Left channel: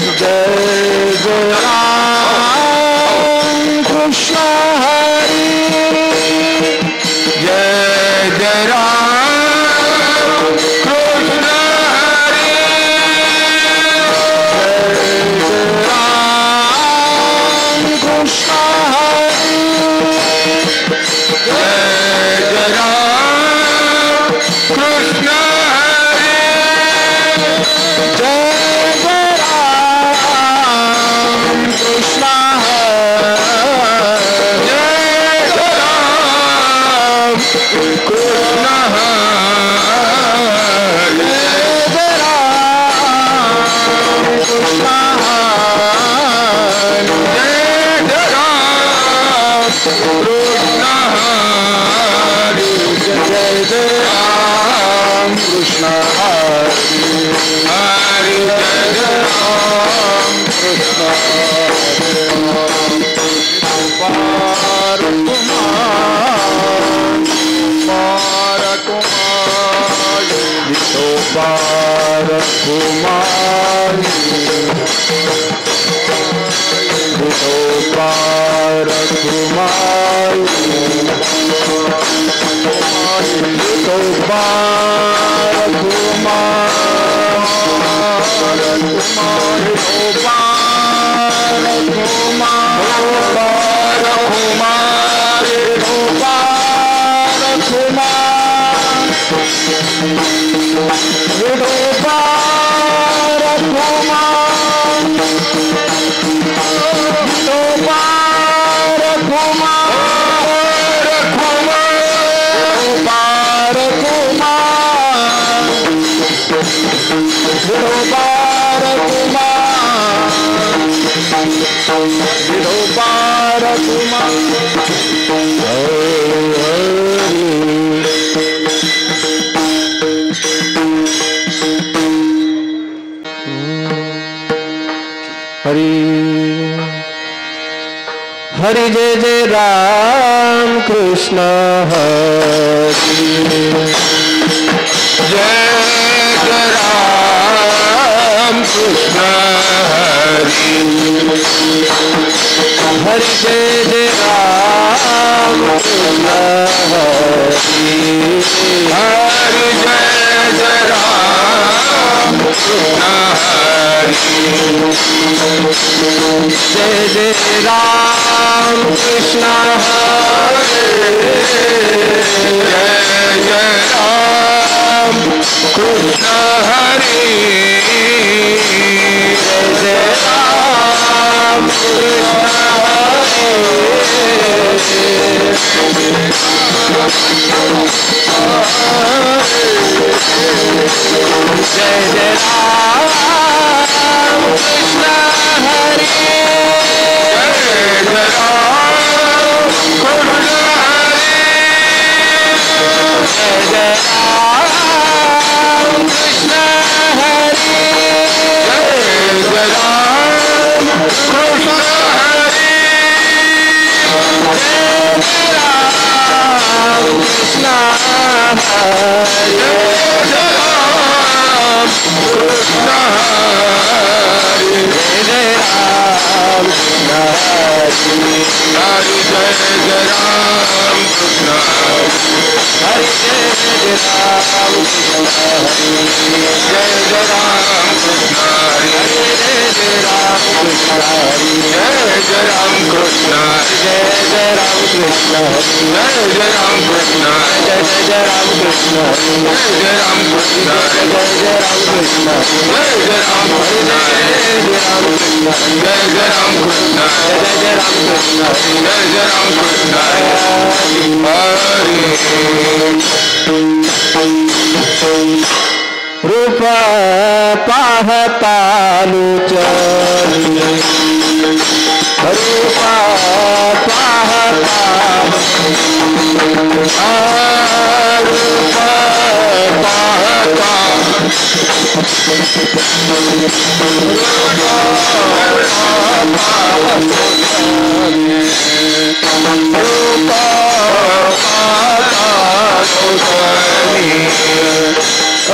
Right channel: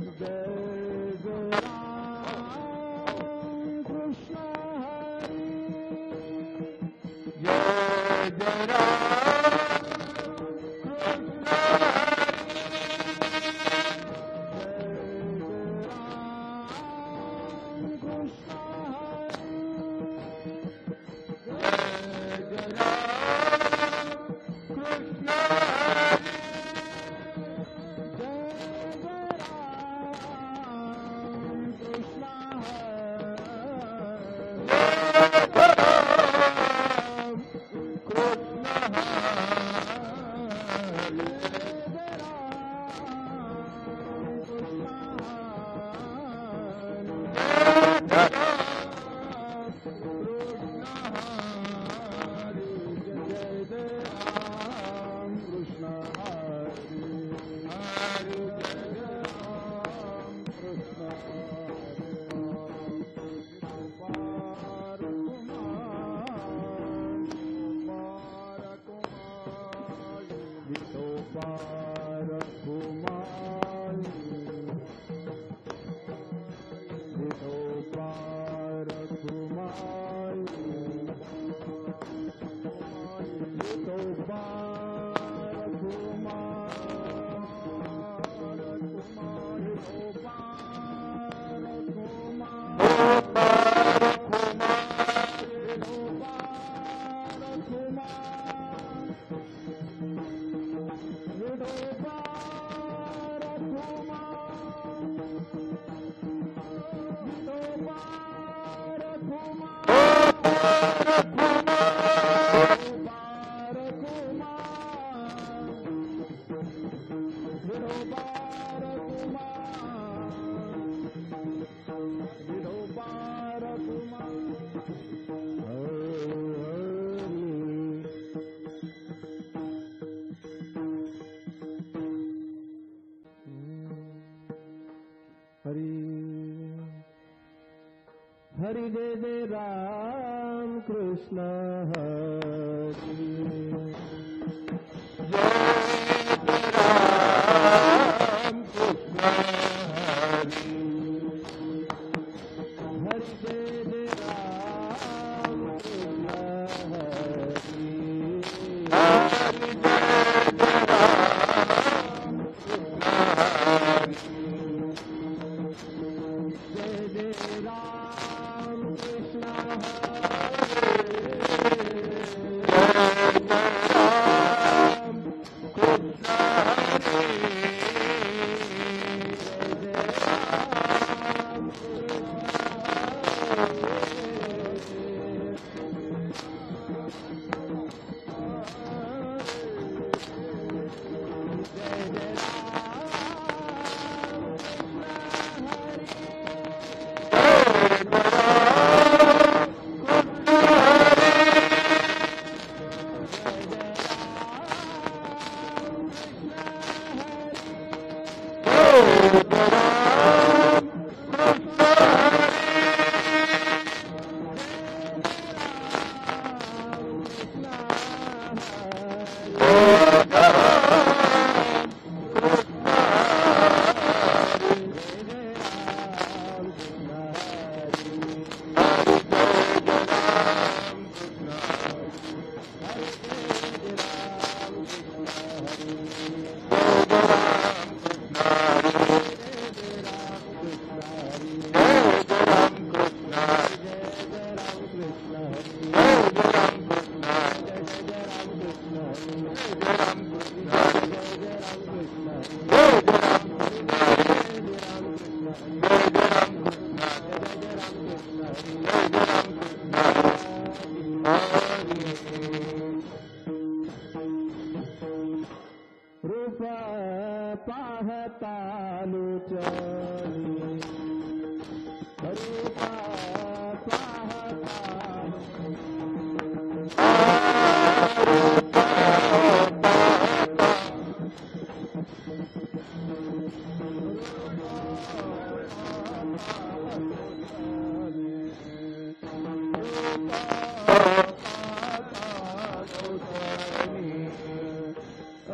जय जय राम कृष्ण हरि जय जय राम कृष्ण हरि जय जय राम कृष्ण हरि जय जय राम कृष्ण हरि जय हरि जय जय राम कृष्ण हरि जय जय राम कृष्ण हरि हरि जय जय राम कृष्ण हरि हरि जय जय राम कृष्ण हरि जय जय राम कृष्ण हरे जय जय राम कृष्ण हरे जय जय राम कृष्ण हरे जय जय राम कृष्ण हरे Hare Jai Jai Ram Krishna Hare Jai Jai Ram Krishna Jai Jai Ram Krishna Hare Jai Ram Krishna Jai Jai Ram Krishna Jai Jai Ram Krishna Jai Jai Ram Krishna Jai Jai Ram Krishna Jai Jai Ram Krishna Jai Jai Ram Krishna Jai Jai Ram Krishna Jai Jai Ram Krishna Jai Jai Ram Krishna Jai Jai Ram Krishna Hare रूप पाहता लुचरी रूप पाहता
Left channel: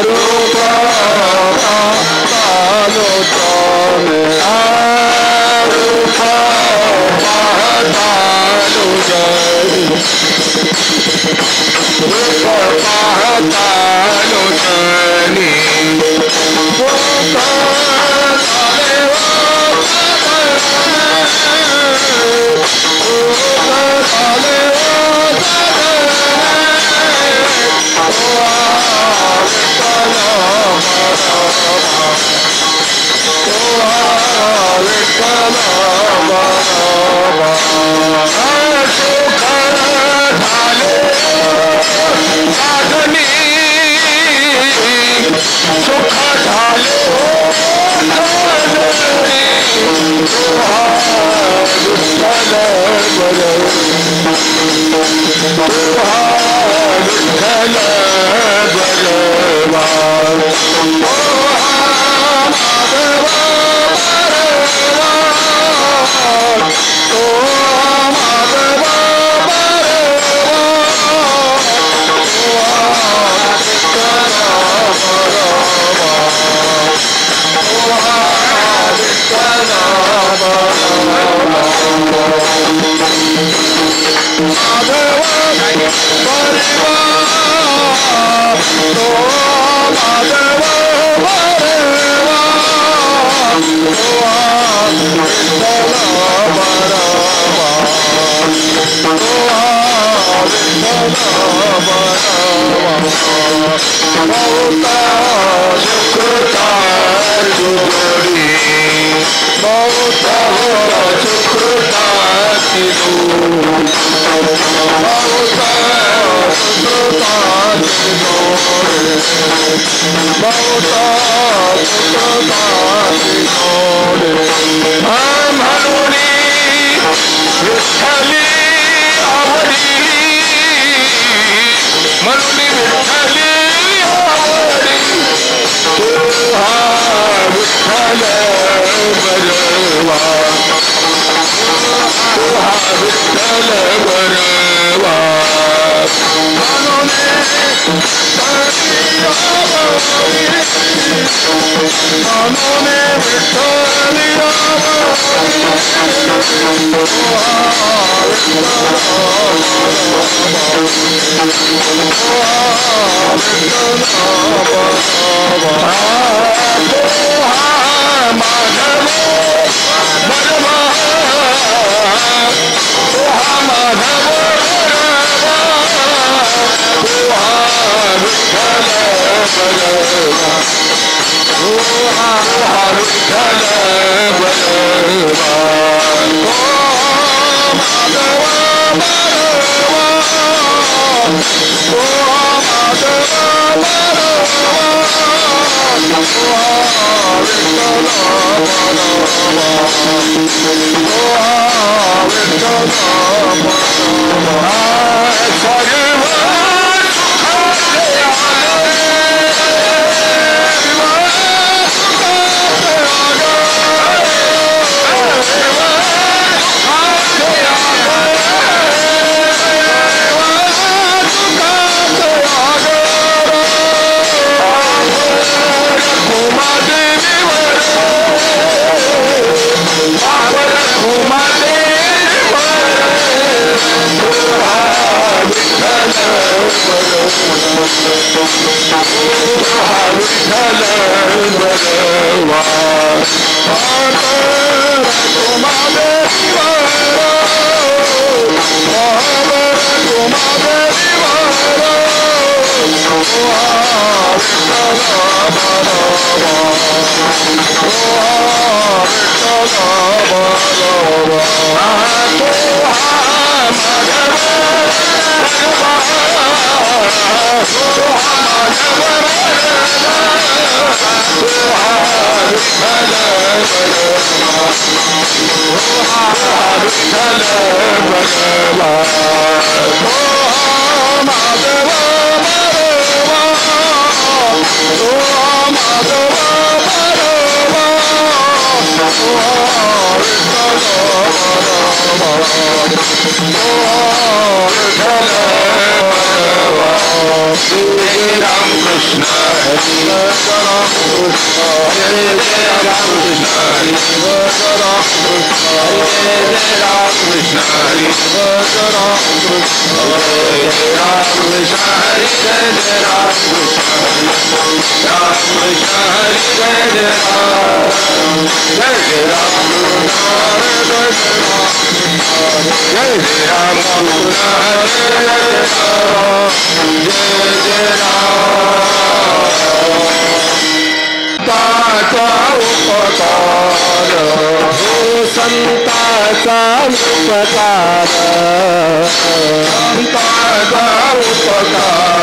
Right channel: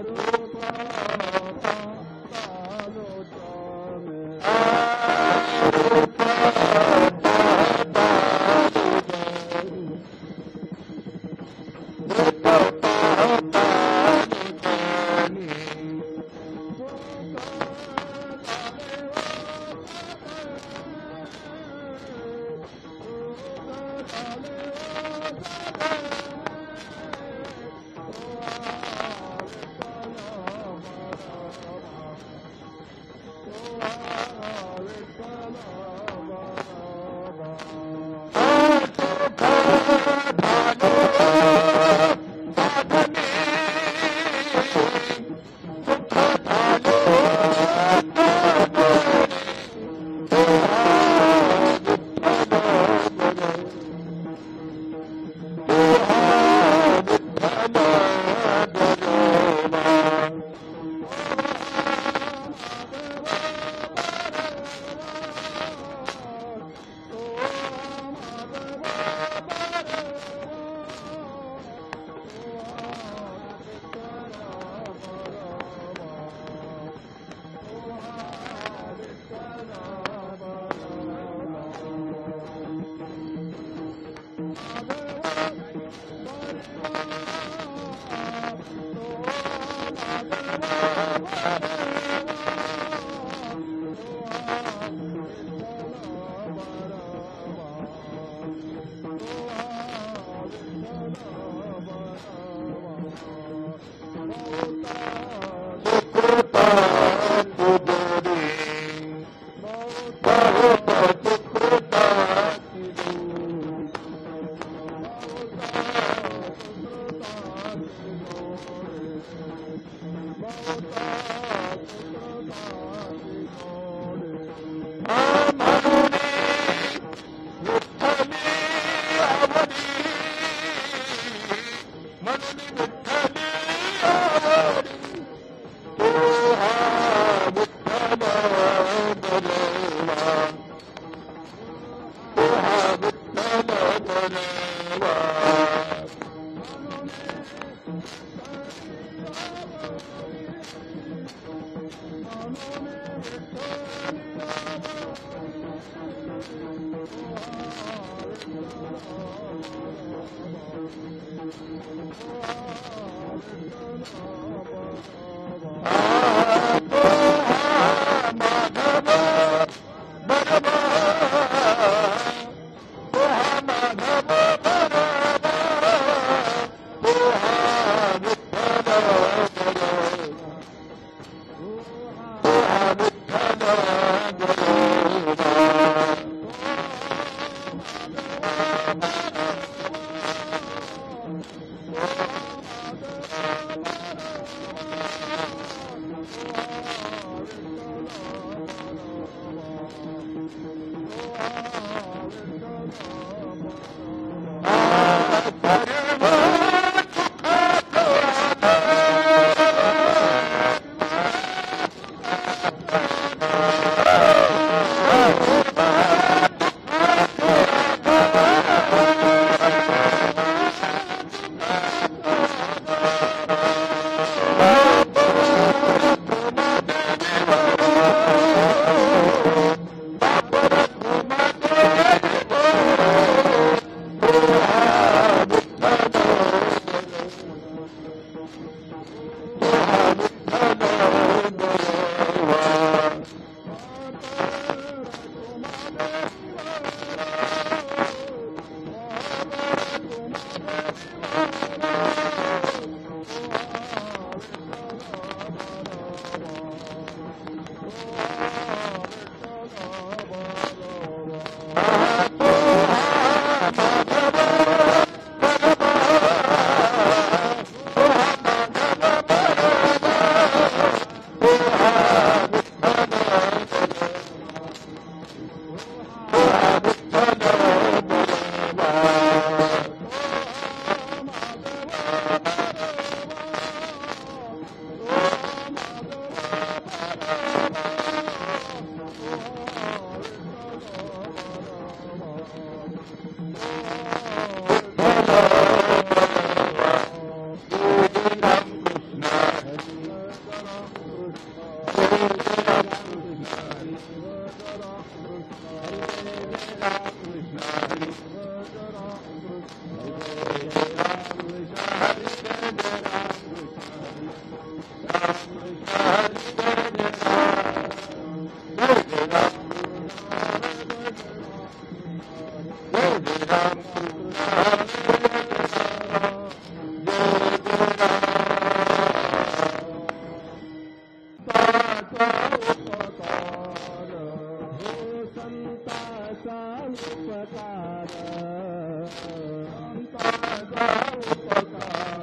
रूप पाहता रूप रूप पाहता लोचनी सुख झाले Krishna Hare Ram Krishna Hare Ram Krishna Hare Ram Krishna Hare Ram Krishna Hare Ram Krishna Hare Ram Krishna Ram Krishna Hare Ram Hare Ram Jai Ram Krishna Hare Ram Jai Ram संताचा उपकार हो संताचा उपकार संताचा उपकार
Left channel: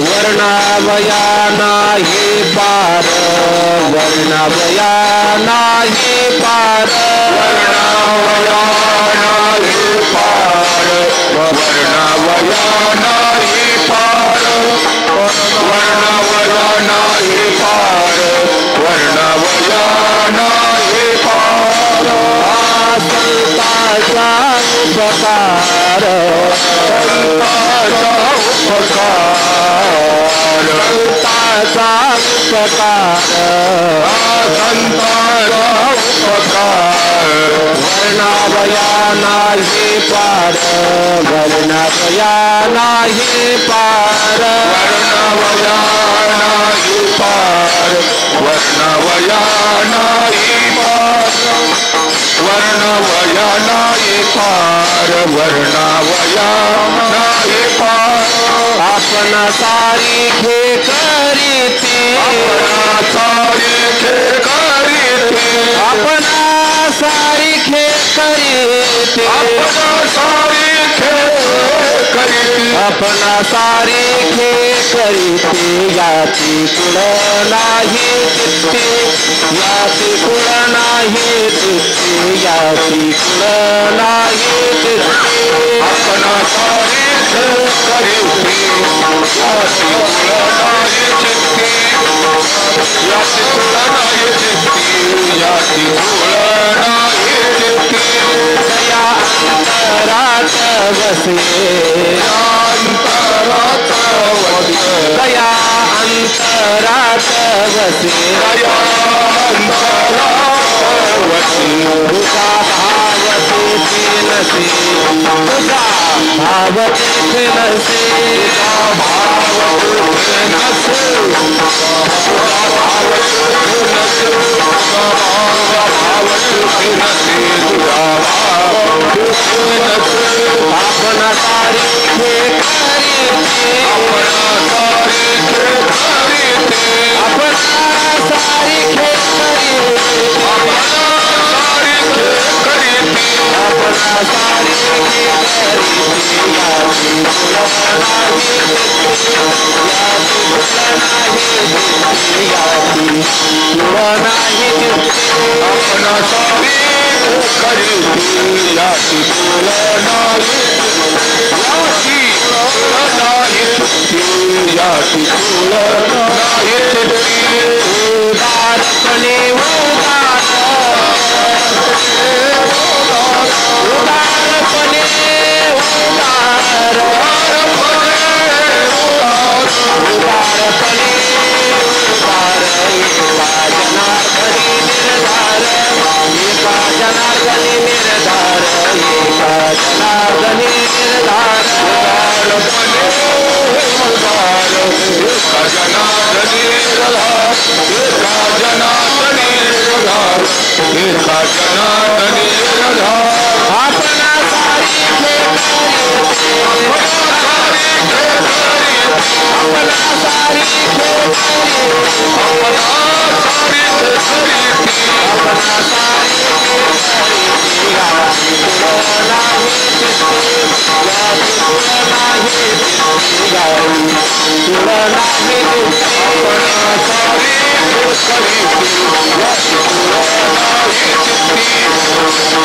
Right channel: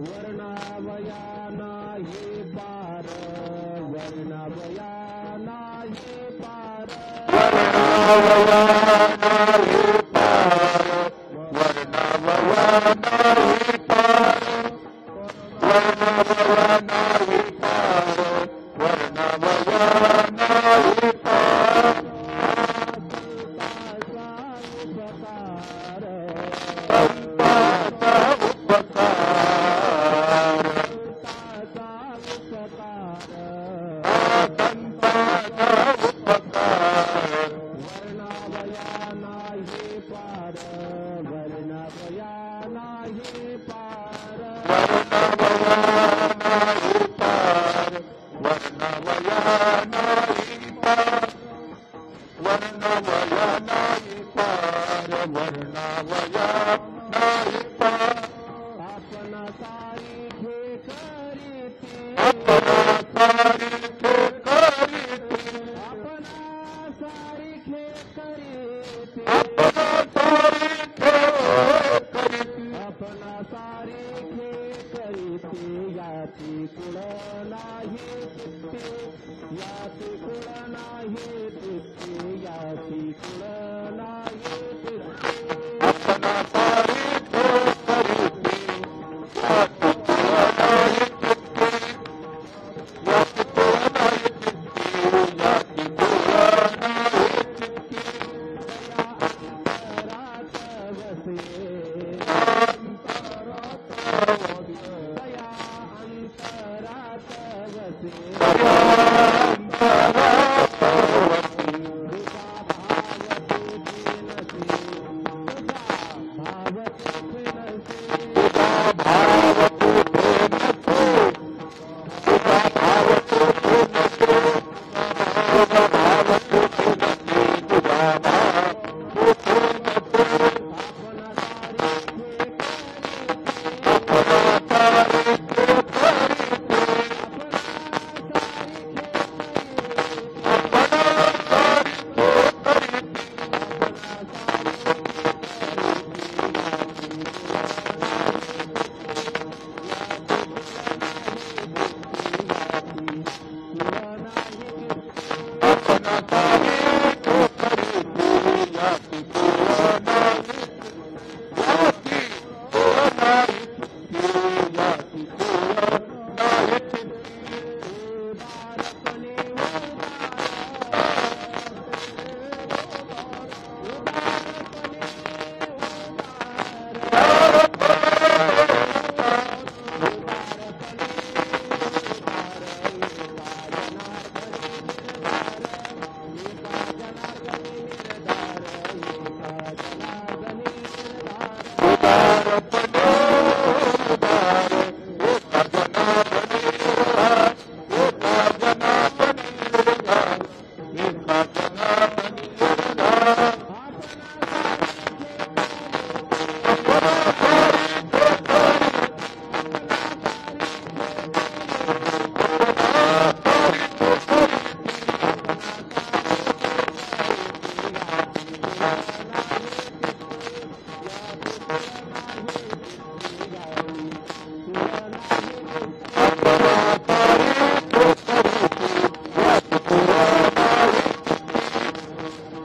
वर्णावया नाही पार वर्णावया नाही पार वर्णावया नाही पार वर्णावया नाही पार वर्णावया नाही पार वर्णावया नाही पार संताचा उपकार संताचा उपकार संताचा उपकार संताचा उपकार वर्णावया नाही पार वर्णावया नाही पार वर्णावया नाही पार वर्णावया नाही पार वर्णावया नाही पार वर्णावया नाही पार आपण सारिखे करीते आपण सारिखे करीते आपण सारिखे करीते आपण सारिखे करीते आपण सारिखे करीते याची कुळ नाही चित्ते याची कुळ नाही चित्ते याची कुळ नाही चित्ते आपण सारिखे करीते याची कुळ नाही चित्ते याची कुळ नाही चित्ते याची कुळ नाही चित्ते दया अंतरात वसे अंतरात वसे दया अंतरात वसे दया अंतरात वसे तुझा भाव तेथे नसे तुझा भाव तेथे नसे तुझा भाव तेथे नसे तुझा भाव तेथे नसे तुझा भाव तेथे नसे तुझा भाव तेथे नसे आपण सारिखे करीते आपण सारिखे करीते आपण सारिखे करीते आपण सारिखे करीते आपण सारिखे करीते याची कुळ नाही याची कुळ नाही याची कुळ नाही आपण सारिखे करीते याची कुळ नाही याची कुळ नाही याची कुळ नाही उदारपणे उदार उदारपणे उदार उदारपणे उदार एका जनार्दनी निर्धार एका जनार्दनी निर्धार एका जनार्दनी निर्धार उदारपणे उदार एका जनार्दनी निर्धार एका जनार्दनी निर्धार एका जनार्दनी निर्धार आपण सारिखे करीते आपण सारिखे करीते आपण सारिखे करीते आपण सारिखे करीते आपण सारिखे करीते याची कुळ नाही चित्ते याची कुळ नाही चित्ते याची कुळ नाही चित्ते आपण सारिखे करीते याची कुळ नाही चित्ते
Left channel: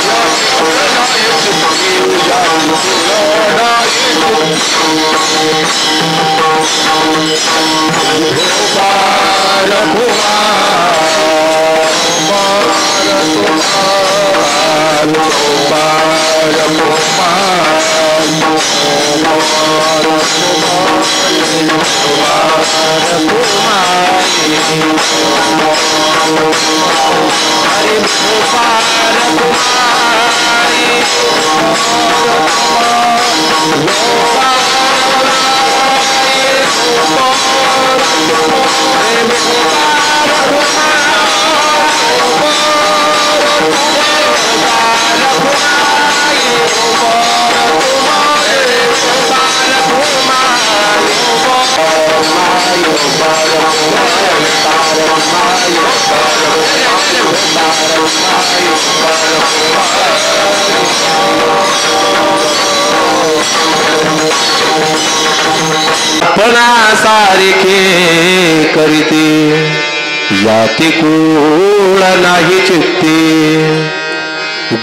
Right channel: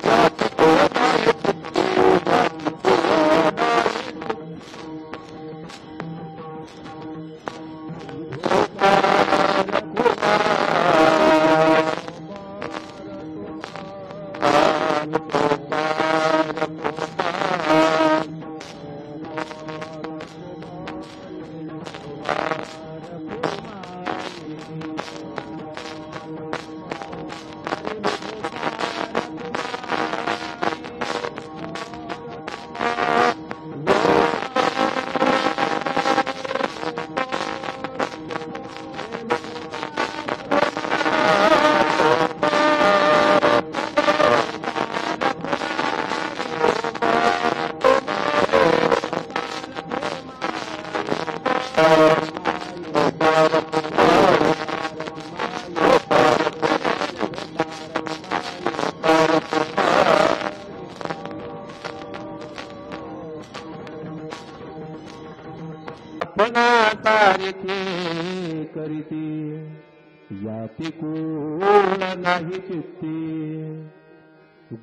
याची कुळ नाही चित्ते याची कुळ नाही गोपाल कुमार गोपाल कुमार आपणा सारिखे करीते याती कूळ नाही चित्ते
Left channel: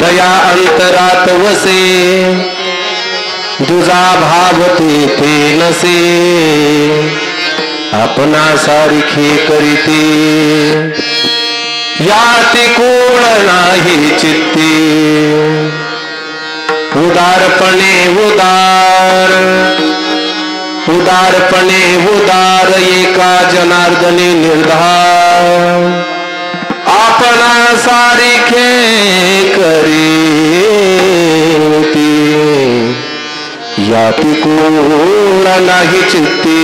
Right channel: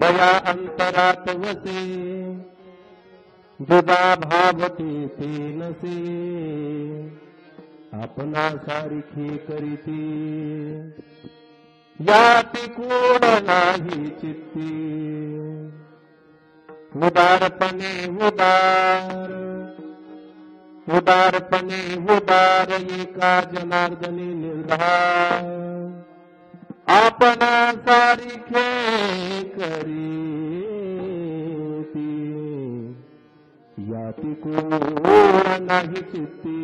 दया अंतरात वसे दुजा भावते ते नसे आपणा सारिखे करीते याती कूळ नाही चित्ते उदारपणे उदारपणे उदार एका जनार्दनी निर्धार आपणा सारिखे करीती याती कूळ नाही चित्ते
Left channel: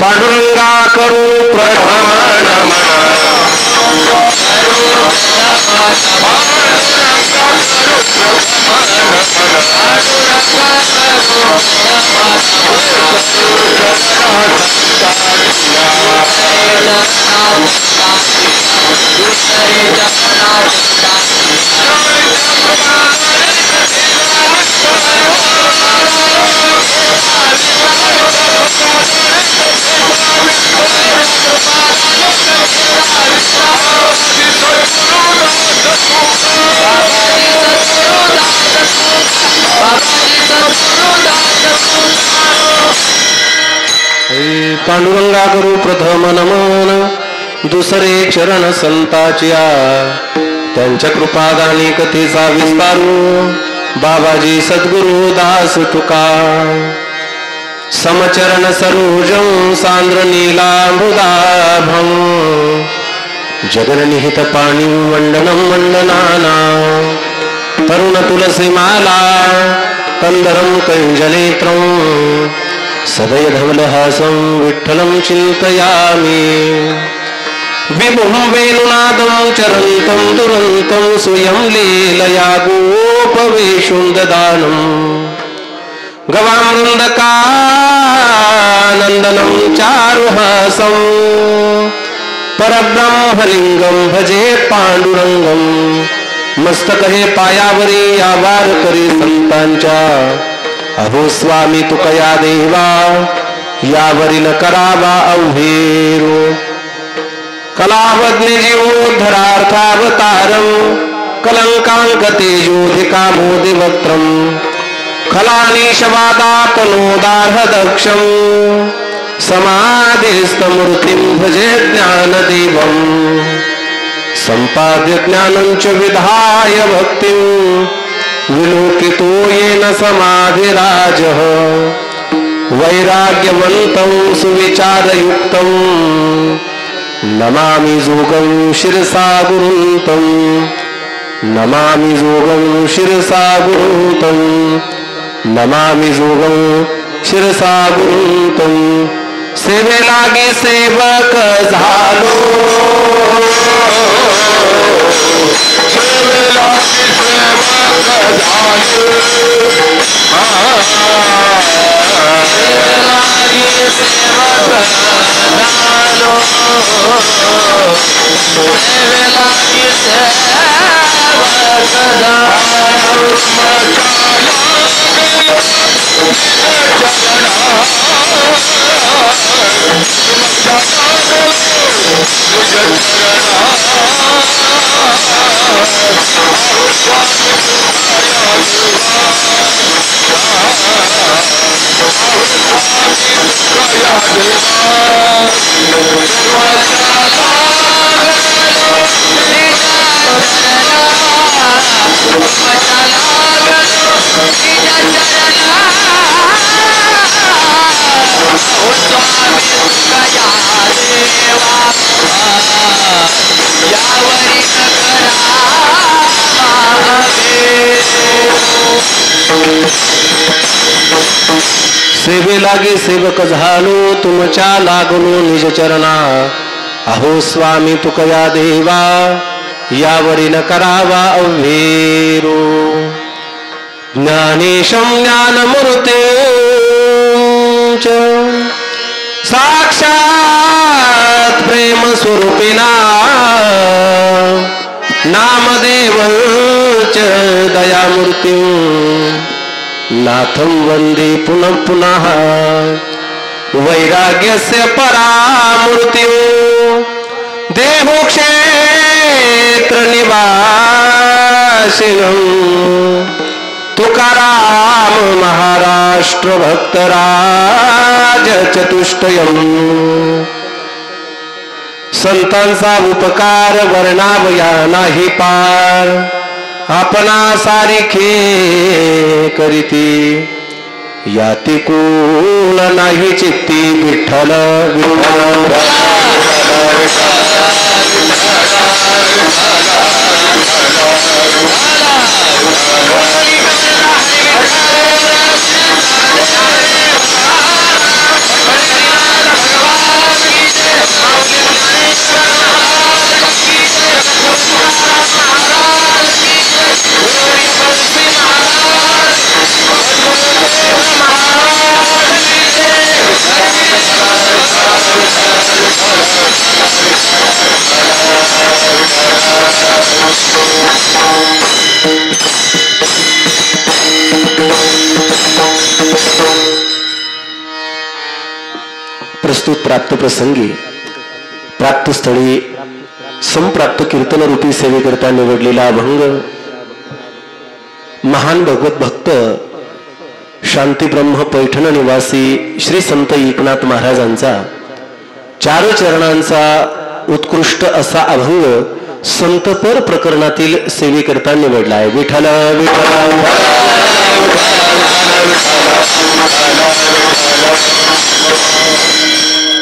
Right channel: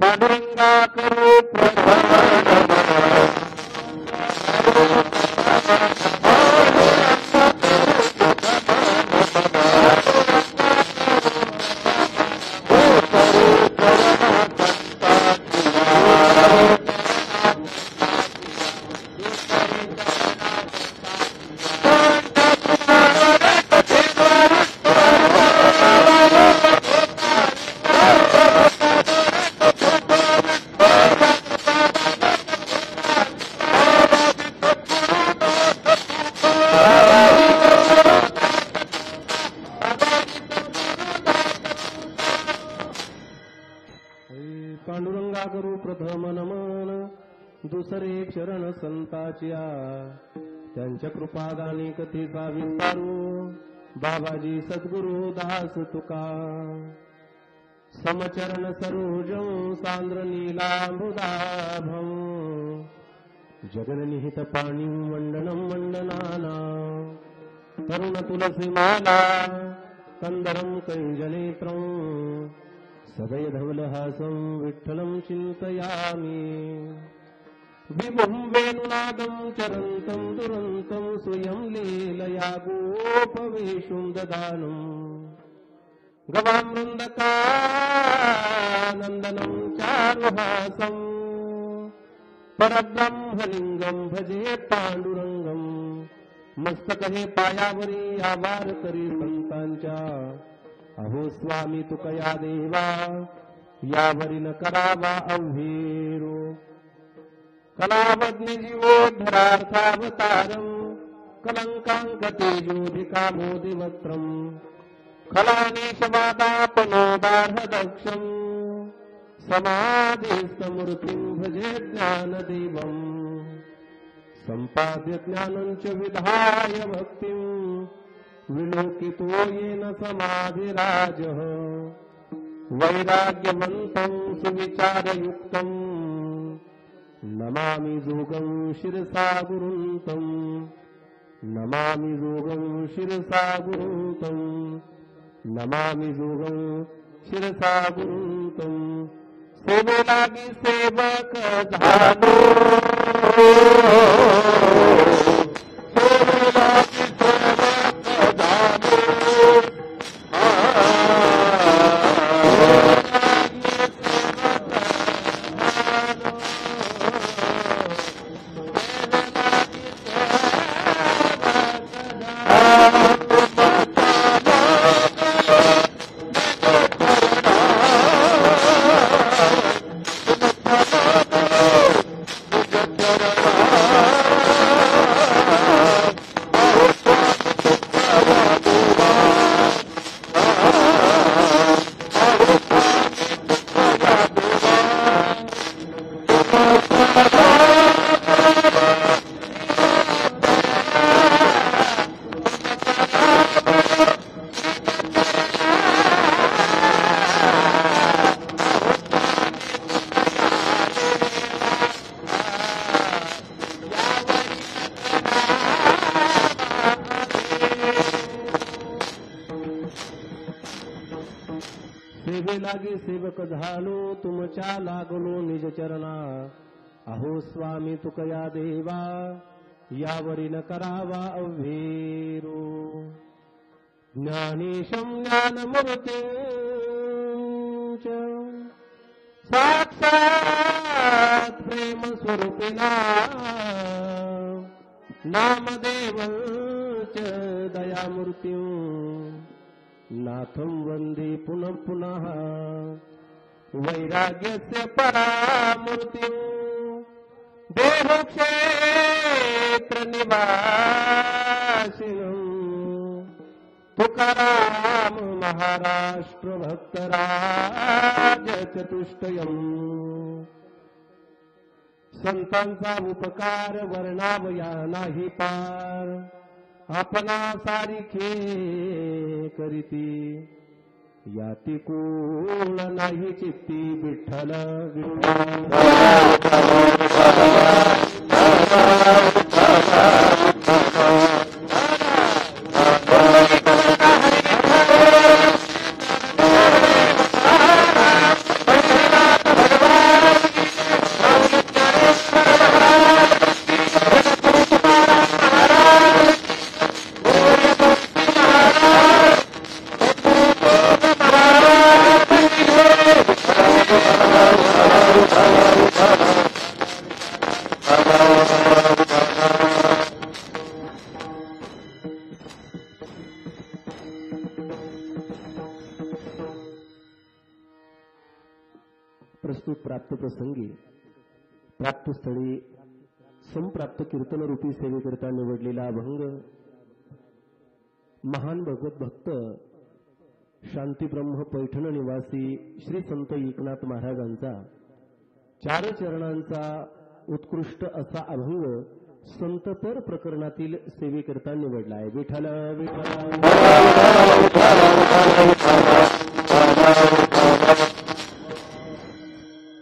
पांडुरंगा करू प्रथम नमन पांडुरंगा करू प्रथम नमन दुसरे चरण संताच्या त्यांच्या कृपादानी कथेचा विस्तारू बाबाजी सद्गुरु दास तुका समचरण सरोजं सांद्र नीलांबुदाभं जगन्निहित पाणी वंदनं वंदनाना तरुण तुलसी माला कंदरं कंजनेत्रं सदय धवलहासं विठ्ठलं चिन्तयामि विभुं वेणुनादं चरन्तं दुरन्तं स्वयं लीलया गोपवेशुं ददानम् गवामृन्दकानन्दनं चारुहासं परब्रह्मलिंगं भजे पांडुरंगं मस्तक हे पायावरी आवार करी संतांच्या अहो स्वामी तुकया देवा यावरी न करावा अवहेरो कलावज्ञ जीवोद्धरार्थावतारं कलंकांकतेजोधिकामोदिवक्त्रं खलानीशवादापनोदार्हदक्षं समाधिस्थमूर्तिं भजे ज्ञानदेवं सम्पाद्य ज्ञानं च विधाय भक्तिं विलोकितो येन समाधिराजः वैराग्यवन्तं सुविचारयुक्तं नमामि जोगं शिरसा गुरुं नमामि जोगं शिरसा गुरुं नमामि जोगं शिरसा गुरुं सेवे लागी सेवक झालो सेवे लागी सेवक झालो सेवे लागी सेवक झालो सेवे लागी सेवक सेवे लागी सेवक झालो तुमच्या लागलो निज चरणा अहो स्वामी तुकया देवा यावरी न करावा अव्हेरो ज्ञानेशं ज्ञानमूर्ते साक्षात प्रेम स्वरूपिना नामदेवच दयामूर्ती नाथं वंदे पुनः पुनः वैराग्यस्य परामूर्ति देहो क्षेत्र निवासिनं तुकाराम महाराष्ट्र भक्तराज चतुष्टयम् संतांचा उपकार वर्णावया नाही पार आपणा सारिखे करीती याती कोण नाही चित्ती विठ्ठल प्रस्तुत प्राप्त प्रसंगी प्राप्त स्थळी संप्राप्त कीर्तन रूपी सेवेकरता निवडलेला अभंग महान भगवत भक्त शांती ब्रह्म पैठण निवासी श्री संत एकनाथ महाराजांचा 4 चरणांचा उत्कृष्ट असा अभंग संतपर प्रकरणातील सेवेकरता निवडला आहे. विठ्ठल विठ्ठल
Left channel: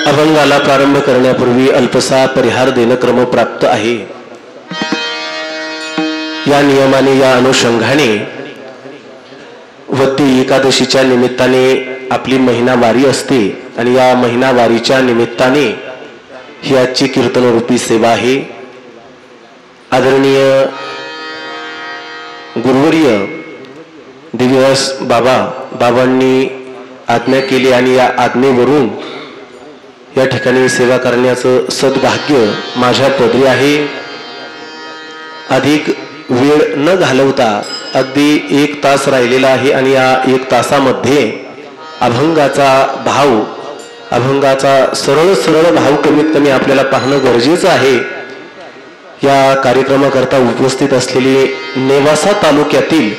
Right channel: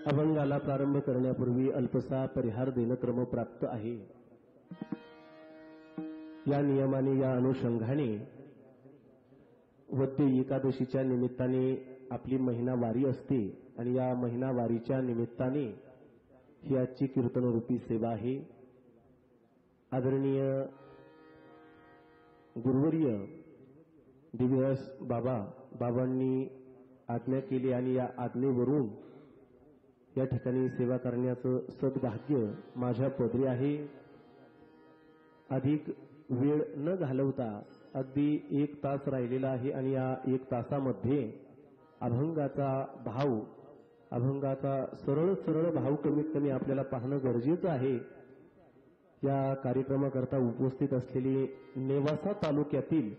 अभंगाला प्रारंभ करण्यापूर्वी अल्पसा परिहार देणं क्रमप्राप्त आहे. या नियमाने या अनुषंगाने वद्दी एकादशीच्या निमित्ताने आपली महिना वारी असते आणि या महिना वारीच्या निमित्ताने ही आजची कीर्तन रूपी सेवा आहे. आदरणीय गुरुवर्य दिव्यवास बाबांनी आज्ञा केली आणि या आज्ञेवरून या ठिकाणी सेवा करण्याचं सद्भाग्य माझ्या पदरी आहे. अधिक वेळ न घालवता अगदी 1 तास राहिलेला आहे आणि या 1 तासामध्ये अभंगाचा भाव अभंगाचा सरळ भाव कमीत कमी आपल्याला पाहणं गरजेचं आहे. या कार्यक्रमाकरता उपस्थित असलेली नेवासा तालुक्यातील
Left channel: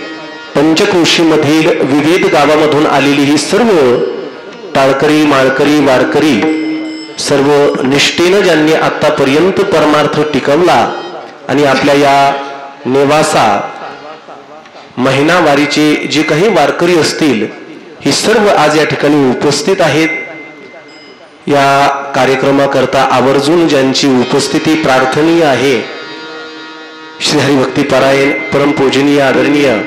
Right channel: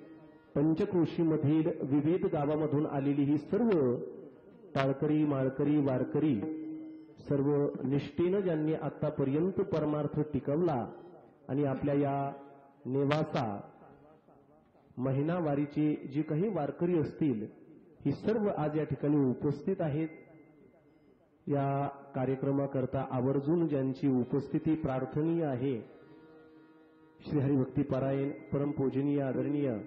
पंचक्रोशीमधील विविध गावामधून आलेली ही सर्व टाळकरी माळकरी वारकरी सर्व निष्ठेनं ज्यांनी आतापर्यंत परमार्थ टिकवला आणि आपल्या या नेवासा महिना वारीचे जे काही वारकरी असतील ही सर्व आज या ठिकाणी उपस्थित आहेत. या कार्यक्रमाकरता आवर्जून ज्यांची उपस्थिती प्रार्थनीय आहे श्री हरिभक्ती परायण परमपूजनीय आदरणीय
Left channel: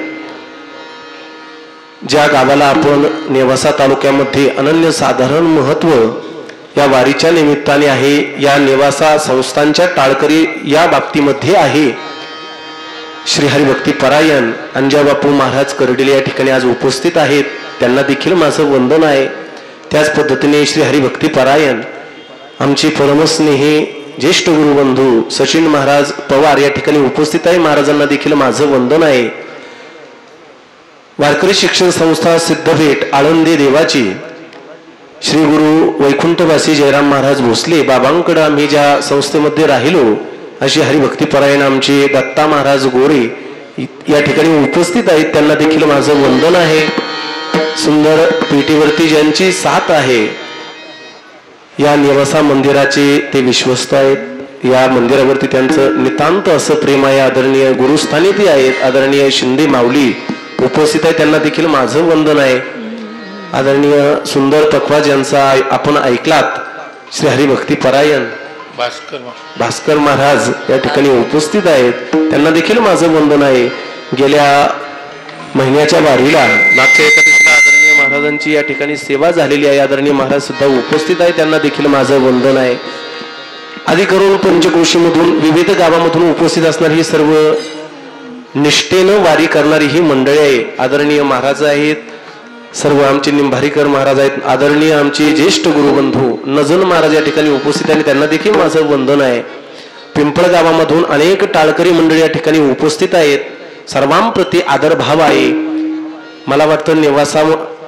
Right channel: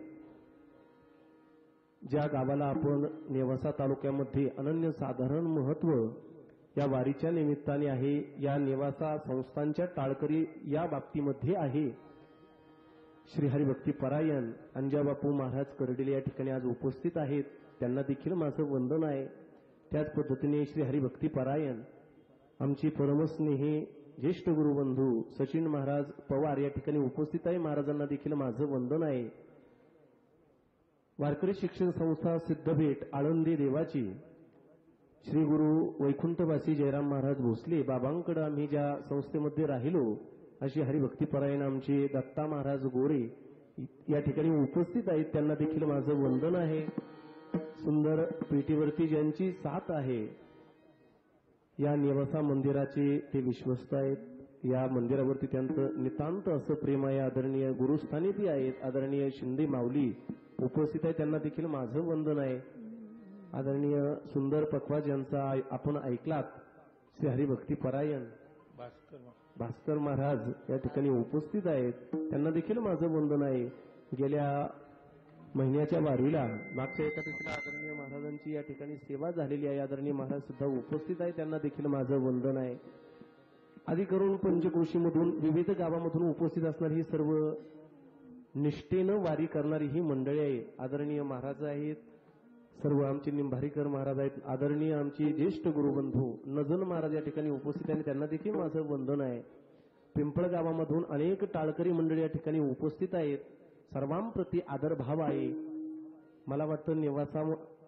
ज्या गावाला आपण नेवासा तालुक्यामध्ये अनन्यसाधारण महत्व या वारीच्या निमित्ताने आहे. या नेवासा संस्थांच्या टाळकरी या बाबतीमध्ये आहे. श्री हरिभक्ती परायण अंजाबापू महाराज करडेले या ठिकाणी आज उपस्थित आहेत. त्यांना देखील माझं वंदन आहे. त्याच पद्धतीने श्री हरिभक्ती परायण आमचे परमस्नेही ज्येष्ठ गुरुबंधू सचिन महाराज पवार या ठिकाणी उपस्थित आहे. महाराजांना देखील माझं वंदन आहे. वारकरी शिक्षण संस्था सिद्धभेट आळंदी देवाची श्री गुरु वैकुंठवासी जयराम महाराज भोसले बाबांकडे आम्ही ज्या संस्थेमध्ये राहिलो अशी हरिभक्ती परायण आमचे दत्ता महाराज गोरे या ठिकाणी उपस्थित आहेत. त्यांना देखील माझं वंदन आहे. सुंदर पेटीवरती ज्यांची साथ आहे या नेवासा मंदिराचे ते विश्वस्त आहेत. या मंदिरावरती त्यांचं नितांत असं प्रेम आहे. आदरणीय गुरुस्थानी ते आहेत. आदरणीय शिंदे माऊली उपस्थित आहे. त्यांना देखील माझं वंदन आहे. आदरणीय सुंदर पखवाज यांचा आपण ऐकलात श्री हरिभक्ती परायण भास्कर महाराज या ठिकाणी उपस्थित आहेत. त्यांना देखील माझं वंदन आहे. गेल्या महिन्याच्या वारीला मागच्या एकादशीला आदरणीय महाराजांची या ठिकाणी सेवा झालेली आहे. आदरणीय महाराज सुद्धा उपस्थित आहे. त्यांना देखील माझं वंदन आहे. आधी करून पंचक्रोशीमधून विविध गावामधून उपस्थित असणारी ही सर्व निष्ठेनं वारी करणारी ही मंडळी आहे. आदरणीय महाराज आहेत. सर्व आमचे निंभारीकर महाराज आहेत, आदरणीय आमचे ज्येष्ठ गुरुबंधू नजन महाराज या ठिकाणी उपस्थित आणि त्यांना देखील माझं वंदन आहे. पिंपळ गावामधून अनेक टाळकरी मंडळी या ठिकाणी उपस्थित आहेत. सर्वांप्रती आदरभाव आहे. मला वाटतं नेवासा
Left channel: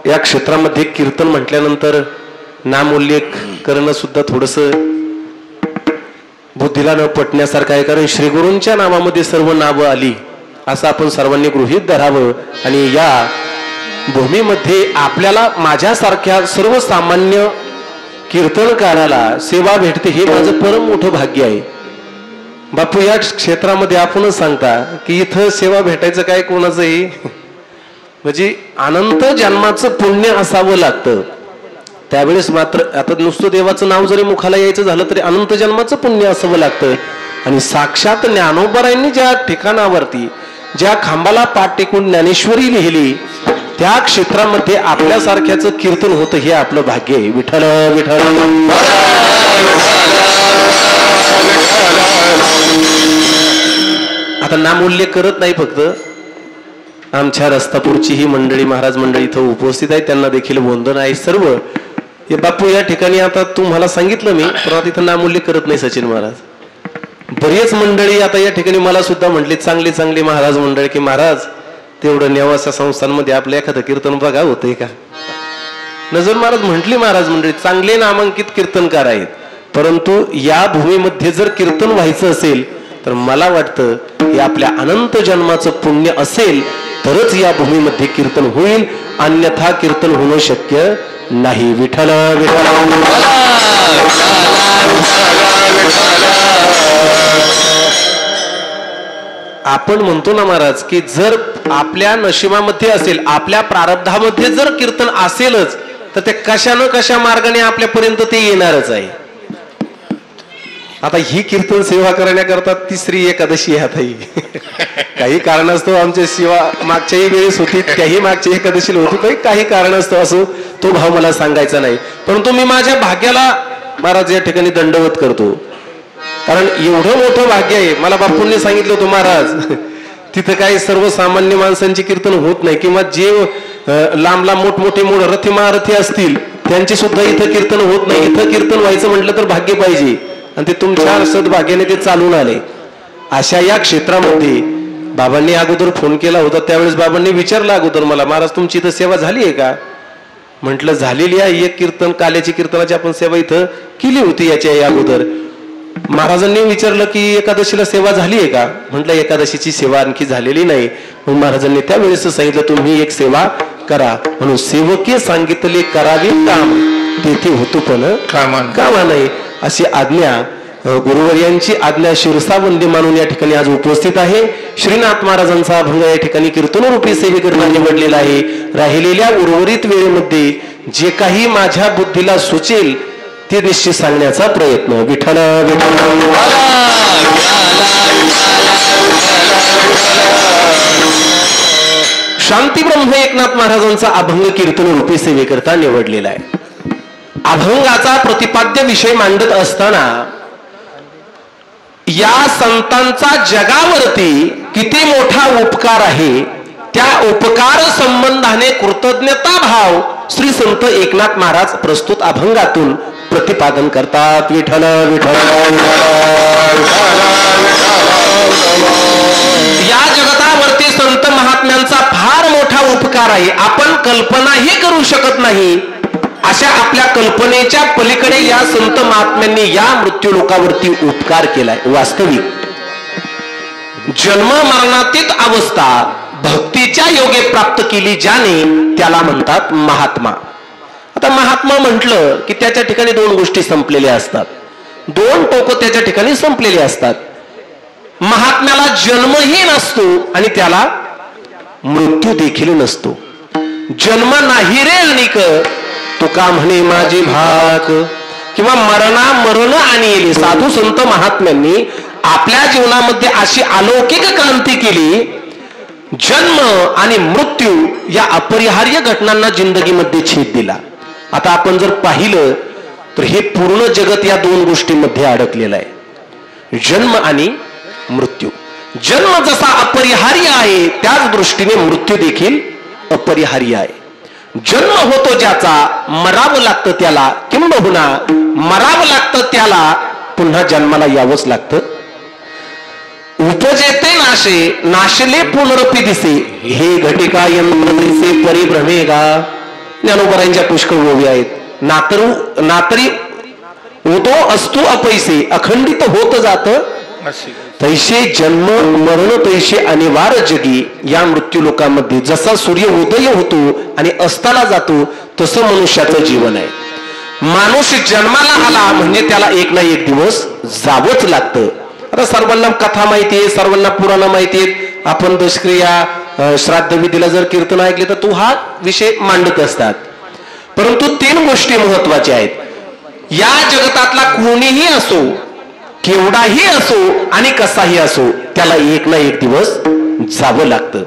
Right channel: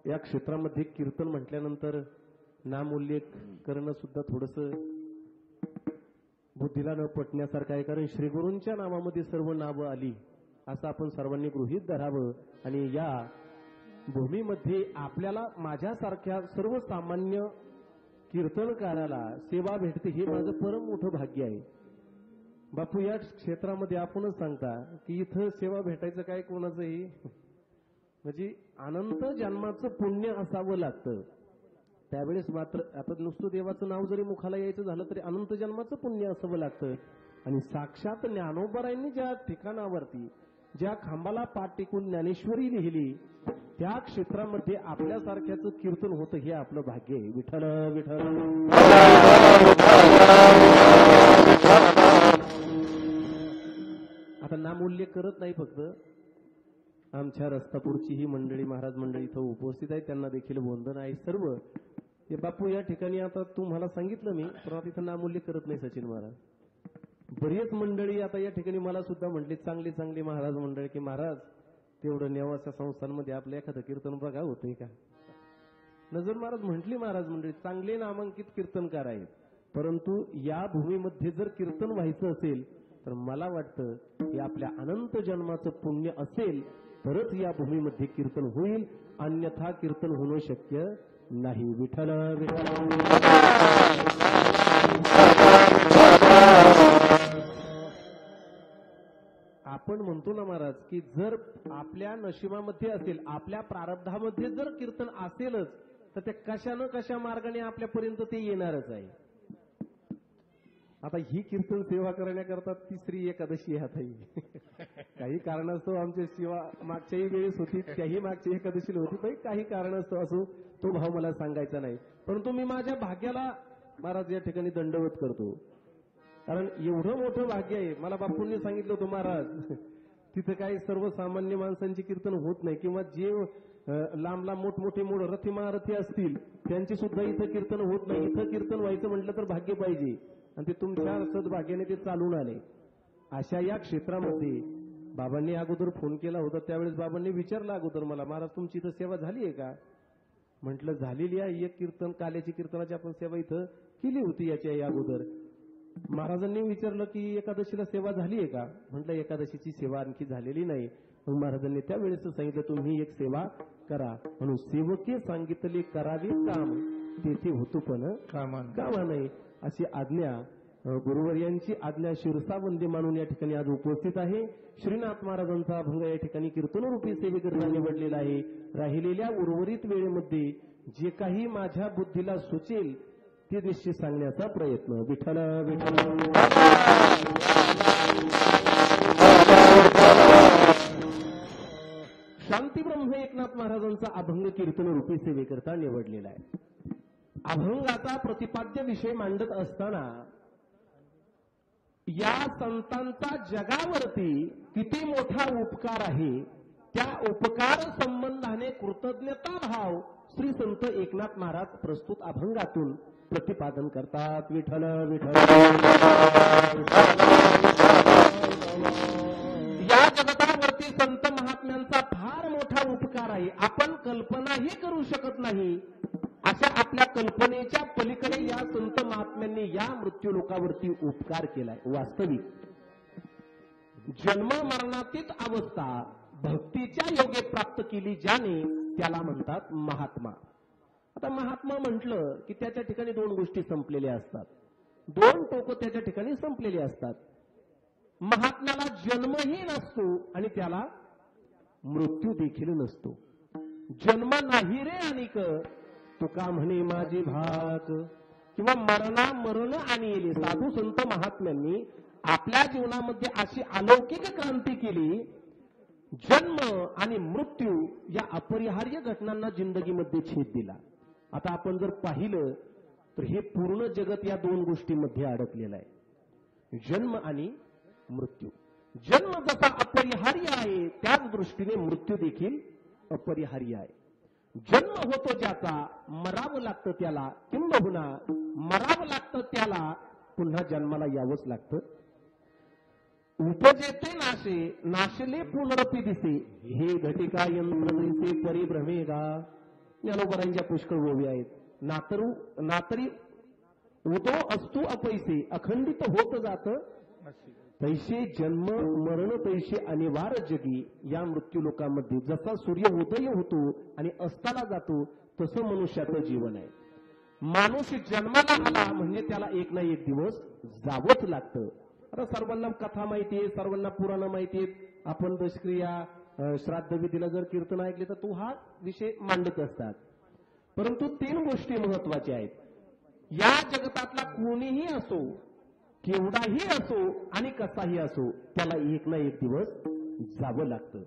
या क्षेत्रामध्ये कीर्तन म्हटल्यानंतर नामोल्लेख करणं सुद्धा थोडंसं बुद्धीला न पटण्यासारखं आहे, कारण श्रीगुरूंच्या नावामध्ये सर्व नावं आली असं आपण सर्वांनी गृहीत धरावं. आणि या भूमीमध्ये आपल्याला माझ्यासारख्या सर्वसामान्य कीर्तनकाराला सेवा भेटते हे माझं परम मोठं भाग्य आहे. बापू या क्षेत्रामध्ये आपणच सांगता की इथं सेवा भेटायचं काय कोणाचंही म्हणजे अनंत जन्माचं पुण्य असावं लागतं. त्यावेळेस मात्र आता नुसतं देवाचं नाव जरी मुखाला यायचं झालं तरी अनंत जन्माचं पुण्य असावं लागतं. आणि साक्षात ज्ञानोबरायांनी ज्या ठिकाणावरती ज्या खांबाला पाठ टेकून ज्ञानेश्वरी लिहिली त्या क्षेत्रामध्ये आपल्यासारख्याचं कीर्तन होतं हे आपलं भाग्य आहे. विठ्ठल विठ्ठल. आता नामोल्लेख करत नाही, फक्त आमच्या रस्तापूरची ही मंडळी महाराज मंडळी इथं उपस्थित आहे, त्यांना देखील वंदन आहे. सर्व हे बापू या ठिकाणी आता तुम्हाला सांगितलं मी, पण आता इथं नामोल्लेख करत नाही सचिन महाराज. बरीच मंडळी आता या ठिकाणी मला सुद्धा म्हटली चांगली चांगली महाराज मंडळी की महाराज तेवढं नेवासा संस्थांमध्ये आपलं एखादं कीर्तन बघा होतंय का. नजर महाराज म्हटली महाराज मंडळी चांगले नामांकित कीर्तनकार आहेत, परंतु या भूमीमध्ये जर कीर्तन व्हायचं असेल तर मला वाटतं हे आपल्या अनंत जन्माचं पुण्य असेल तरच या भूमीमध्ये कीर्तन होईल, अन्यथा कीर्तन होणं शक्य नाही. विठ्ठल विठ्ठल. आपण म्हणतो ना महाराज की जर आपल्या नशिबामध्ये असेल, आपल्या प्रारब्धामध्ये जर कीर्तन असेलच तर ते कशा न कशा मार्गाने आपल्यापर्यंत ते येणारच आहे. आता ही कीर्तन सेवा करण्याकरता तिसरी एकादशी आहे. आता ही काही कारणास्तव आमच्या सेवा मागच्याही वेळेस होती, त्याही मागच्या एकादशीला होती, काही कारणास्तव असो तो भाव मला सांगायचा नाही. परंतु मी माझ्या भाग्याला महाराज या ठिकाणी दंडवत करतो, कारण एवढं मोठं भाग्य आहे. मला बापूंनी सांगितलं होतं महाराज तिथं काही सर्वसामान्य माणसांची कीर्तन होत नाही, किंवा जे लांब लांब मोठमोठे रथी महारथी असतील त्यांचे सुद्धा इथं कीर्तन होत नाही. इथं कीर्तन व्हायचं म्हटलं तर भाग्य पाहिजे, आणि ते तुमच्या सद्भाग्याने ते चालून आले. अशा या क्षेत्रामध्ये बाबांनी अगोदर फोन केला होता, त्यावेळेस बाबांनी विचारलं अगोदर मला, महाराज तुमची इथं सेवा झाली आहे का. म्हटलं झालेली आहे. एक कीर्तन काल्याची कीर्तनाची आपण सेवा इथं केली होती याच्या अगोदर. महाराजांनी विचारलं की एकादशीला सेवा झाली आहे का. म्हटलं एकादशीची सेवा आणखी झालेली नाही. मग महाराजांनी त्यावेळेस सांगितलं तुम्ही एक सेवा करा, म्हणून सेवके सांगितले करावे काम तेथे होतो पण कामा नाही, अशी आज्ञा गुरुवर्यांची आज्ञा शिरसावंदी मानून या ठिकाणी आज उपस्थित आहे. श्रीनाथ महाराजांचा अभंग या ठिकाणी कीर्तनरूपी सेवेकरता निवडलेला आहे. राहिलेल्या उर्वरित वेळेमध्ये जे काही माझ्या बुद्धीला सुचेल ते निश्चित सांगण्याचा प्रयत्न. विठ्ठल विठ्ठल. शांती ब्रह्म एकनाथ महाराजांचा अभंग कीर्तनरूपी सेवेकरता निवडलेला आहे. अभंगाचा प्रतिपाद्य विषय मांडत असताना या संतांचा जगावरती किती मोठा उपकार आहे, त्या उपकार संबंधाने कृतज्ञता भाव श्री संत एकनाथ महाराज प्रस्तुत अभंगातून प्रतिपादन करतात. विठ्ठल विठ्ठल. या जगतावरती संत महात्म्यांचा फार मोठा उपकार आहे, आपण कल्पनाही करू शकत नाही. अशा आपल्या कल्पनेच्या पलीकडे या संत महात्म्यांनी या मृत्यू लोकावरती उपकार केलाय. वास्तविक जन्म मरणातीत अवस्था भक्तीच्या योगे प्राप्त केली ज्याने त्याला म्हणतात महात्मा. आता महात्मा म्हटलं की त्याच्या ठिकाणी दोन गोष्टी संपलेल्या असतात, दोन टोक त्याच्या ठिकाणी संपलेली असतात. महात्म्याला जन्मही नसतो आणि त्याला मृत्यू देखील नसतो. जन्म नाही रे अनिक तुका म्हणे माझी भाक, किंवा मरण आणि साधू संत महात्म्यांनी आपल्या जीवनामध्ये अशी अलौकिक क्रांती केली. जन्म आणि मृत्यू या अपरिहार्य घटनांना जिंदगीमध्ये छेद दिला. आता आपण जर पाहिलं तर हे पूर्ण जगत या दोन गोष्टींमध्ये अडकलेलं आहे, जन्म आणि मृत्यू. जन्म जसा अपरिहार्य आहे त्याच दृष्टीने मृत्यू देखील अपरिहार्य आहे. जन्म होतो ज्याचा मरावं लागतं त्याला, किंबहुना मरावं लागतं त्याला पुन्हा जन्माला यावंच लागतं. उपजेते नाशे नाशले पुनरपी दिसे, हे घटिका यंत्र दिसे परिभ्रमे गा. ज्ञानोबरांच्या पुष्कळ ओवी आहेत. नातरी होतो असतो अपैसे, अखंडित होत जात तैसे जन्म मरण तैसे अनिवार्य जगी. या मृत्यू लोकांमध्ये जसा सूर्य उदय होतो आणि अस्ताला जातो तसं मनुष्याचं जीवन आहे. माणूस जन्माला आला म्हणजे त्याला एक ना एक दिवस जावंच लागतं. आता सर्वांना कथा माहिती आहे, सर्वांना पुराण माहिती आहेत. आपण दशक्रिया श्राद्ध विधीला जर कीर्तन ऐकले तर तो हा विषय मांडत असतात. परंतु 3 गोष्टी महत्वाच्या आहेत. या जगतातला कोणीही असो, केवढाही असो आणि कसाही असो, त्याला एक ना एक दिवस जावं लागतं.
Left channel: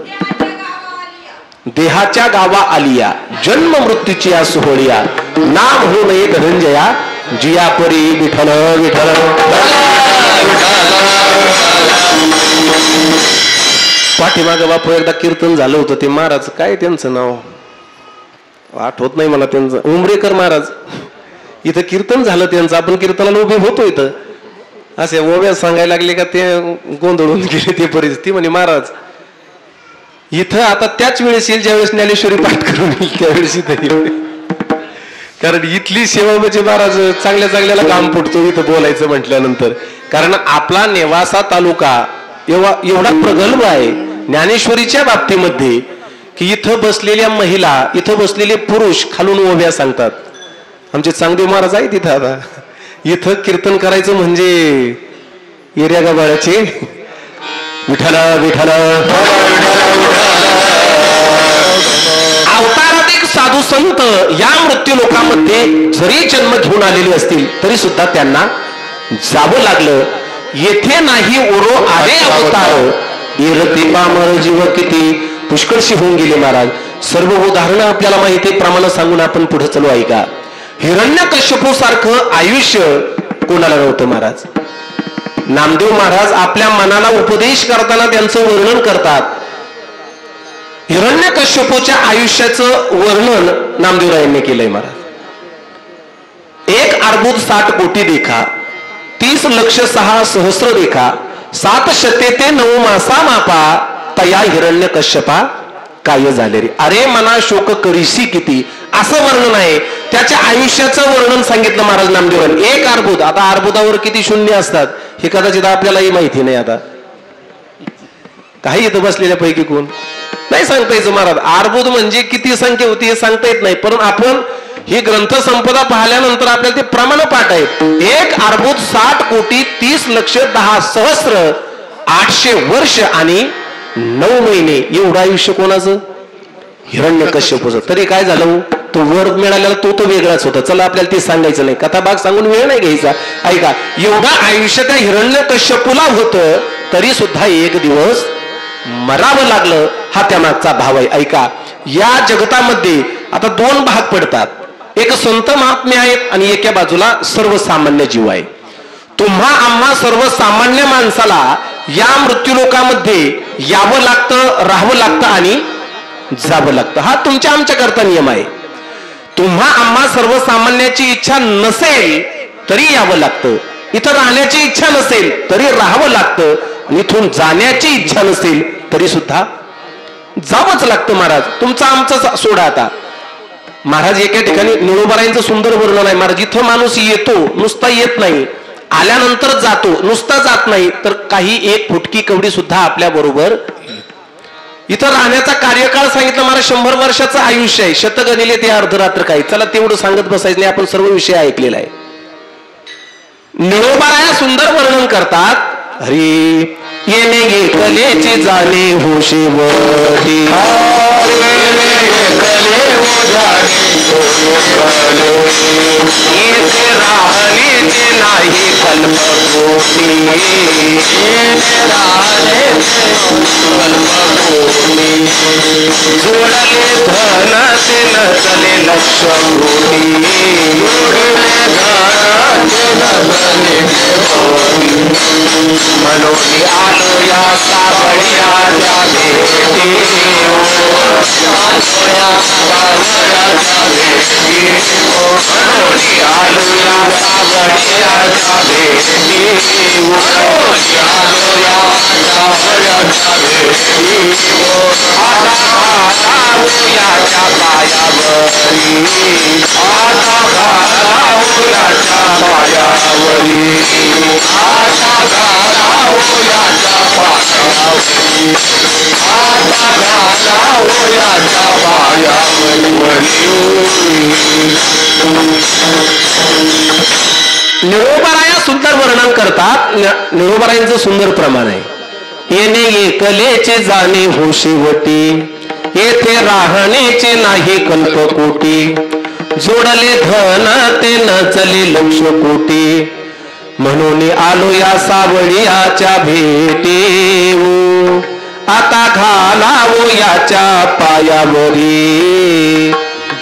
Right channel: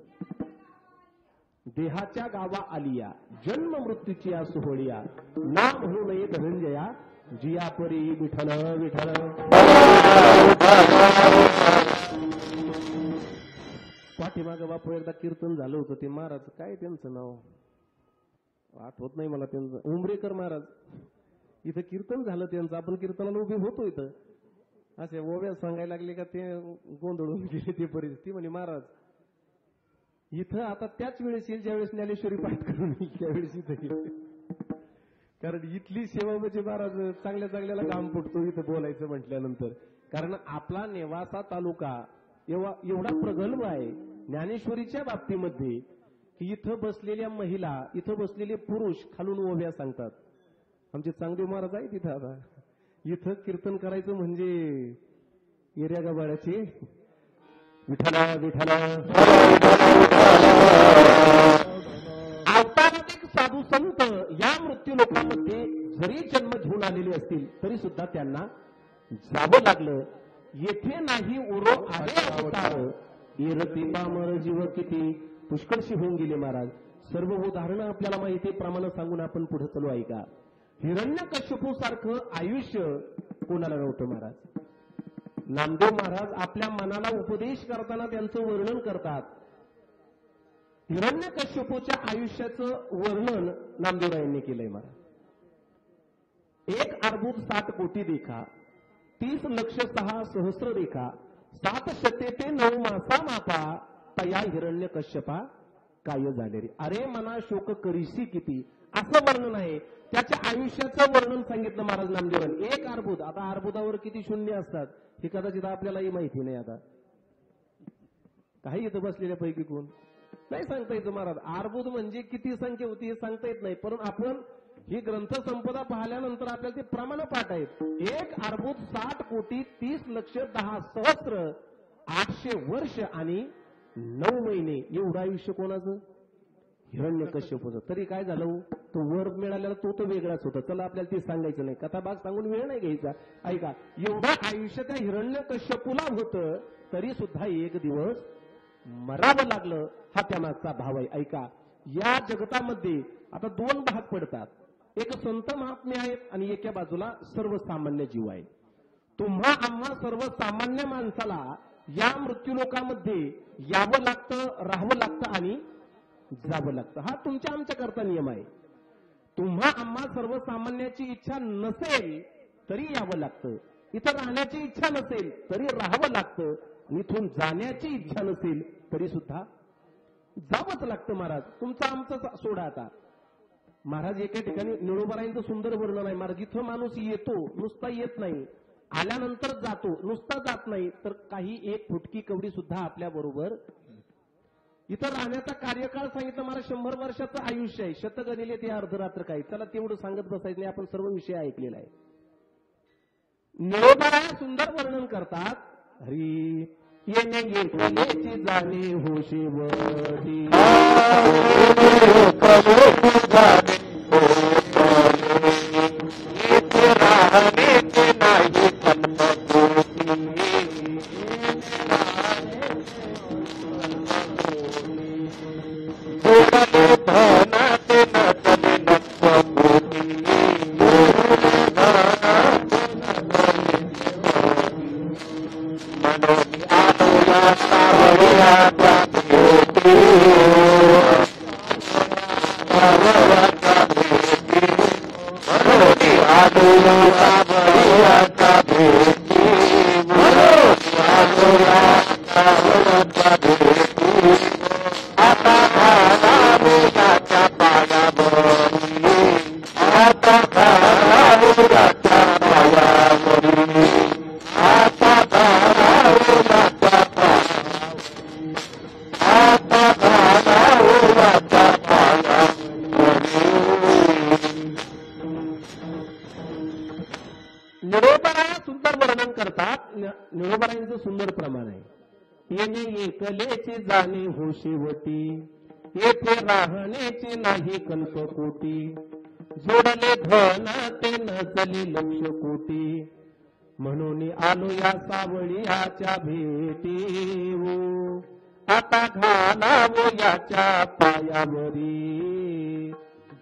देहाच्या गावा आलिया, जन्म मृत्यूची या सोहळिया, नाम हो नये धनंजया, जिया परी विठ्ठल विठ्ठल. पाठीमागे बापू एकदा कीर्तन झालं होतं. ते महाराज काय त्यांचं नाव आठवत नाही मला, त्यांचं उमरेकर महाराज. इथं कीर्तन झालं त्यांचं, आपण कीर्तनाला उभे होतो. इथं असे ओव्या सांगायला लागले का ते गोंधळून गेले ते परिस्थिती. म्हणे महाराज इथं आता त्याच वेळेस येईल ज्यावेळेस ज्ञानेश्वरी पाठ करून येईल त्यावेळेस इथं येईल. कारण इथली सेवा म्हणजे महाराज चांगल्या चांगल्याला काम फुटतो इथं बोलायचं म्हटल्यानंतर. कारण आपला नेवासा तालुका एवढा प्रगल्भ आहे ज्ञानेश्वरीच्या बाबतीमध्ये की इथं बसलेल्या महिला, इथं बसलेले पुरुष खालून ओव्या सांगतात. आमचे चांगदेव महाराज आहे तिथं. आता इथं कीर्तन करायचं म्हणजे एरिया गाबाळ्याचे विठ्ठल विठ्ठल. अवताराधिक साधू संत या मृत्यू लोकांमध्ये जरी जन्म घेऊन आलेले असतील तरी सुद्धा त्यांना जावं लागलं. येथे नाही ओरो आले अवतार, इरते पामर जीव किती पुष्कळशी होऊन गेले महाराज. सर्व उदाहरणं आपल्याला माहिती प्रमाणे सांगून आपण पुढे चलो. ऐका, हिरण्यकश्यपू सारखं आयुष्य कोणाला नव्हतं महाराज. नामदेव महाराज आपल्या मनाला उपदेश करताना त्यांचं वर्णन करतात. हिरण्यकश्यपूच्या आयुष्याचं वर्णन नामदेवरायांनी केलंय महाराज. 1 अर्बुद 60 कोटी देखा, 30 लक्ष 6 सहस्र देखा, 7 शते ते 9 मासा मापा, तया हिरण्यकश्यपा काय झाले रे. अरे मना शोक करीशी किती, असं वर्णन आहे. त्याच्या आयुष्याचं वर्णन सांगितलं महाराज नामदेवांनी. 1 अर्बुद. आता अर्बुदावर किती शून्य असतात हे कदाचित आपल्यालाही माहिती नाही. आता काही इथं बसलेल्या पैकी कोण नाही सांगता यायचं महाराज. अर्बुद म्हणजे किती संख्या होती हे सांगता येत नाही. परंतु आपण ही ग्रंथ संपदा पाहिल्यानंतर आपल्याला ते प्रमाण पाठ आहेत. 1 अर्बुद 60 कोटी 30 लक्ष 10 सहस्र 800 वर्ष आणि 9 महिने एवढं आयुष्य कोणाचं? हिरण्यकश्यपूचं. तरी काय झालं, तो वर मिळालेला तो वेगळाच होता. चला आपल्याला ते सांगायचं नाही, कथा भाग सांगून वेळ नाही घ्यायचा. ऐका, एवढं आयुष्य त्या हिरण्यकश्यपूला होतं तरी सुद्धा एक दिवस मरावं लागलं. हा त्यामागचा भाव आहे. ऐका, या जगतामध्ये आता 2 भाग पडतात. एक संत महात्मे आहेत आणि एका बाजूला सर्वसामान्य जीव आहे. तुम्हा आम्हा सर्वसामान्य माणसाला या मृत्यू लोकामध्ये यावं लागतं, राहावं लागतं आणि जावं लागतं. हा तुमच्या आमच्या करता नियम आहे. तुम्हा आम्हा सर्वसामान्याची इच्छा नसेल तरी यावं लागतं. इथं राहण्याची इच्छा नसेल तरी राहावं लागतं. इथून जाण्याची इच्छा नसेल तरी सुद्धा जावंच लागतं. महाराज तुमचं आमचं सोडा. आता महाराज एका ठिकाणी निळोबारायांचं सुंदर वर्णन आहे. महाराज इथं माणूस येतो, नुसता येत नाही, आल्यानंतर जातो, नुसता जात नाही, तर काही एक फुटकी कवडी सुद्धा आपल्या बरोबर. इथं राहण्याचा कार्यकाळ सांगितलं महाराज 100 वर्षाचं आयुष्य आहे. शतगणिले ते अर्धरात्र काही. चला तेवढं सांगत बसायचं नाही, आपण सर्व विषय ऐकलेला आहे. निळोबाराया सुंदर वर्णन करतात. हरी येणे गे कलेची जाणे हो शेवटी, राहण्याचे नाही कल्पकोटी, जोडले धन ते नसले लक्ष कोटी, जोडले धन ते नसले मनोनी आलो या सावळी आल्या भेटी. आलोया सावळ्याच्या भेटी म्हणून आलोया सावळ्याच्या भेटी आलोया सावळ्याच्या भेटी आता घालावयाच्या पायावरी आता घालावयाच्या पायावरी आता घालावयाच्या पायावरी आता घालावयाच्या पायावरी. निळोबाराया सुंदर वर्णन करतात. निळोबारायांचं सुंदर प्रमाण आहे. येणे एकलेचे जाणे हो शेवटी येथे राहण्याचे नाही कल्पकोटी जोडले धन ते नचले लक्ष कोटी म्हणून आलो या सावळीयाच्या भेटी आता घालावो याच्या पायावरी.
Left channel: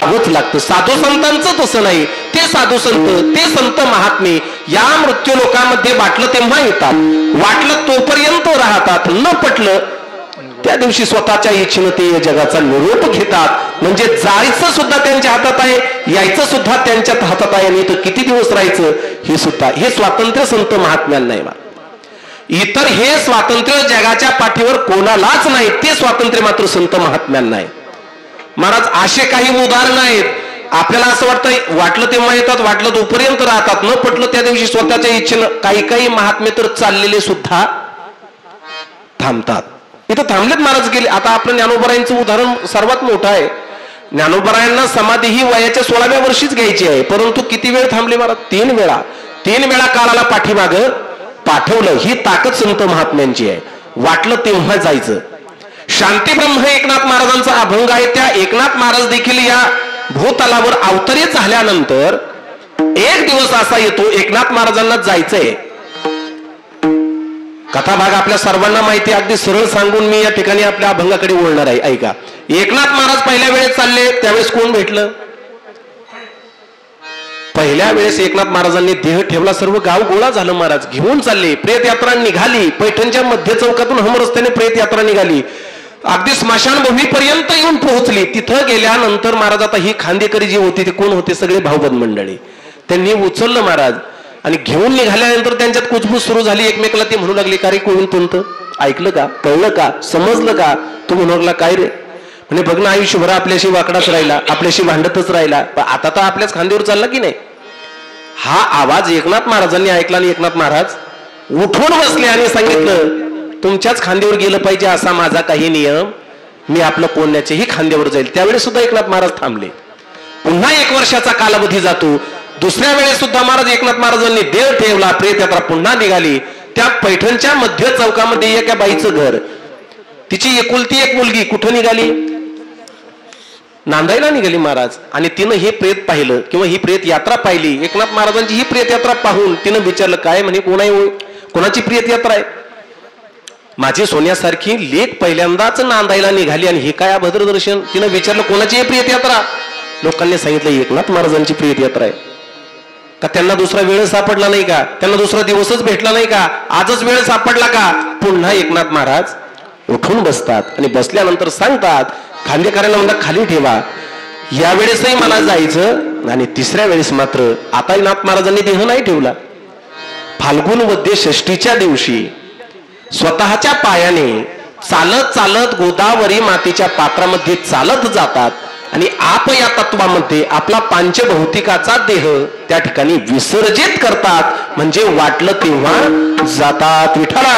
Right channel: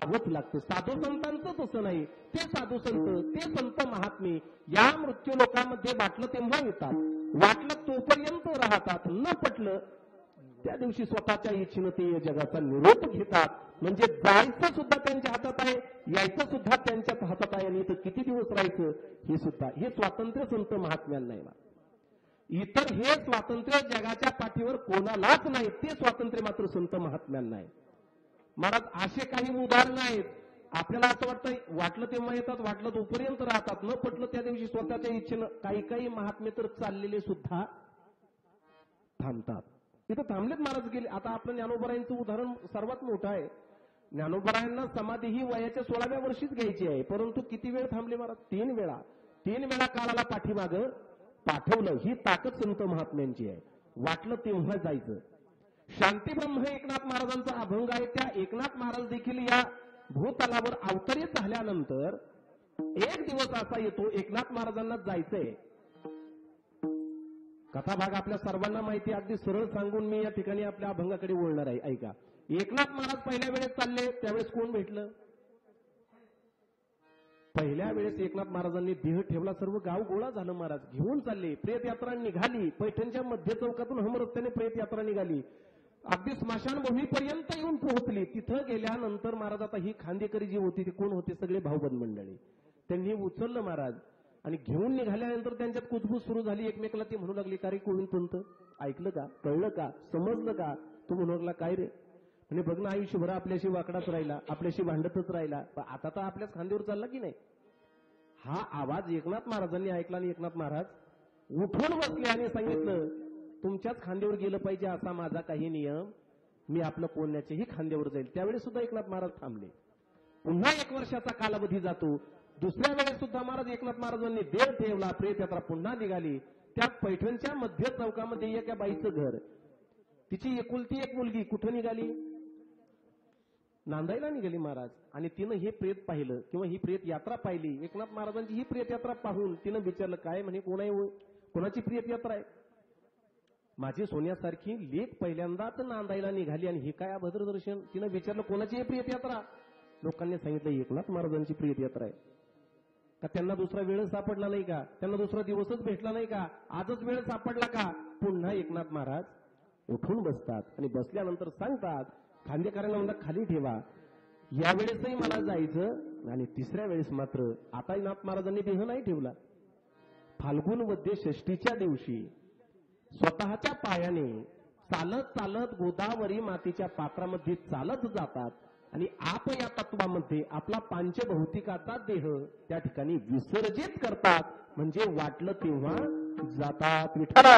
होच लागतं. साधू संतांचं तसं नाही. ते साधू संत ते संत महात्मे या मृत्यू लोकांमध्ये वाटलं तेव्हा येतात, वाटलं तोपर्यंत राहतात, न पटलं त्या दिवशी स्वतःच्या इच्छेनं ते जगाचा निरोप घेतात. म्हणजे जायचं सुद्धा त्यांच्या हातात आहे, यायचं सुद्धा त्यांच्या हातात आहे. आणि तर किती दिवस राहायचं हे सुद्धा, हे स्वातंत्र्य संत महात्म्यांना नाही. इतर हे स्वातंत्र्य जगाच्या पाठीवर कोणालाच नाही, ते स्वातंत्र्य मात्र संत महात्म्यांना आहे. महाराज असे काही उदाहरण आहेत. आपल्याला असं वाटतं वाटलं तेव्हा येतात, वाटलं तोपर्यंत राहतात, न पटलं त्या दिवशी स्वतःच्या इच्छेनं. काही काही महात्मे तर चाललेले सुद्धा थांबतात. इथं थांबलेत महाराज गेले. आता आपलं ज्ञानोबरायांचं उदाहरण सर्वात मोठं आहे. ज्ञानोबरायांना समाधी ही वयाच्या 16व्या वर्षीच घ्यायची आहे, परंतु किती वेळ थांबले महाराज? 3 वेळा काळाला पाठीमाग पाठवलं. ही ताकद संत महात्म्यांची आहे. वाटलं तेव्हा जायचं. शांती ब्रह्म एकनाथ महाराजांचा अभंग आहे. त्या एकनाथ महाराज देखील या भूतलावर अवतरित झाल्यानंतर एक दिवस असा येतो, एकनाथ महाराजांना जायचंय. कथाभाग आपल्या सर्वांना माहिती. अगदी सरळ सांगून मी या ठिकाणी आपल्या अभंगाकडे वळणार आहे. ऐका. एकनाथ महाराज पहिल्या वेळेस चालले, त्यावेळेस कोण भेटलं? पहिल्या वेळेस एकनाथ महाराजांनी देह ठेवला, सर्व गाव गोळा झालं. महाराज घेऊन चालले. प्रेत यात्रा निघाली. पैठणच्या मध्य चौकातून हम रस्त्याने प्रेत यात्रा निघाली. अगदी स्मशानभूमीपर्यंत येऊन पोहोचली. तिथं गेल्यानंतर महाराज, आता ही खांदेकरी जी होती ते कोण होते? सगळे भाऊबंद मंडळी. त्यांनी उचललं महाराज आणि घेऊन निघाल्यानंतर त्यांच्यात कुजबूज सुरू झाली. एकमेकाला ते म्हणू लागले, का रे कोण पंत? ऐकलं का? कळलं का? समजलं का? तू म्हणू लागला, काय रे? म्हणजे बघ ना, आयुष्यभर आपल्याशी वाकडाच राहिला, आपल्याशी भांडतच राहिला, पण आता तर आपल्याच खांद्यावर चालला की नाही. हा आवाज एकनाथ महाराजांनी ऐकला आणि एकनाथ महाराज उठून बसले आणि सांगितलं, तुमच्याच खांद्यावर गेलं पाहिजे असा माझा काही नियम. मी आपलं कोण्याच्याही खांद्यावर जाईल. त्यावेळेस सुद्धा एकनाथ महाराज थांबले. पुन्हा 1 वर्षाचा कालावधी जातो. दुसऱ्या वेळेस सुद्धा महाराज एकनाथ महाराजांनी देह ठेवला. प्रेत यात्रा पुन्हा निघाली. त्या पैठणच्या मध्य चौकामध्ये एका बाईचं घर, तिची एकुलती एक मुलगी कुठं निघाली? नांदायला निघाली महाराज. आणि तिनं हे प्रेत पाहिलं किंवा ही प्रेत यात्रा पाहिली. एकनाथ महाराजांची ही प्रेत यात्रा पाहून तिनं विचारलं, काय म्हणे, कोणाची प्रेत यात्रा आहे? माझी सोन्यासारखी लेक पहिल्यांदाच नांदायला निघाली आणि हे काय अभद्र दर्शन? तिनं विचारलं, कोणाची प्रियत यात्रा? लोकांनी सांगितलं, एकनाथ महाराजांची प्रियत यात्रा आहे. का त्यांना दुसरा वेळ सापडला नाही का? त्यांना दुसरा दिवसच भेटला नाही का? आजच वेळ सापडला का? पुन्हा एकनाथ महाराज उठून बसतात आणि बसल्यानंतर सांगतात, खांदेकऱ्यांना म्हणतात खाली ठेवा, यावेळेसही मला जायचं. आणि तिसऱ्या वेळेस मात्र आता नाथ महाराजांनी देह नाही ठेवला. फाल्गुन वद्य षष्टीच्या दिवशी स्वतःच्या पायाने चालत चालत गोदावरी मातेच्या पात्रामध्ये चालत जातात आणि आप या तत्वामध्ये आपला पांचभौतिकाचा देह त्या ठिकाणी विसर्जित करतात. म्हणजे वाटलं तेव्हा जातात. विठ्ठला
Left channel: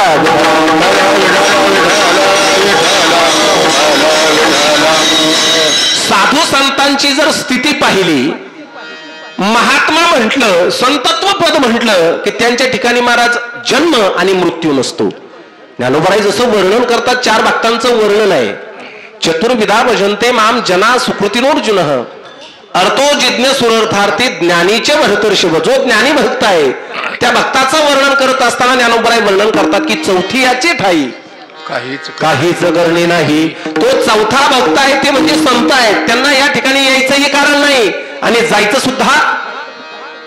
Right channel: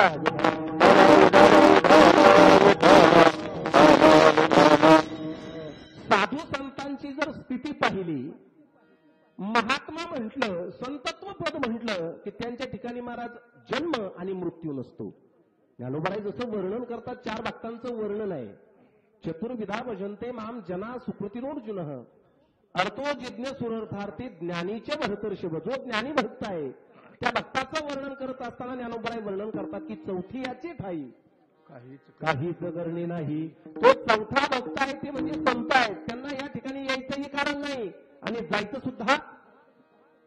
साधू संतांची जर स्थिती पाहिली, महात्मा म्हटलं, संतत्व पद म्हटलं की त्यांच्या ठिकाणी महाराज जन्म आणि मृत्यू नसतो. ज्ञानोबराई जसं वर्णन करतात, 4 भक्तांचं वर्णन आहे. चतुर्विधा भजन्ते माम जना सुकृतिनोर्जुन अर्थो जिज्ञ सुरर्थार्थी ज्ञानीचे भरतर्षभ. जो ज्ञानी भक्त आहे त्या भक्ताचं वर्णन करत असताना ज्ञानोबराई वर्णन करतात की चौथी याची ठाई काहीच करणे नाही. तो चौथा भक्त आहे ते म्हणजे संत आहेत. त्यांना या ठिकाणी यायचंही कारण नाही आणि जायचं सुद्धा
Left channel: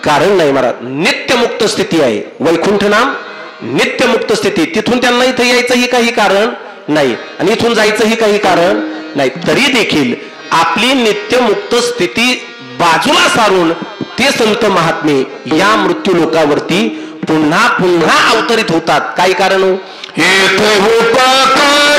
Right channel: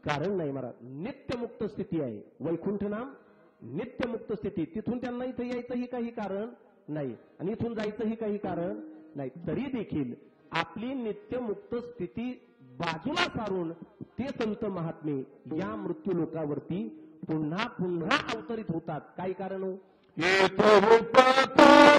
कारण नाही. महाराज नित्यमुक्त स्थिती आहे. वैकुंठ नाम नित्यमुक्त स्थिती. तिथून त्यांना इथं यायचंही काही कारण नाही आणि इथून जायचंही काही कारण नाही, तरी देखील आपली नित्यमुक्त स्थिती बाजूला सारून ते संत महात्मे या मृत्यू लोकावरती पुन्हा पुन्हा अवतरित होतात. काय कारण हो? येथे उपकारासाठी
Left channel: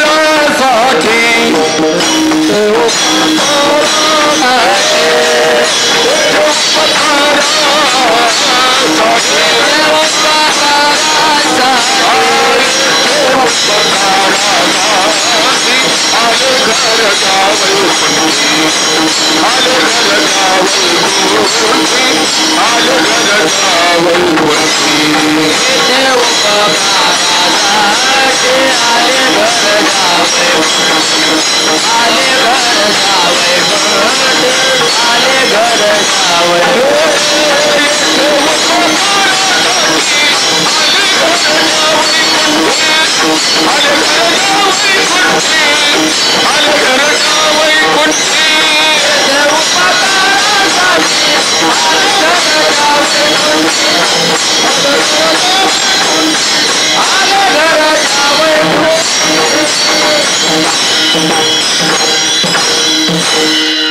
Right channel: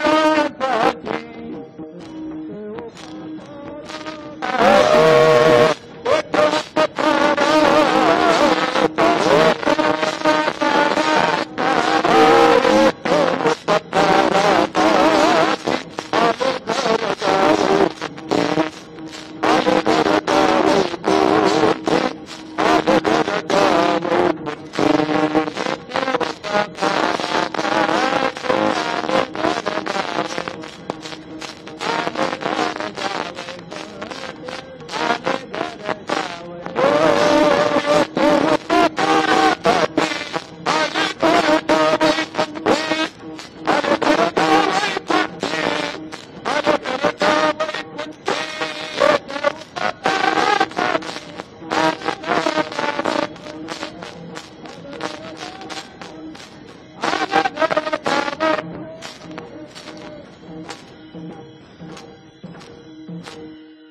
आले घर जावई आले घर जावई आले घर जावई देव आले घर जावई आले घर जावई आले घर जावई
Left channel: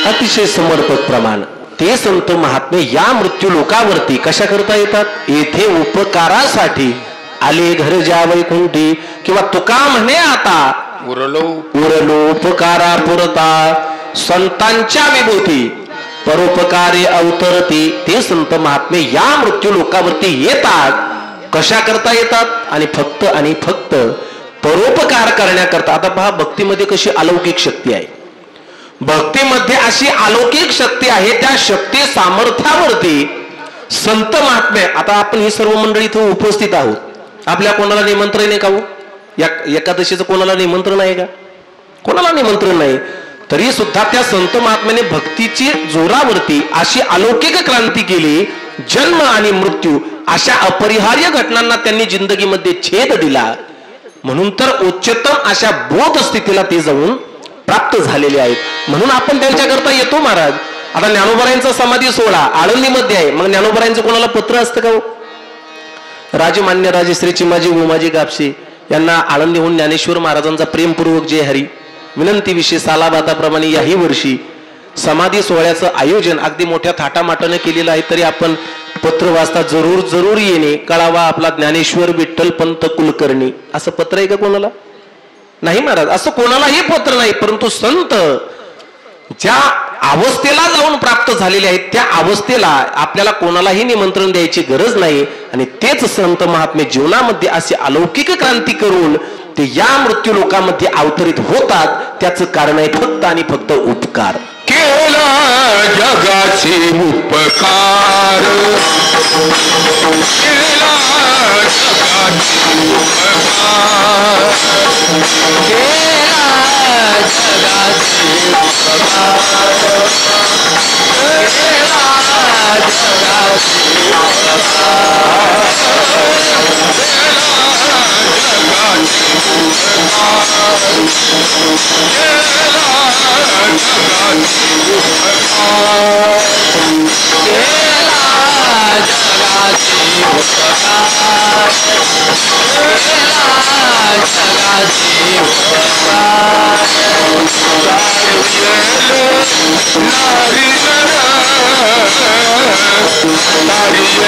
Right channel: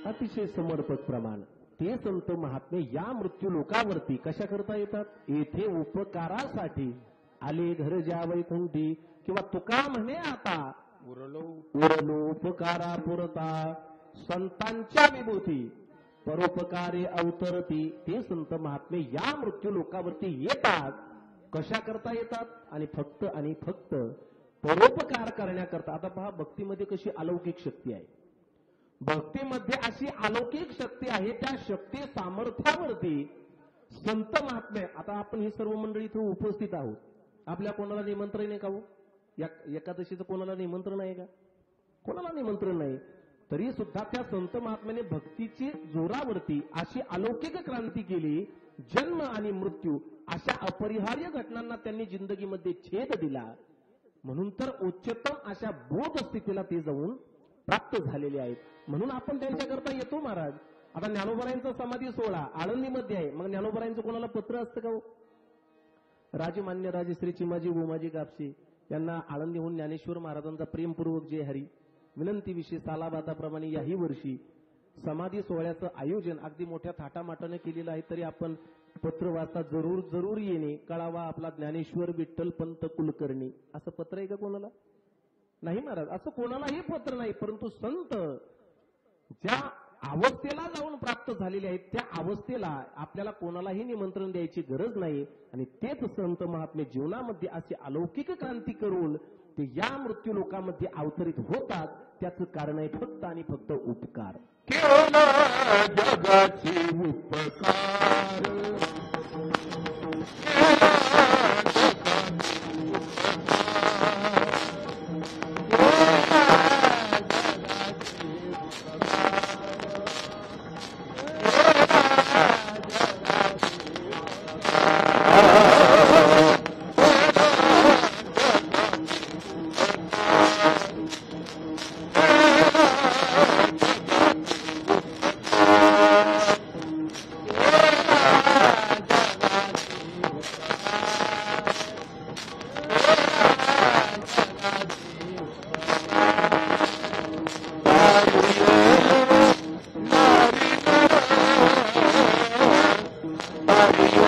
अतिशय समर्पक प्रमाण ते संत महात्मे या मृत्यू लोकावरती कशा करता येतात? येथे उपकारासाठी आले घर ज्या वैकुंठी, किंवा तुका म्हणे आता उरलो उपकारा पुरता संतांच्या विभूती परोपकारे अवतरती. ते संत महात्मे या मृत्यू लोकावरती येतात. कशा करता येतात? आणि फक्त परोपकार करण्याकरता. आता पहा, भक्तीमध्ये कशी अलौकिक शक्ती आहे. भक्तीमध्ये अशी अलौकिक शक्ती आहे. त्या शक्ती सामर्थ्यावरती संत महात्मे, आता आपण ही सर्व मंडळी इथे उपस्थित आहोत, आपल्या कोणाला निमंत्रण आहे का हो? एकादशीचं कोणाला निमंत्रण आहे का? कोणाला निमंत्रण नाही. तरी सुद्धा त्या संत महात्म्याने भक्तीची जोरावरती अशी अलौकिक क्रांती केली. जन्म आणि मृत्यू अशा अपरिहार्य घटनांना त्यांनी जिंदगीमध्ये छेद दिला. म्हणून तर उच्चतम अशा बोध स्थितीला ते जाऊन प्राप्त झालेले आहेत. म्हणून आपण त्यांच्याकरता येतो महाराज. आता ज्ञानोबरायांचा समाधी सोहळा आळंदीमध्ये आहे, मग ज्ञानोबरायांचं कोणाला पत्र असतं का हो? राजमान्य राजश्री चिमाजी उमाजी कापसे यांना आळंदीहून ज्ञानेश्वर महाराजांचा प्रेमपूर्वक जय हरी विनंती विषय सालाबाताप्रमाणे याही वर्षी समाधी सोहळ्याचं आयोजन अगदी मोठ्या थाटामाटाने केलेलं आहे. तरी आपण पत्र वाचता जरूर येणे. कळावा आपला ज्ञानेश्वर विठ्ठल पंत कुलकर्णी, असं पत्र आहे का कोणाला? नाही महाराज, असं कोणालाही पत्र नाही. परंतु संत ज्या अवस्थेला जाऊन प्राप्त झालेले आहेत त्या अवस्थेला आपल्याला कोणालाही निमंत्रण द्यायची गरज नाही. आणि तेच संत महात्मे जीवनामध्ये अशी अलौकिक क्रांती करून ते या मृत्यू लोकांमध्ये अवतरित होतात. त्याचं कारण आहे फक्त आणि फक्त उपकार. केला जगाचे उपकार, केला जगाचे उपकार, केला जगाचे उपकार, केला जगाचे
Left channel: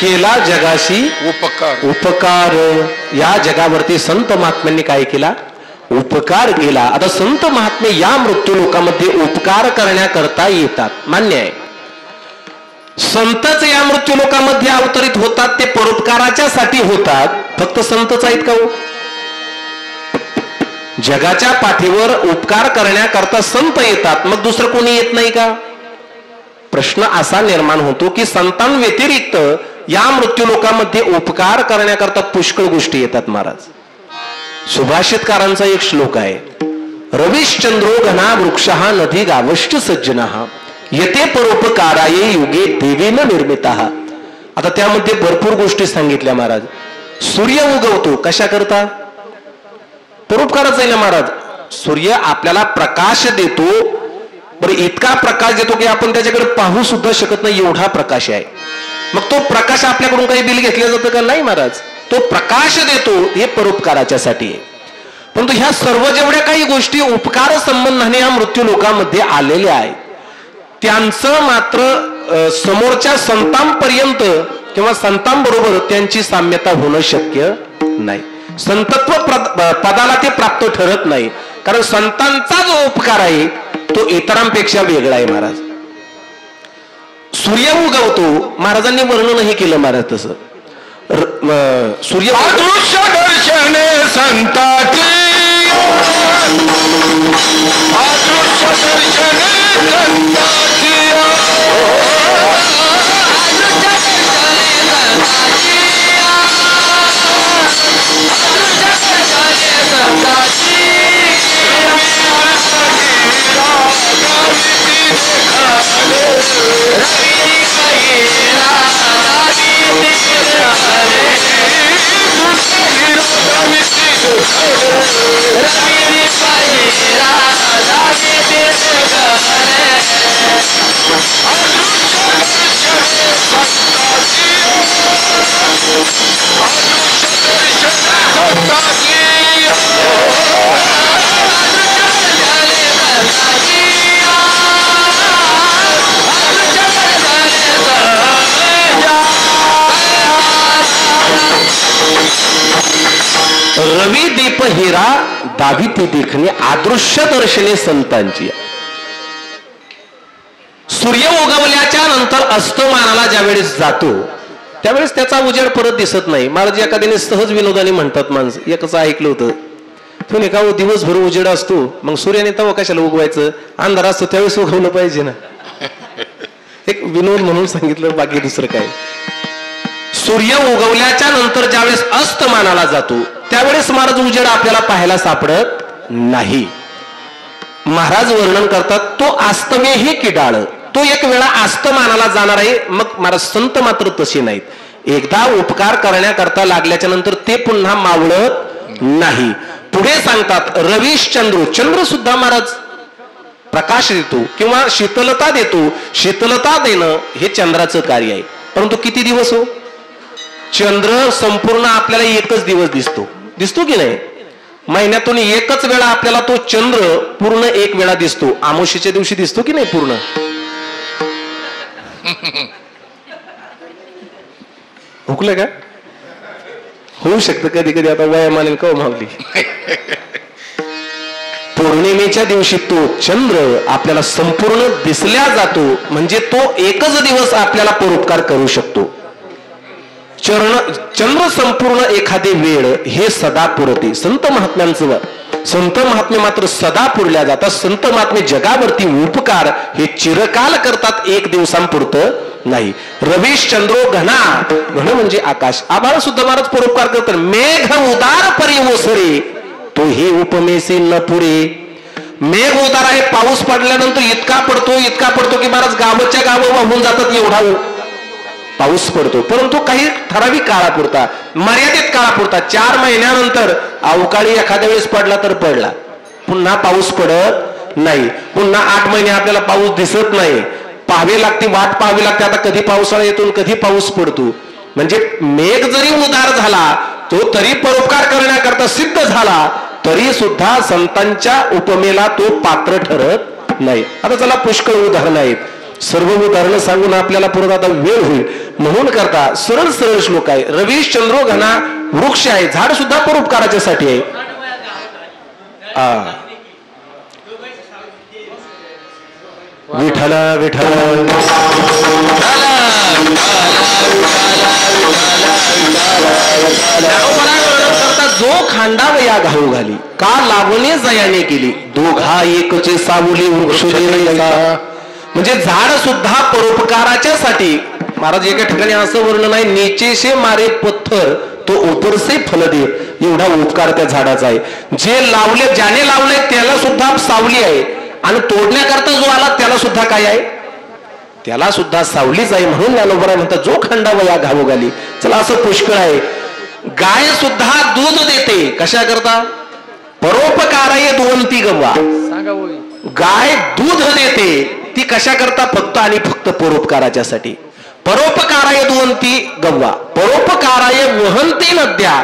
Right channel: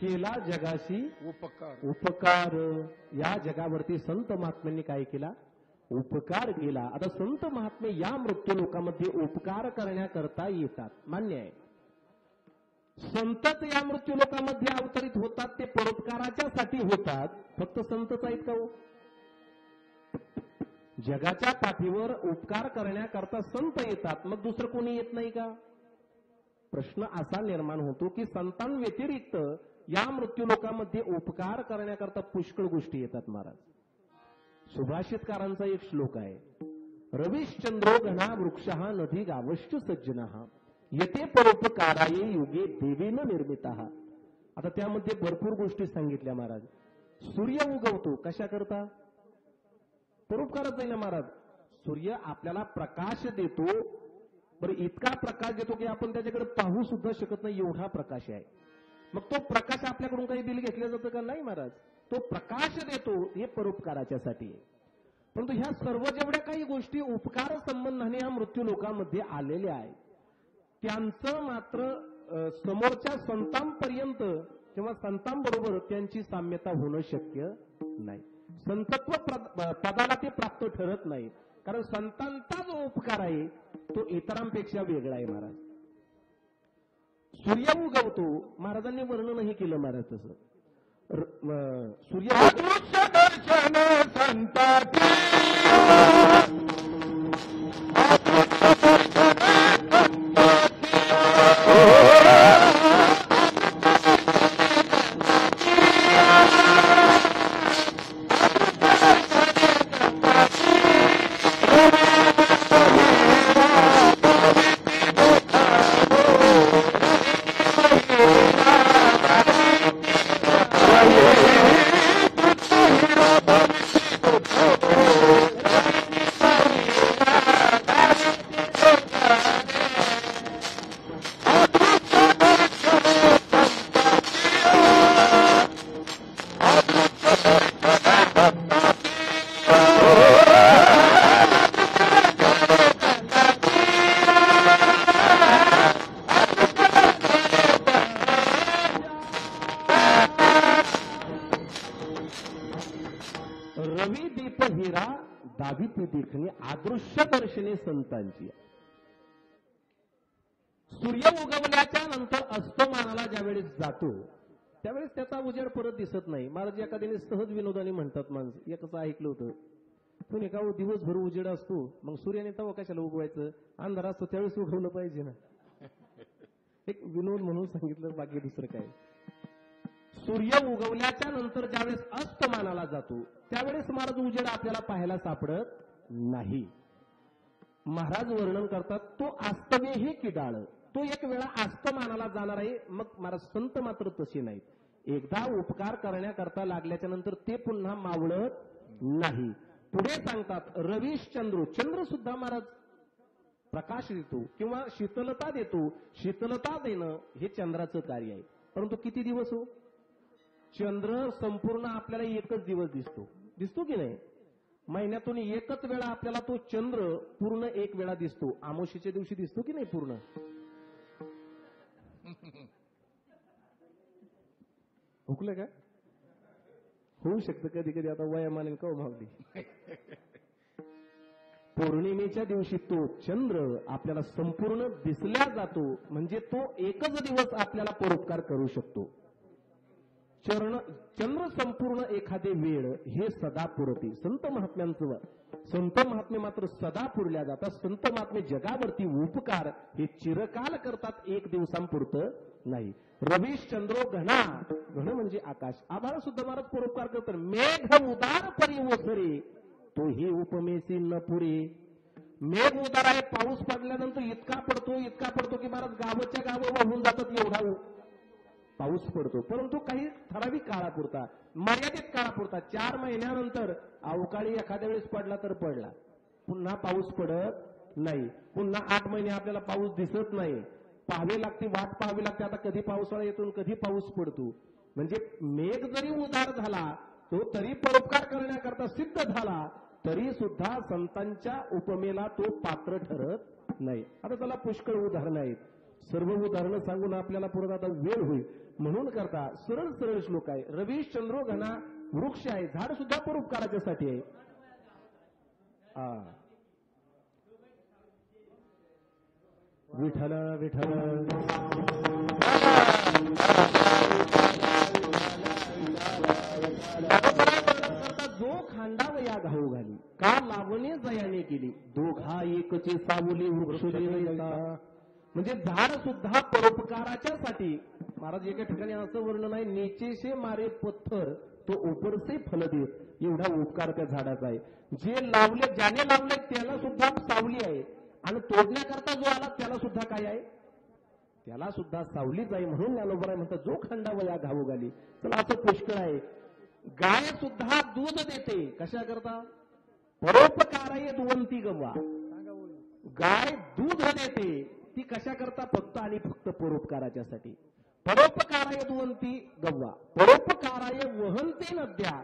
केला जगाशी उपकार. या जगावरती संत महात्म्यांनी काय केला? उपकार केला. आता संत महात्मे या मृत्यू लोकांमध्ये उपकार करण्याकरता येतात, मान्य आहे. संतच या मृत्यू लोकांमध्ये अवतरित होतात, ते परोपकाराच्या साठी होतात. फक्त संतच आहेत का हो? जगाच्या पाठीवर उपकार करण्याकरता संत येतात, मग दुसरं कोणी येत नाही का? प्रश्न असा निर्माण होतो की संतान व्यतिरिक्त या मृत्यू लोकामध्ये उपकार करण्याकरता पुष्कळ गोष्टी येतात महाराज. सुभाषितकारांचा एक श्लोक आहे, रविश्चंद्रो घना वृक्षः नदी गावश्च सज्जनः येते परोपकाराये युगे देवेन निर्मितः. आता त्यामध्ये भरपूर गोष्टी सांगितल्या महाराज. सूर्य उगवतो कशा करता? परोपकारच आहे ना महाराज. सूर्य आपल्याला प्रकाश देतो, बरं इतका प्रकाश देतो की आपण त्याच्याकडे पाहू सुद्धा शकत नाही एवढा प्रकाश आहे. मग तो प्रकाश आपल्याकडून काही बिल घेतलं जातं का? नाही महाराज. तो प्रकाश देतो हे परोपकाराच्या साठी आहे. परंतु ह्या सर्व जेवढ्या काही गोष्टी उपकार संबंधाने या मृत्यू लोकांमध्ये आलेल्या आहेत त्यांचं मात्र समोरच्या संतांपर्यंत किंवा संतांबरोबर त्यांची साम्यता होणं शक्य नाही. संतत्व पदाला ते प्राप्त ठरत नाही, कारण संतांचा जो उपकार आहे तो इतरांपेक्षा वेगळा आहे महाराज. सूर्य उगवतो, महाराजांनी वर्णनही केलं महाराज तसं. सूर्य अदृश्य दर्शने संताची, अदृश्य दर्शने संताची, रवी दीप हिरा दाविते देखणे अदृश्य दर्शने संतांची. सूर्य उगवल्याच्या नंतर अस्तमानाला ज्यावेळेस जातो त्यावेळेस त्याचा उजेड परत दिसत नाही. महाराज एखाद्याने सहज विनोदाने म्हणतात, माणसं एकच ऐकलं होतं, तो नाही का दिवसभर उजेड असतो, मग सूर्याने तवा कशाला उगवायचं, अंधार असतो त्यावेळेस उगवलं पाहिजे ना. एक विनोद म्हणून सांगितलं, बाकी दुसरं काय. सूर्य उगवल्याच्या नंतर ज्यावेळेस अस्तमानाला जातो त्यावेळेस महाराज उजेड आपल्याला पाहायला सापडत नाही. महाराज वर्णन करतात, तो अस्तमे हे किडाळ, तो एक वेळा अस्तमानाला जाणार आहे. मग महाराज संत मात्र तसे नाहीत. एकदा उपकार करण्याकरता लागल्याच्या नंतर ते पुन्हा मावळत नाही. पुढे सांगतात, रवीश चंद्र, चंद्र सुद्धा महाराज प्रकाश देतो किंवा शीतलता देतो. शीतलता देणं हे चंद्राचं कार्य आहे. परंतु किती दिवस हो? चंद्र संपूर्ण आपल्याला एकच दिवस दिसतो की नाही? महिन्यातून एकच वेळा आपल्याला तो चंद्र पूर्ण एक वेळा दिसतो. अमावस्येच्या दिवशी दिसतो की नाही पूर्ण? हुकलं का? होऊ शकतं कधी कधी, आता वयामाने का मावली. पौर्णिमेच्या दिवशी तो चंद्र आपल्याला संपूर्ण दिसल्या जातो, म्हणजे तो एकच दिवस आपल्याला परोपकार करू शकतो. चंद्र संपूर्ण एखादे वेळ हे सदा पुरते. संत महात्म्यांचं, संत महात्मे मात्र सदा पुरल्या जातात. संत महात्मे जगावरती उपकार हे चिरकाल करतात, एक दिवसांपुरतं नाही. रवीश चंद्रो घना, घन म्हणजे आकाश, आभाळ सुद्धा महाराज परोपकार करतात. मेघ उदार परी ओसरे, तो हे उपमेसे न पुरे. मेघ उदार आहे, पाऊस पडल्यानंतर इतका पडतो की महाराज गावच्या गावं वाहून जातात एवढा पाऊस पडतो. परंतु काही ठराविक काळापुरता, मर्यादित काळापुरता. 4 महिन्यानंतर अवकाळी एखाद्या वेळेस पडला तर पडला, पुन्हा पाऊस पडत नाही. पुन्हा 8 महिने आपल्याला पाऊस दिसत नाही, पाहावी लागते, वाट पाहावी लागते. आता कधी पावसाळा येतो, कधी पाऊस पडतो. म्हणजे मेघ जरी उदार झाला तो तरी परोपकार करण्याकरता सिद्ध झाला, तरी सुद्धा संतांच्या उपमेला तो पात्र ठरत नाही. आता चला पुष्कळ उदाहरण आहेत, सर्व उदाहरणं सांगून आपल्याला परत आता वेळ होईल म्हणून करता सरळ सरळ श्लोक आहे. रवीश चंद्रो घना वृक्ष आहे, झाड सुद्धा परोपकाराच्या साठी आहे. विठला विठल जो खांडावया घाऊ घाली, का लावणे जयाने केली, दोघा एकचे सावली वृक्ष म्हणजे झाड सुद्धा परोपकाराच्यासाठी. महाराज एका ठिकाणी असं वर्णन आहे, नीचेशे मारे पत्थर तो उपरसे फल दे, एवढा उपकार त्या झाडाचा आहे. जे लावले, ज्याने लावले त्याला सुद्धा सावली आहे, आणि तोडण्याकरता जो आला त्याला सुद्धा काय आहे, त्याला सुद्धा सावलीच आहे. म्हणून ज्ञानोबा म्हणतात जो खंडावा या घावोगाली. चला असं पुष्कळ आहे. गाय सुद्धा दूध देते, कशा करता, परोपकाराय दुवंती गव्वा. गाय दूध देते ती कशा करता, फक्त आणि फक्त परोपकाराच्यासाठी. परोपकाराय दुवंती गव्वा, परोपकाराय वहंती नद्या.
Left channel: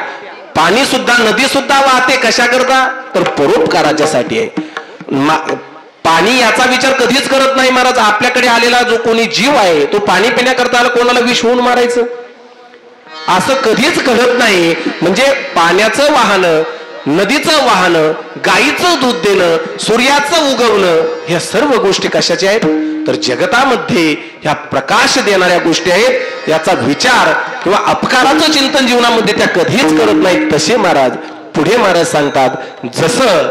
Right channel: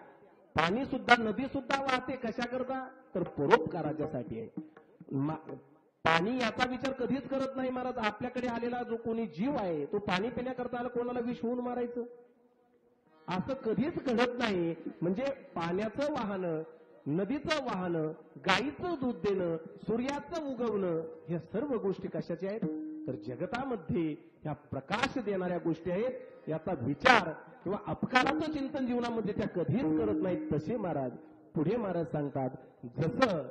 पाणी सुद्धा, नदी सुद्धा वाहते कशा करता, तर परोपकाराच्यासाठी आहे. पाणी याचा विचार कधीच करत नाही महाराज. आपल्याकडे आलेला जो कोणी जीव आहे तो पाणी पिण्याकरता कोणाला विष होऊन मारायचं असं कधीच घडत नाही. म्हणजे पाण्याचं वाहन, नदीचं वाहन, गाईचं दूध देणं, सूर्याचं उगवणं, ह्या सर्व गोष्टी कशाच्या आहेत, तर जगतामध्ये ह्या प्रकाश देणाऱ्या गोष्टी आहेत. याचा विचार किंवा अपकाराचं चिंतन जीवनामध्ये त्या कधीच करत नाहीत. तसे महाराज पुढे महाराज सांगतात, जसं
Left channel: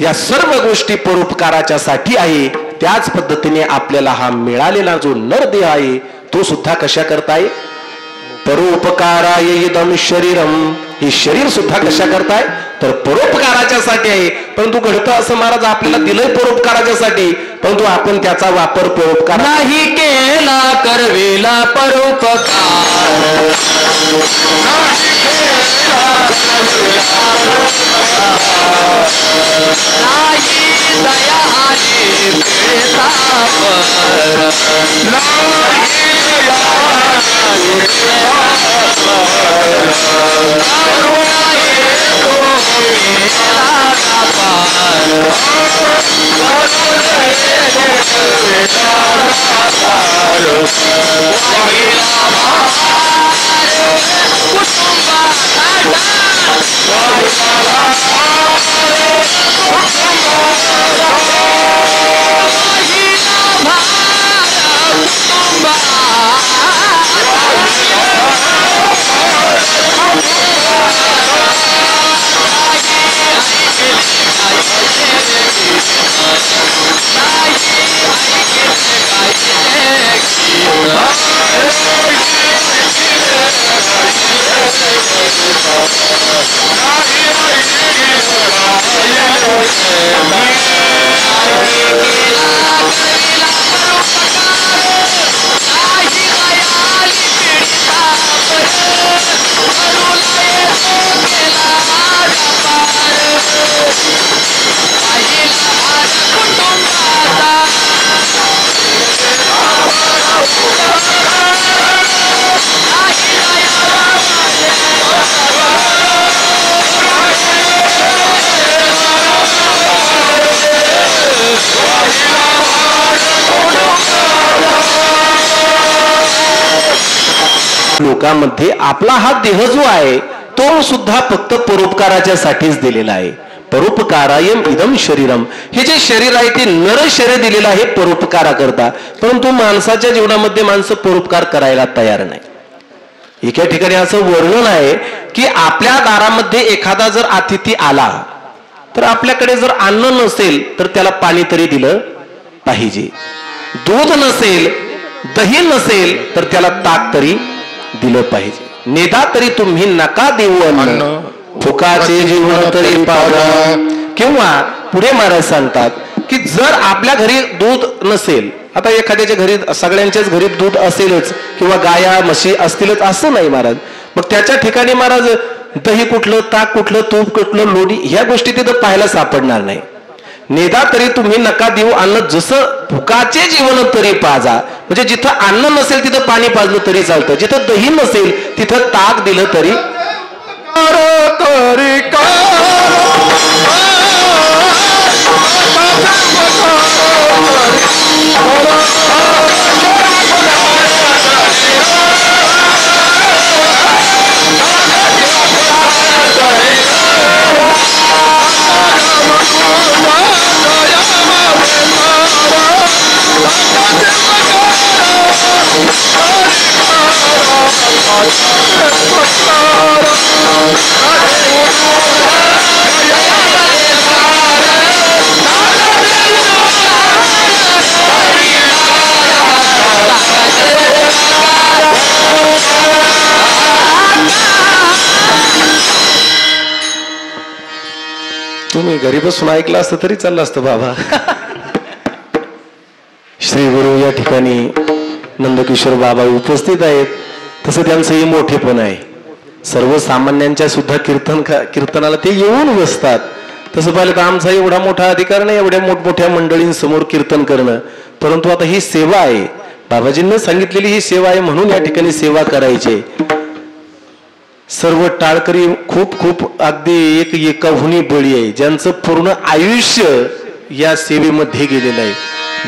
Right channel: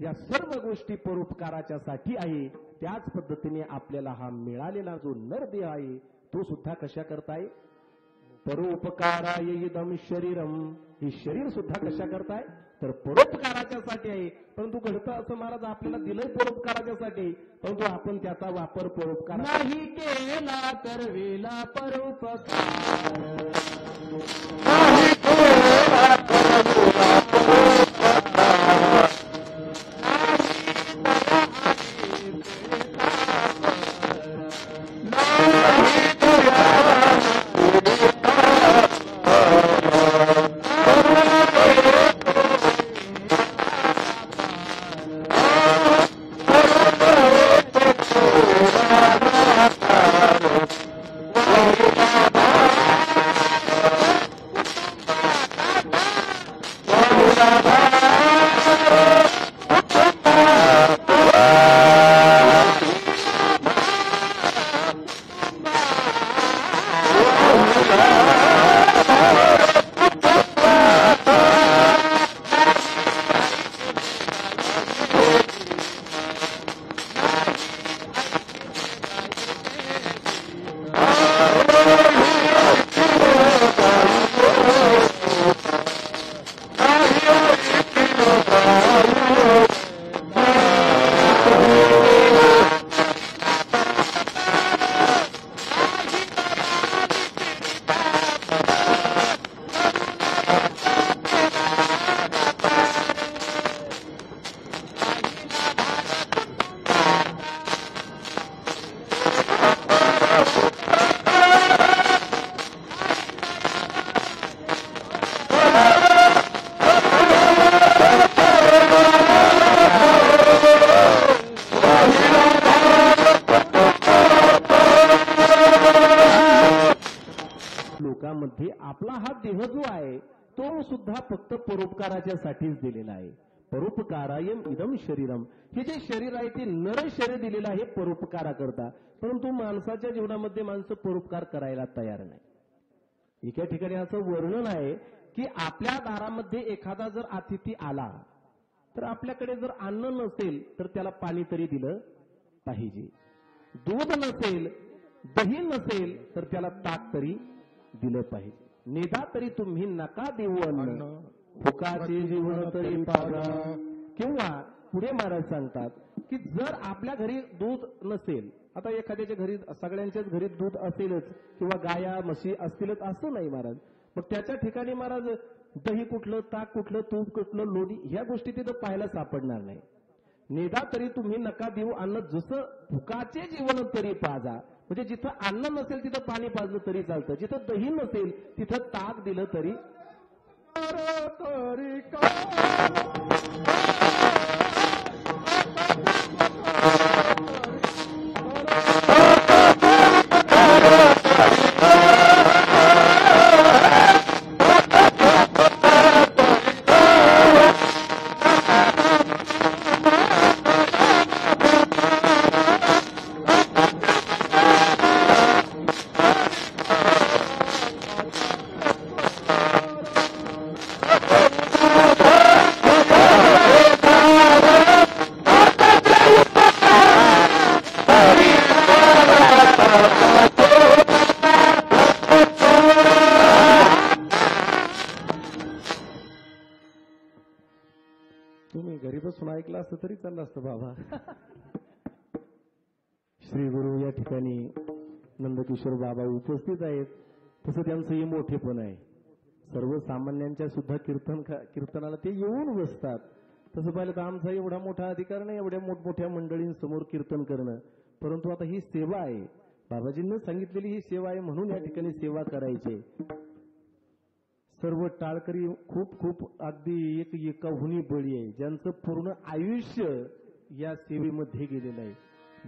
या सर्व गोष्टी परोपकाराच्या साठी आहे, त्याच पद्धतीने आपल्याला हा मिळालेला जो नरदेह आहे तो सुद्धा कशा करताय, परोपकाराय इदं शरीरम. हे शरीर सुद्धा कशा करताय, तर परोपकाराच्या साठी आहे. परंतु घडतं असं महाराज आपल्याला दिलंय परोपकाराच्यासाठी, परंतु आपण त्याचा वापर परोपकार नाही केला, करवेला परोपकार नाही केला, करवेला परोपकार नाही दया आली बेता पर नाही दया आली बेता पर करुणा येतो मेला पार करुणा येतो मेला पार वाहिला भार कुटुंबाचा वाहिला भार कुटुंबाचा वाहिला भार लोकांमध्ये आपला हा देह जो आहे तो सुद्धा फक्त परोपकाराच्या साठीच दिलेला आहे. परोपकारायम इदम शरीरम. हे जे शरीर आहे ते नर शरीर दिलेलं आहे परोपकारा करता, परंतु माणसाच्या जीवनामध्ये माणसं परोपकार करायला तयार नाही. एका ठिकाणी असं वर्णन आहे की आपल्या दारामध्ये एखादा जर अतिथी आला तर आपल्याकडे जर अन्न नसेल तर त्याला पाणी तरी दिलं पाहिजे, दूध नसेल, दही नसेल तर त्याला ताक तरी दिलं पाहिजे. नेदा तरी तुम्ही नका देऊ अन्न, फुकाचे जीवन तरी पाजा. किंवा पुढे महाराज सांगतात की जर आपल्या घरी दूध नसेल, आता एखाद्याच्या घरी, सगळ्यांच्याच घरी दूध असेलच किंवा गाया म्हशी असतीलच असं नाही महाराज, मग त्याच्या ठिकाणी महाराज दही कुठलं, ताक कुठलं, तूप कुठलं, लोणी, ह्या गोष्टी तिथं पाहायला सापडणार नाही. नेदा तरी तुम्ही नका देऊ अन्न, जसं फुकाचे जीवन तरी पाजा. म्हणजे जिथं अन्न नसेल तिथं पाणी पाजलं तरी चालतं, जिथं दही नसेल तिथं ताक दिलं तरी Hare घरी बसून ऐकलं असतं तरी चाललं असतं बाबा. श्री गुरु या ठिकाणी नंदकिशोर बाबा उपस्थित आहेत. तसं त्यांचंही मोठेपण आहे. सर्वसामान्यांच्या सुद्धा कीर्तनाला ते येऊन बसतात. तसं पाहिलं तर आमचा एवढा मोठा अधिकार नाही एवढ्या मोठमोठ्या मंडळींसमोर कीर्तन करणं. परंतु आता ही सेवा आहे, बाबाजींनी सांगितलेली ही सेवा आहे, म्हणून या ठिकाणी सेवा करायची. सर्व टाळकरी खूप खूप अगदी एकाहुनी बळी आहे, ज्यांचं पूर्ण आयुष्य या सेवेमध्ये गेलेलं आहे.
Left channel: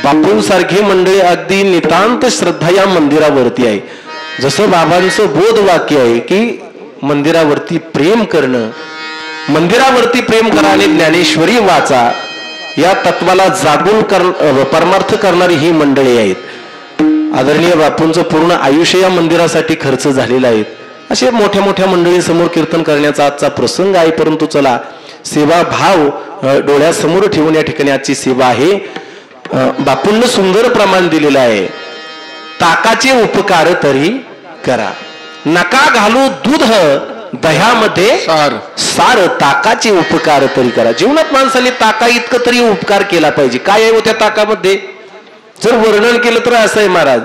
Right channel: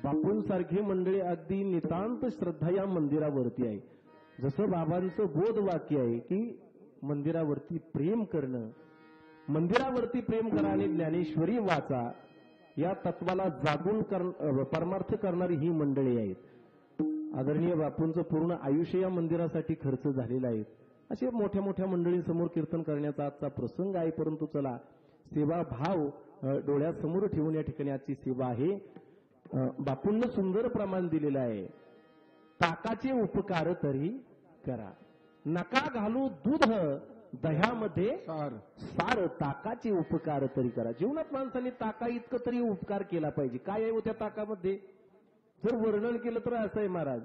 बापूंसारखी मंडळी अगदी नितांत श्रद्धा या मंदिरावरती आहे. जसं बाबांचं बोध वाक्य आहे की मंदिरावरती प्रेम करणं, मंदिरावरती प्रेम करा आणि ज्ञानेश्वरी वाचा, या तत्वाला जागून परमार्थ करणारी ही मंडळी आहेत. आदरणीय बापूंचं पूर्ण आयुष्य या मंदिरासाठी खर्च झालेलं आहे. असे मोठ्या मोठ्या मंडळींसमोर कीर्तन करण्याचा आजचा प्रसंग आहे. परंतु चला, सेवा भाव डोळ्यासमोर ठेवून या ठिकाणी आजची सेवा आहे. बापूंना सुंदर प्रमाण दिलेलं आहे. ताकाचे उपकार तरी करा, नका घालू दूध दह्यामध्ये सार, ताकाचे उपकार तरी करा. जीवनात माणसाने ताका इतकं तरी उपकार केला पाहिजे. काय आहे त्या ताकामध्ये? जर वर्णन केलं तर असं आहे महाराज,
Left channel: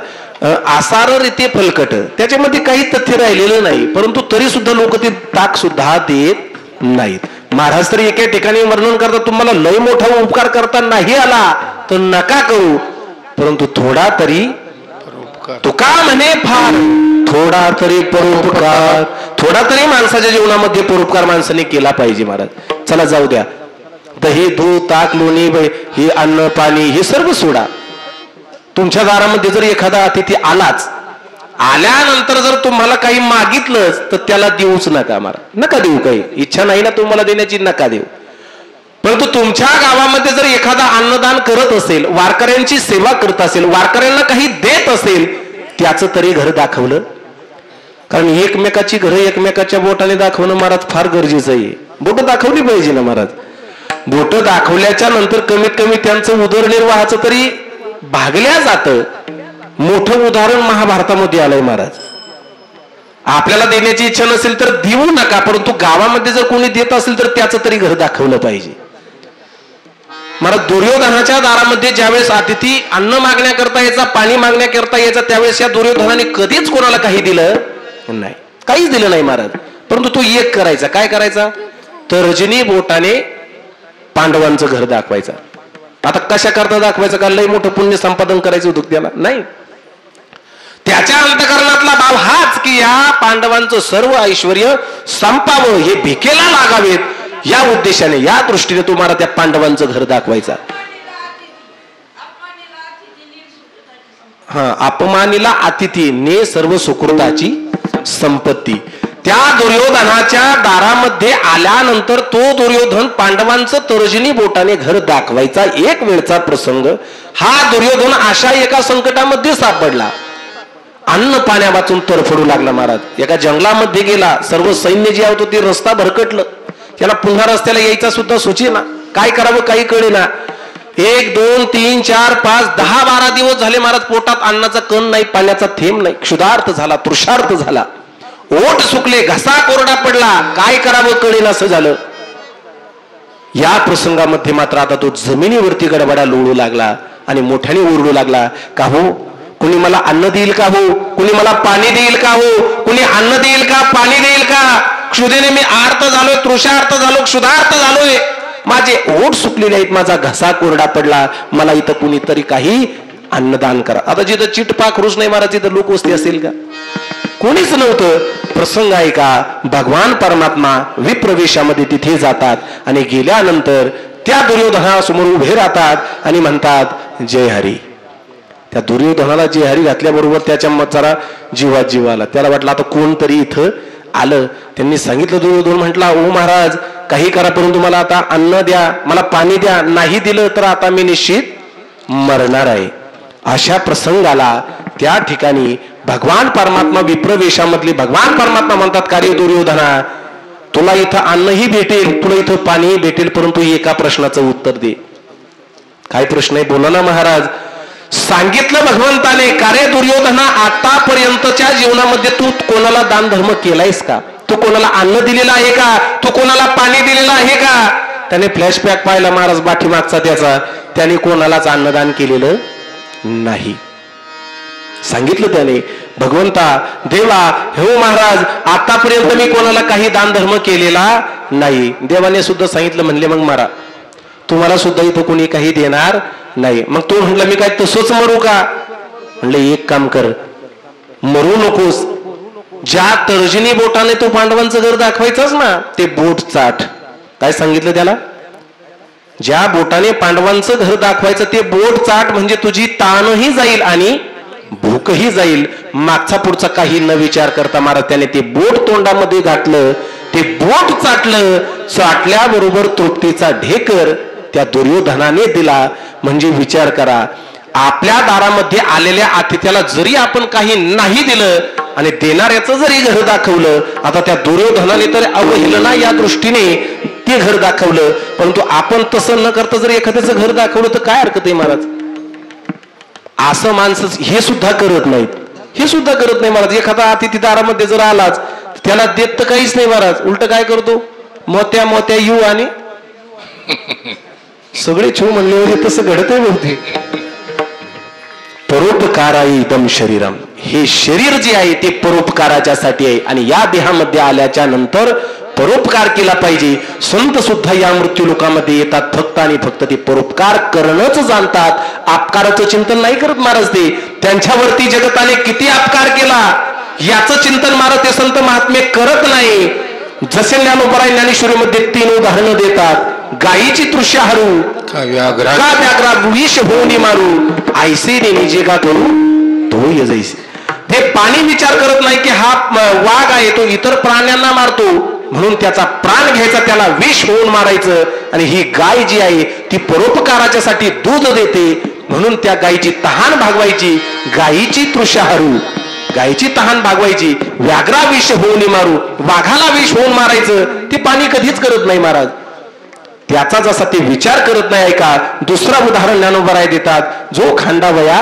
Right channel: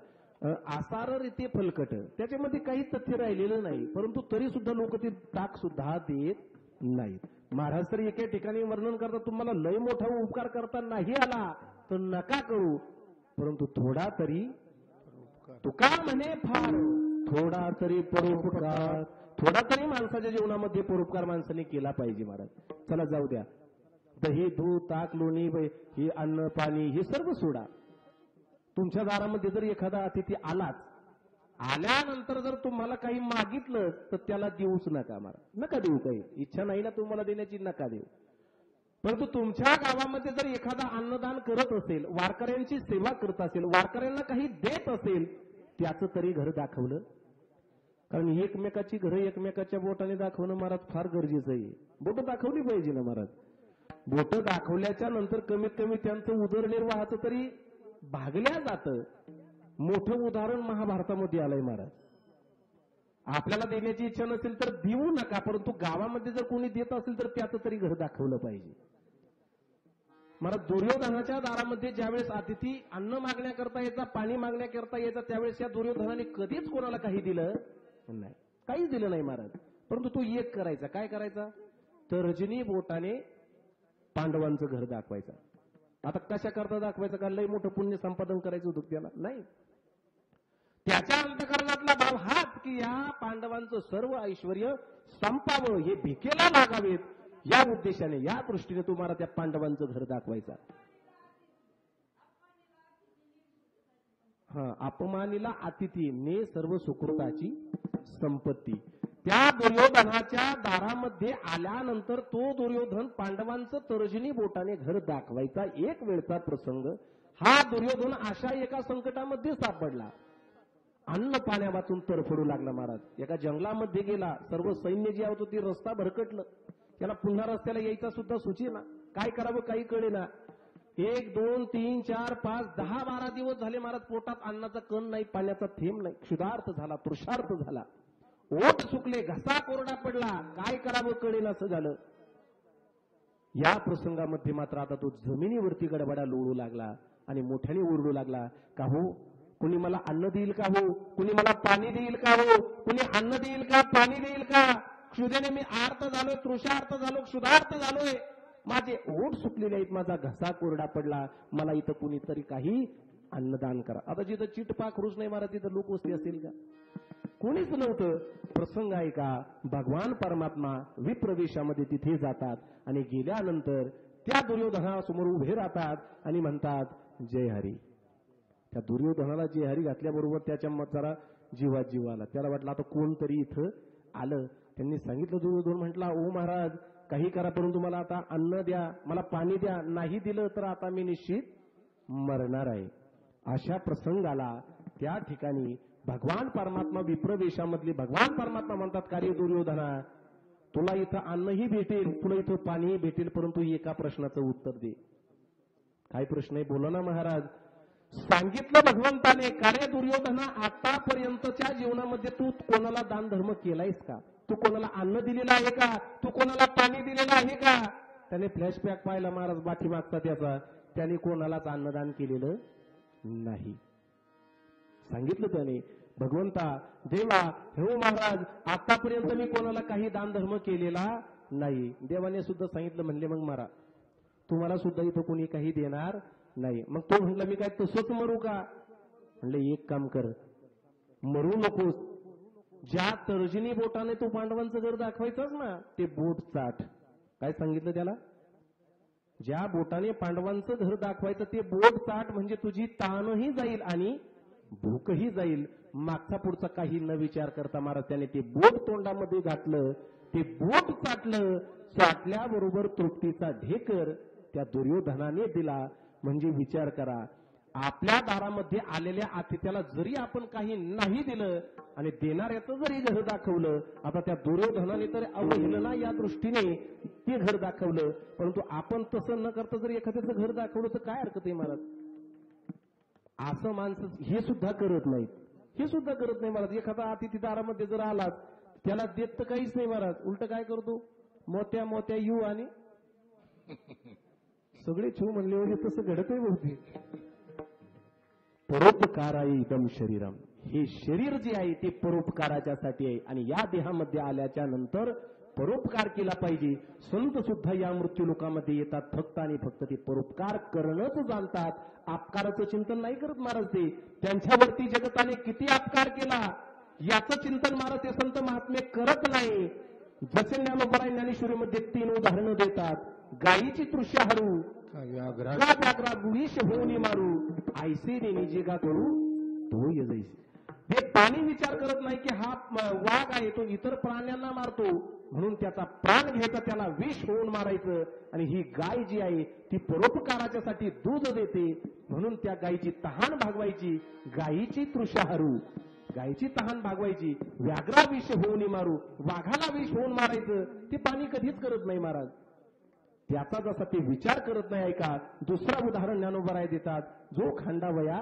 आसार रीते फलकट, त्याच्यामध्ये काही तथ्य राहिलेलं नाही, परंतु तरी सुद्धा लोक ते ताक सुद्धा देत नाहीत. महाराज तरी एका ठिकाणी वर्णन करतात, तुम्हाला लय मोठा उपकार करता नाही आला तर नका करू, परंतु थोडा तरी तुका म्हणे फार, थोडा तरी परोपकार, थोडा तरी माणसाच्या जीवनामध्ये परोपकार माणसाने केला पाहिजे. महाराज चला जाऊ द्या, दही दूध ताक लोणी हे अन्न पाणी हे सर्व सोडा. तुमच्या दारामध्ये जर एखादा अतिथी आलाच, आल्यानंतर जर तुम्हाला काही मागितलंच तर त्याला देऊच नका. महाराज नका देऊ, काही इच्छा नाही ना तुम्हाला देण्याची, नका देऊ. परंतु तुमच्या गावामध्ये जर एखादा अन्नदान करत असेल, वारकऱ्यांची सेवा करत असेल, वारकऱ्यांना काही देत असेल, त्याचं तरी घर दाखवलं. कारण एकमेकाची घरं एकमेकाच्या बोटाने दाखवणं महाराज फार गरजेचं आहे. बोट दाखवली पाहिजे ना महाराज. बोट दाखवल्याच्या नंतर कमीत कमी त्यांचं उदरनिर्वाहाचं तरी भागल्या जातं. मोठं उदाहरण महाभारतामध्ये आलंय महाराज. आपल्याला देण्याची इच्छा नसेल तर देऊ नका, परंतु गावामध्ये जर कोणी देत असेल तर त्याचं तरी घर दाखवलं पाहिजे. महाराज दुर्योधनाच्या दारामध्ये ज्यावेळेस अतिथी अन्न मागण्याकरता यायचा, पाणी मागण्याकरता यायचा, त्यावेळेस या दुर्योधनाने कधीच कोणाला काही दिलं नाही, काहीच दिलं नाही महाराज. परंतु तो एक करायचा, काय करायचा? तर्जनी बोटाने पांडवांचं घर दाखवायचा. आता कशा करता दाखवायचं? का लय मोठं पुण्य संपादन करायचं होतं त्याला? नाही. त्याच्या अंतःकरणातला भाव हाच की या पांडवांचं सर्व ऐश्वर्य संपावं, हे भिकेला लागावेत, या उद्देशाने, या दृष्टीने तुम्हाला त्या पांडवांचं घर दाखवायचा. अपमानीला अतिथी ने सर्व सुकृताची संपत्ती. त्या दुर्योधनाच्या दारामध्ये आल्यानंतर तो दुर्योधन पांडवांचं तर्जनी बोटाने घर दाखवायचा. एक वेळचा प्रसंग हा दुर्योधन अशा एका संकटामध्ये सापडला, अन्न पाण्या वाचून तरफडू लागला. महाराज एका जंगलामध्ये गेला, सर्व सैन्य जे होतं ते रस्ता भरकटलं, त्याला पुन्हा रस्त्याला यायचा सुद्धा सुचेना, काय करावं काही कळेना. 1 2 3 4 5 10 12 दिवस झाले महाराज पोटात अन्नाचा कण नाही, पाण्याचा थेंब नाही. क्षुधार्थ झाला, तृषार्थ झाला, ओठ सुकले, घसा कोरडा पडला, काय करावं कळेना असं झालं. या प्रसंगामध्ये मात्र आता तो जमिनीवरती गडबडा लोळू लागला आणि मोठ्याने ओरडू लागला, का हो कुणी मला अन्न देईल का हो, कुणी मला पाणी देईल का हो, कुणी अन्न देईल का, पाणी देईल का? क्षुधेने मी आर्त झालोय, तृषार्थ झालो, क्षुधार्थ झालोय, माझे ओठ सुकलेले आहेत, माझा घसा कोरडा पडला, मला इथं कुणीतरी काही अन्नदान करा. आता जिथं चिटपाक रुस नाही महाराज, तिथं लोकवस्ती असेल का? कोणीच नव्हतं. प्रसंग आहे का, भगवान परमात्मा विप्रवेशामध्ये तिथे जातात आणि गेल्यानंतर त्या दुर्योधनासमोर उभे राहतात आणि म्हणतात जय हरी. त्या दुर्योधनाला जय हरी घातल्याबरोबर त्याच्या जरा जीवात जीव आला. त्याला वाटलं आता कोणतरी इथं आलं. त्यांनी सांगितलं, दुर्योधन म्हटला, ओ महाराज काही करा, परंतु मला आता अन्न द्या, मला पाणी द्या, नाही दिलं तर आता मी निश्चित मरणार आहे. अशा प्रसंगाला त्या ठिकाणी भगवान परमात्मा विप्रवेशामधले भगवान परमात्मा म्हणतात, कार्य दुर्योधना तुला इथं अन्नही भेटेल, तुला इथं पाणीही भेटेल, परंतु एका प्रश्नाचं उत्तर दे. काय प्रश्न आहे बोला ना महाराज. सांगितलं भगवंताने, कार्य दुर्योधना आतापर्यंतच्या जीवनामध्ये तू कोणाला दान धर्म केलायस का? तू कोणाला अन्न दिलेलं आहे का? तू कोणाला पाणी दिलेलं आहे का? त्याने फ्लॅशबॅक पाहिला महाराज पाठीमागचा त्याचा, त्याने कोणालाच अन्नदान केलेलं नाही. सांगितलं त्याने, भगवंता देवा हो महाराज, आतापर्यंत मी कोणाला काही दान धर्म केलेला नाही. देवाने सुद्धा सांगितलं, म्हणले मग मारा, तुम्हाला सुद्धा इथं कोणी काही देणार नाही. मग तो म्हटलं मी काय तसंच मरू का? म्हणलं एक काम कर, मरू नकोस, ज्या तर्जनी बोटाने तो पांडवांचं घर दाखवायचंच ना ते बोट चाट. काय सांगितलं त्याला? ज्या बोटाने पांडवांचं घर दाखवायचं ते बोट चाट, म्हणजे तुझी ताणही जाईल आणि भूकही जाईल. मागचा पुढचा काही न विचार करता महाराज त्याने ते बोट तोंडामध्ये घातलं, ते बोट चाटलं. चाटल्याबरोबर तृप्तीचा ढेकर त्या दुर्योधनाने दिला. म्हणजे विचार करा, आपल्या दारामध्ये आलेल्या अतिथ्याला जरी आपण काही नाही दिलं आणि देणाऱ्याचं जरी घर दाखवलं, आता त्या दुर्योधनाने तर अवहेलना या दृष्टीने ते घर दाखवलं, परंतु आपण तसं न करता जर एखाद्याचं घर दाखवलं तर काय हरकत आहे महाराज? असं माणसं हे सुद्धा करत नाहीत, हे सुद्धा करत नाही महाराज. एखादा अतिथी दारामध्ये जर आलाच त्याला देत तर काहीच नाही महाराज, उलट काय करतो, मोत्या मोत्या येऊ आणि सगळे छू म्हणले होते तसं घडत आहे बहुतेक. परोपकाराई इदम शरीरम, हे शरीर जे आहे ते परोपकाराच्यासाठी आहे आणि या देहामध्ये आल्याच्या नंतर परोपकार केला पाहिजे. संत सुद्धा या मृत्यू लोकामध्ये येतात फक्त आणि फक्त ते परोपकार करणंच जाणतात, अपकाराचं चिंतन नाही करत महाराज. ते त्यांच्यावरती जगताने किती अपकार केला याचं चिंतन महाराज ते संत महात्मे करत नाही. जसे ज्ञानोबराय ज्ञानेश्वरीमध्ये 3 उदाहरणं देतात. गायीची तृष्या हरू का व्याघ्रा विष होऊन मारू, ऐसे ने निजे का करू तो यजैसे. हे पाणी विचार करत नाही की हा वाघ आहे तो इतर प्राण्यांना मारतो म्हणून त्याचा प्राण घ्यायचा, त्याला विष होऊन मारायचं. आणि ही गाय जी आहे ती परोपकाराच्या साठी दूध देते म्हणून त्या गायीची तहान भागवायची. गायीची तृष्या हरू, गायीची तहान भागवायची. व्याघ्रा विष होऊन मारू, वाघाला विष होऊन मारायचं, ते पाणी कधीच करत नाही महाराज. त्याचा जसा ते विचार करत नाही. ऐका दुसरा उदाहरण ज्ञानोबराय देतात. जो खांडावया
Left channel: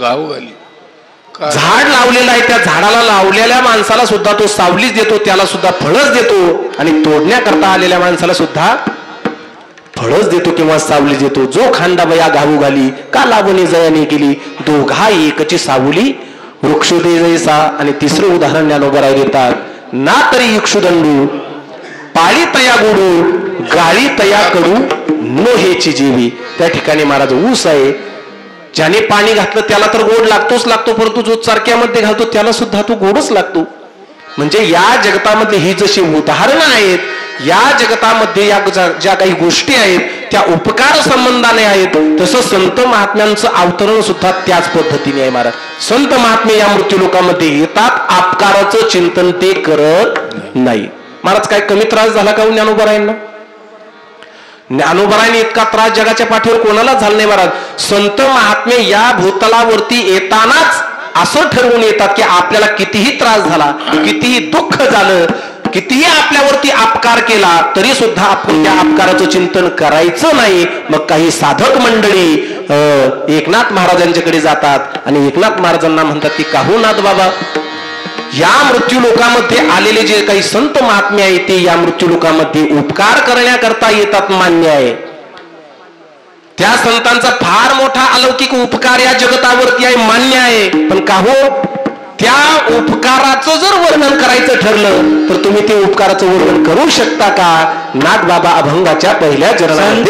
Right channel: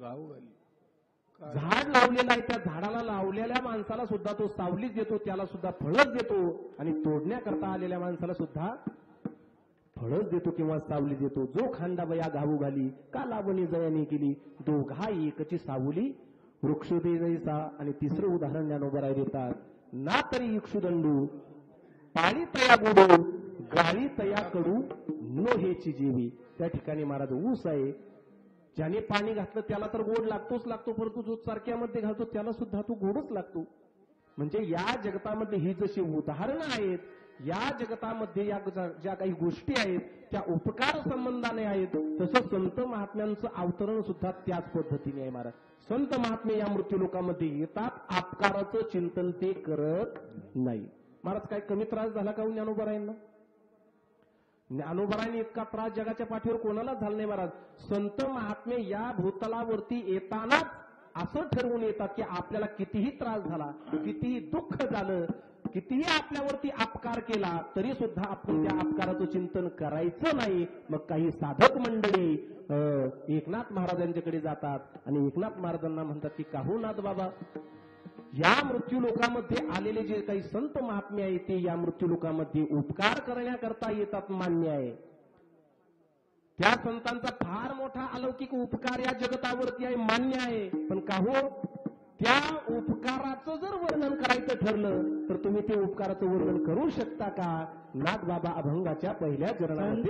गावगाली झाड लावलेला आहे, त्या झाडाला लावलेल्या माणसाला सुद्धा तो सावलीच देतो, त्याला सुद्धा फळच देतो आणि तोडण्याकरता आलेल्या माणसाला सुद्धा फळच देतो किंवा सावली देतो. जो खांडावया गावू घाली का लावणे जयाने केली, दोघा एकची सावली वृक्षोदय जैसा. आणि तिसरं उदाहरण ज्ञानोबराय देतात. ना तरी इक्षुदंडू पाळी तया गोडू, गाळी तया कडू नो हेची जीवी. त्या ठिकाणी महाराज ऊस आहे, ज्याने पाणी घातलं त्याला तर गोड लागतोच लागतो, परंतु जो चरक्यामध्ये घालतो त्याला सुद्धा तो गोडच लागतो. म्हणजे या जगतामध्ये ही जशी उदाहरणं आहेत, या जगतामध्ये या ज्या काही गोष्टी आहेत त्या उपकार संबंधाने आहेत, तसं संत महात्म्यांचं अवतरण सुद्धा त्याच पद्धतीने आहे महाराज. संत महात्मे या मृत्यू लोकांमध्ये येतात, अपकाराचं चिंतन ते करत नाही. महाराज काय कमी त्रास झाला का ज्ञानोबरायांना? ज्ञानोबरायांनी इतका त्रास जगाच्या पाठीवर कोणालाच झाला नाही महाराज. संत महात्मे या भूतलावरती येतानाच असं ठरवून येतात की आपल्याला कितीही त्रास झाला, कितीही दुःख झालं, कितीही आपल्यावरती अपकार केला तरी सुद्धा आपण त्या अपकाराचं चिंतन करायचं नाही. मग काही साधक मंडळी एकनाथ महाराजांच्याकडे जातात आणि एकनाथ महाराजांना म्हणतात की काहू नाथ बाबा, या मृत्यू लोकामध्ये आलेले जे काही संत महात्मे आहेत ते या मृत्यू लोकामध्ये उपकार करण्याकरता येतात, मान्य आहे. त्या संतांचा फार मोठा अलौकिक उपकार या जगतावरती आहे, मान्य आहे. पण का हो, त्या उपकाराचं जर वर्णन करायचं ठरलं तर तुम्ही ते उपकाराचं वर्णन करू शकता का? नाथ बाबा अभंगाच्या पहिल्या चरणात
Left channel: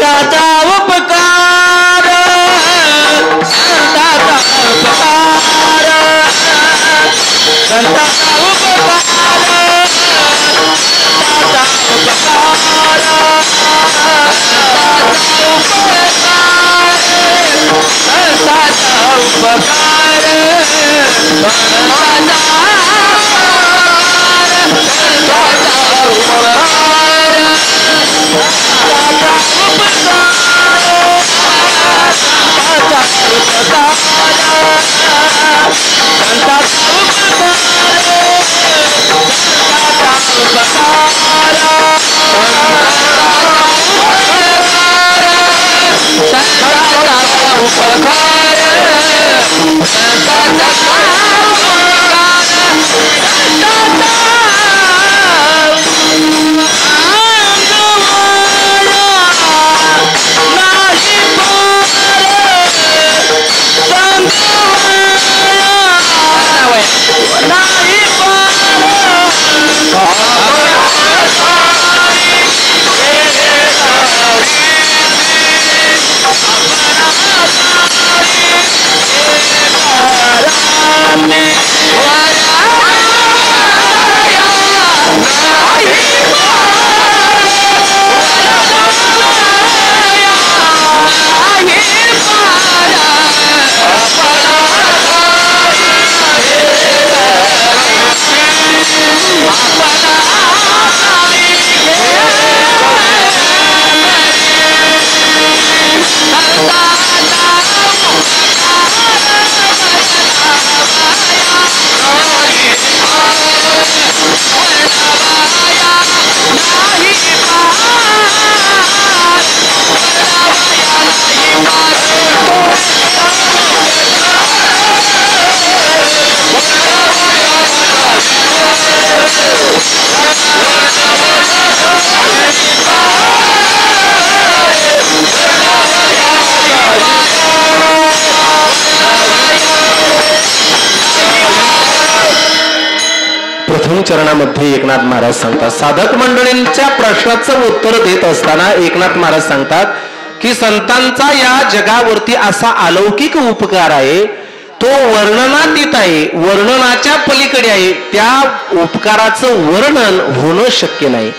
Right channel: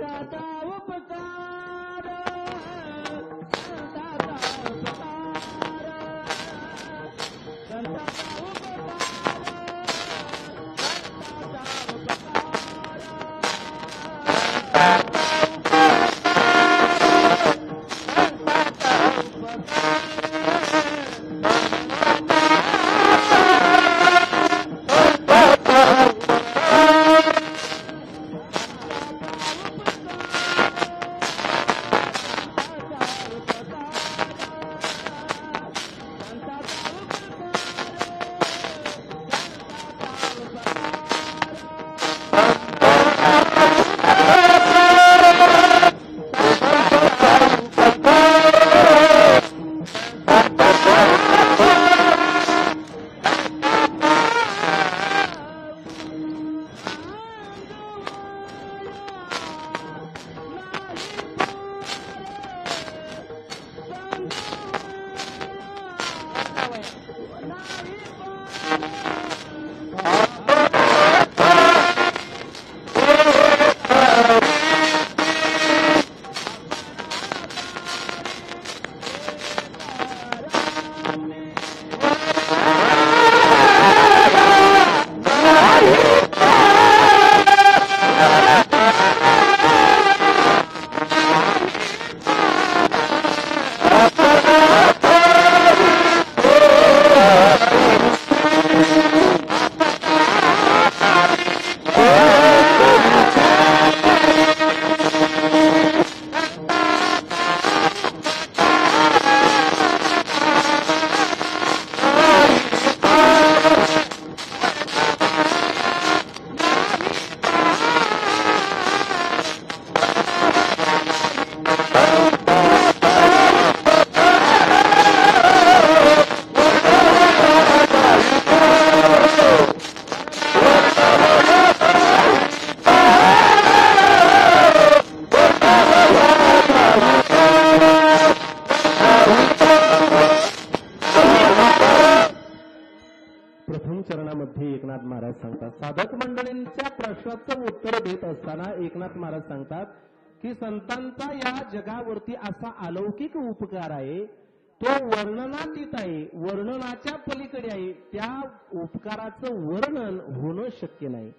प्रथम चरणामध्ये एकनाथ महाराज सांगतात, साधक मंडळींच्या प्रश्नाचं उत्तर देत असताना एकनाथ महाराज सांगतात की संतांचा या जगावरती असा अलौकिक उपकार आहे, तो वर्णनातीत आहे, वर्णनाच्या पलीकडे आहे. त्या उपकाराचं वर्णन होणं शक्य नाही,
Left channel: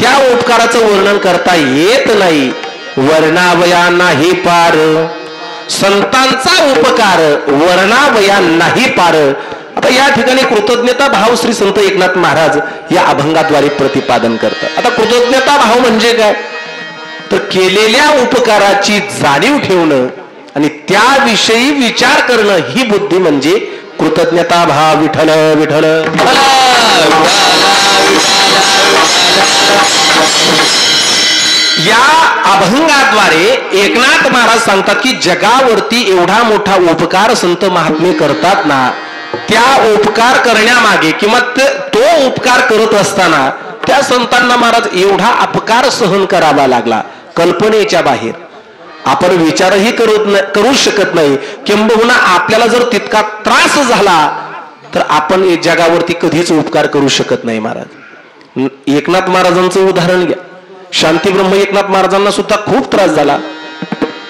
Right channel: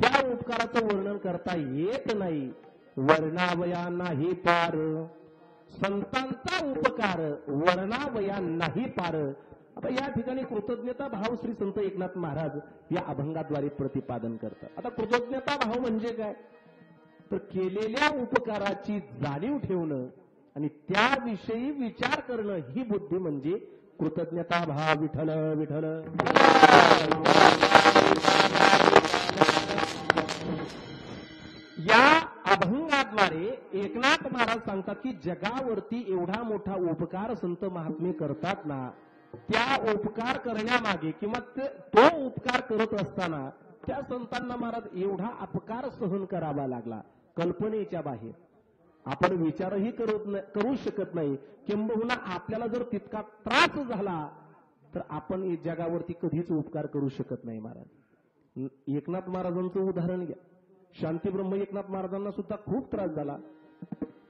त्या उपकाराचं वर्णन करता येत नाही. वर्णावया नाही पार, संतांचा उपकार वर्णावया नाही पार. आता या ठिकाणी कृतज्ञता भाव श्री संत एकनाथ महाराज या अभंगाद्वारे प्रतिपादन करतात. आता कृतज्ञता भाव म्हणजे काय, तर केलेल्या उपकाराची जाणीव ठेवणं आणि त्याविषयी विचार करणं ही बुद्धी म्हणजे कृतज्ञता भाव. विठ्ठल विठ्ठल. या अभंगाद्वारे एकनाथ महाराज सांगतात की जगावरती एवढा मोठा उपकार संत महात्मे करतात ना, त्या उपकार करण्यामागे किंवा तो उपकार करत असताना त्या संतांना महाराज एवढा अपकार सहन करावा लागला, कल्पनेच्या बाहेर. आपण विचारही करू शकत नाही. किंबहुना आपल्याला जर तितका त्रास झाला तर आपण जगावरती कधीच उपकार करू शकत नाही. महाराज एकनाथ महाराजांचं उदाहरण घ्या. शांतीब्रह्म एकनाथ महाराजांना सुद्धा खूप त्रास झाला.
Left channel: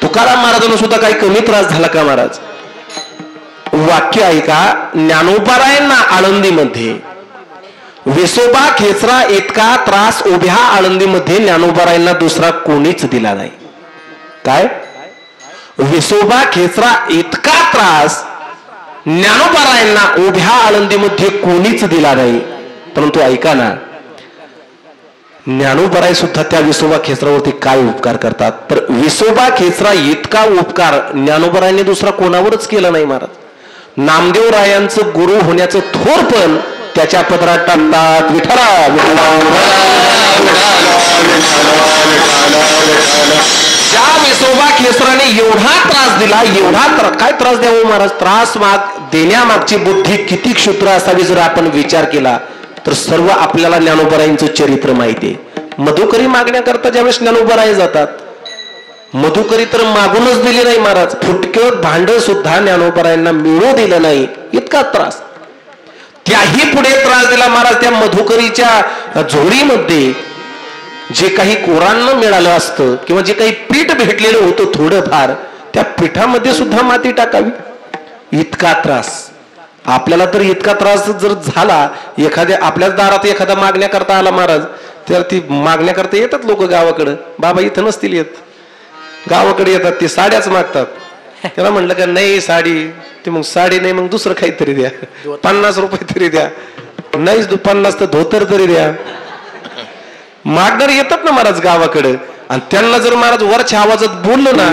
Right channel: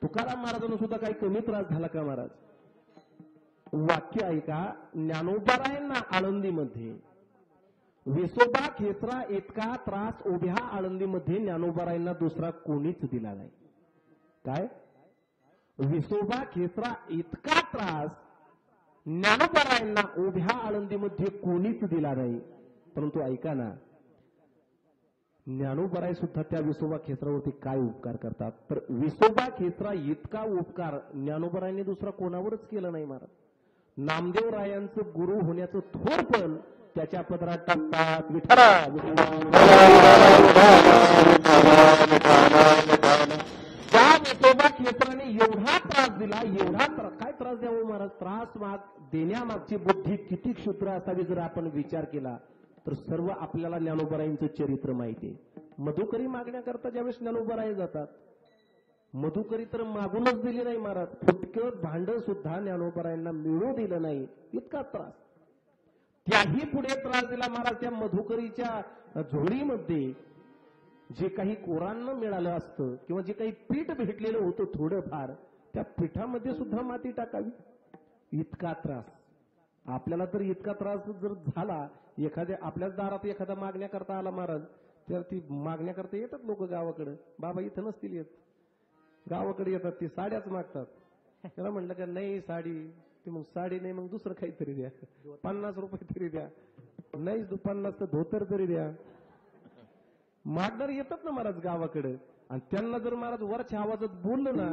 तुकाराम महाराजांना सुद्धा काही कमी त्रास झाला का महाराज? वाक्य ऐका, ज्ञानोबारायांना आळंदीमध्ये विसोबा खेचरा इतका त्रास उभ्या आळंदीमध्ये ज्ञानोबारायांना दुसरा कोणीच दिला नाही. काय? विसोबा खेचरा इतका त्रास ज्ञानोबारायांना उभ्या आळंदीमध्ये कोणीच दिला नाही. परंतु ऐका ना, ज्ञानोबाराय सुद्धा त्या विसोबा खेचरावरती काय उपकार करतात, तर विसोबा खेचरा इतका उपकार ज्ञानोबारायांनी दुसरा कोणावरच केला नाही. महाराज नामदेवरायांचं गुरु होण्याचं थोर पण त्याच्या पदरात टाकतात. विठ्ठला ज्या विसोबा खेचराने एवढा त्रास दिला, एवढा काय त्रास द्यावा महाराज? त्रास देण्यामागची बुद्धी किती क्षुद्र असावी जर आपण विचार केला तर सर्व आपल्याला ज्ञानोबारायांचं चरित्र माहिती आहे. मधुकरी मागण्याकरता ज्यावेळेस ज्ञानोबाराय जातात, मधुकरी तर मागूनच दिली नाही महाराज, फुटकं भांड सुद्धा ज्ञानोबारायांना मिळू दिलं नाही, इतका त्रास. त्याही पुढे त्रास दिला महाराज. त्या मधुकरीच्या झोळीमध्ये जे काही कोरांना मिळालं असतं किंवा जे काही पीठ भेटलेलं होतं थोडंफार, त्या पिठामध्ये सुद्धा माती टाकावी, इतका त्रास. आपल्याला तर इतका त्रास जर झाला, एखाद्या आपल्याच दारात एखादा मागण्या करता आला महाराज, तर ती मागण्या करता येतात लोक गावाकडं. बाबा इथं नसतील येत, गावाकडे येतात, ते साड्याच मागतात. त्याला म्हणलं का नाही साडी, ते मग साडी नाही मग दुसरं काहीतरी द्या, 50 रुपये तरी द्या, नाही 50 तर धोतर तरी द्या. मागणारे येतात ना महाराज गावाकडे, आणि त्यांना जर महाराज वरच्या आवाजात बोललं ना,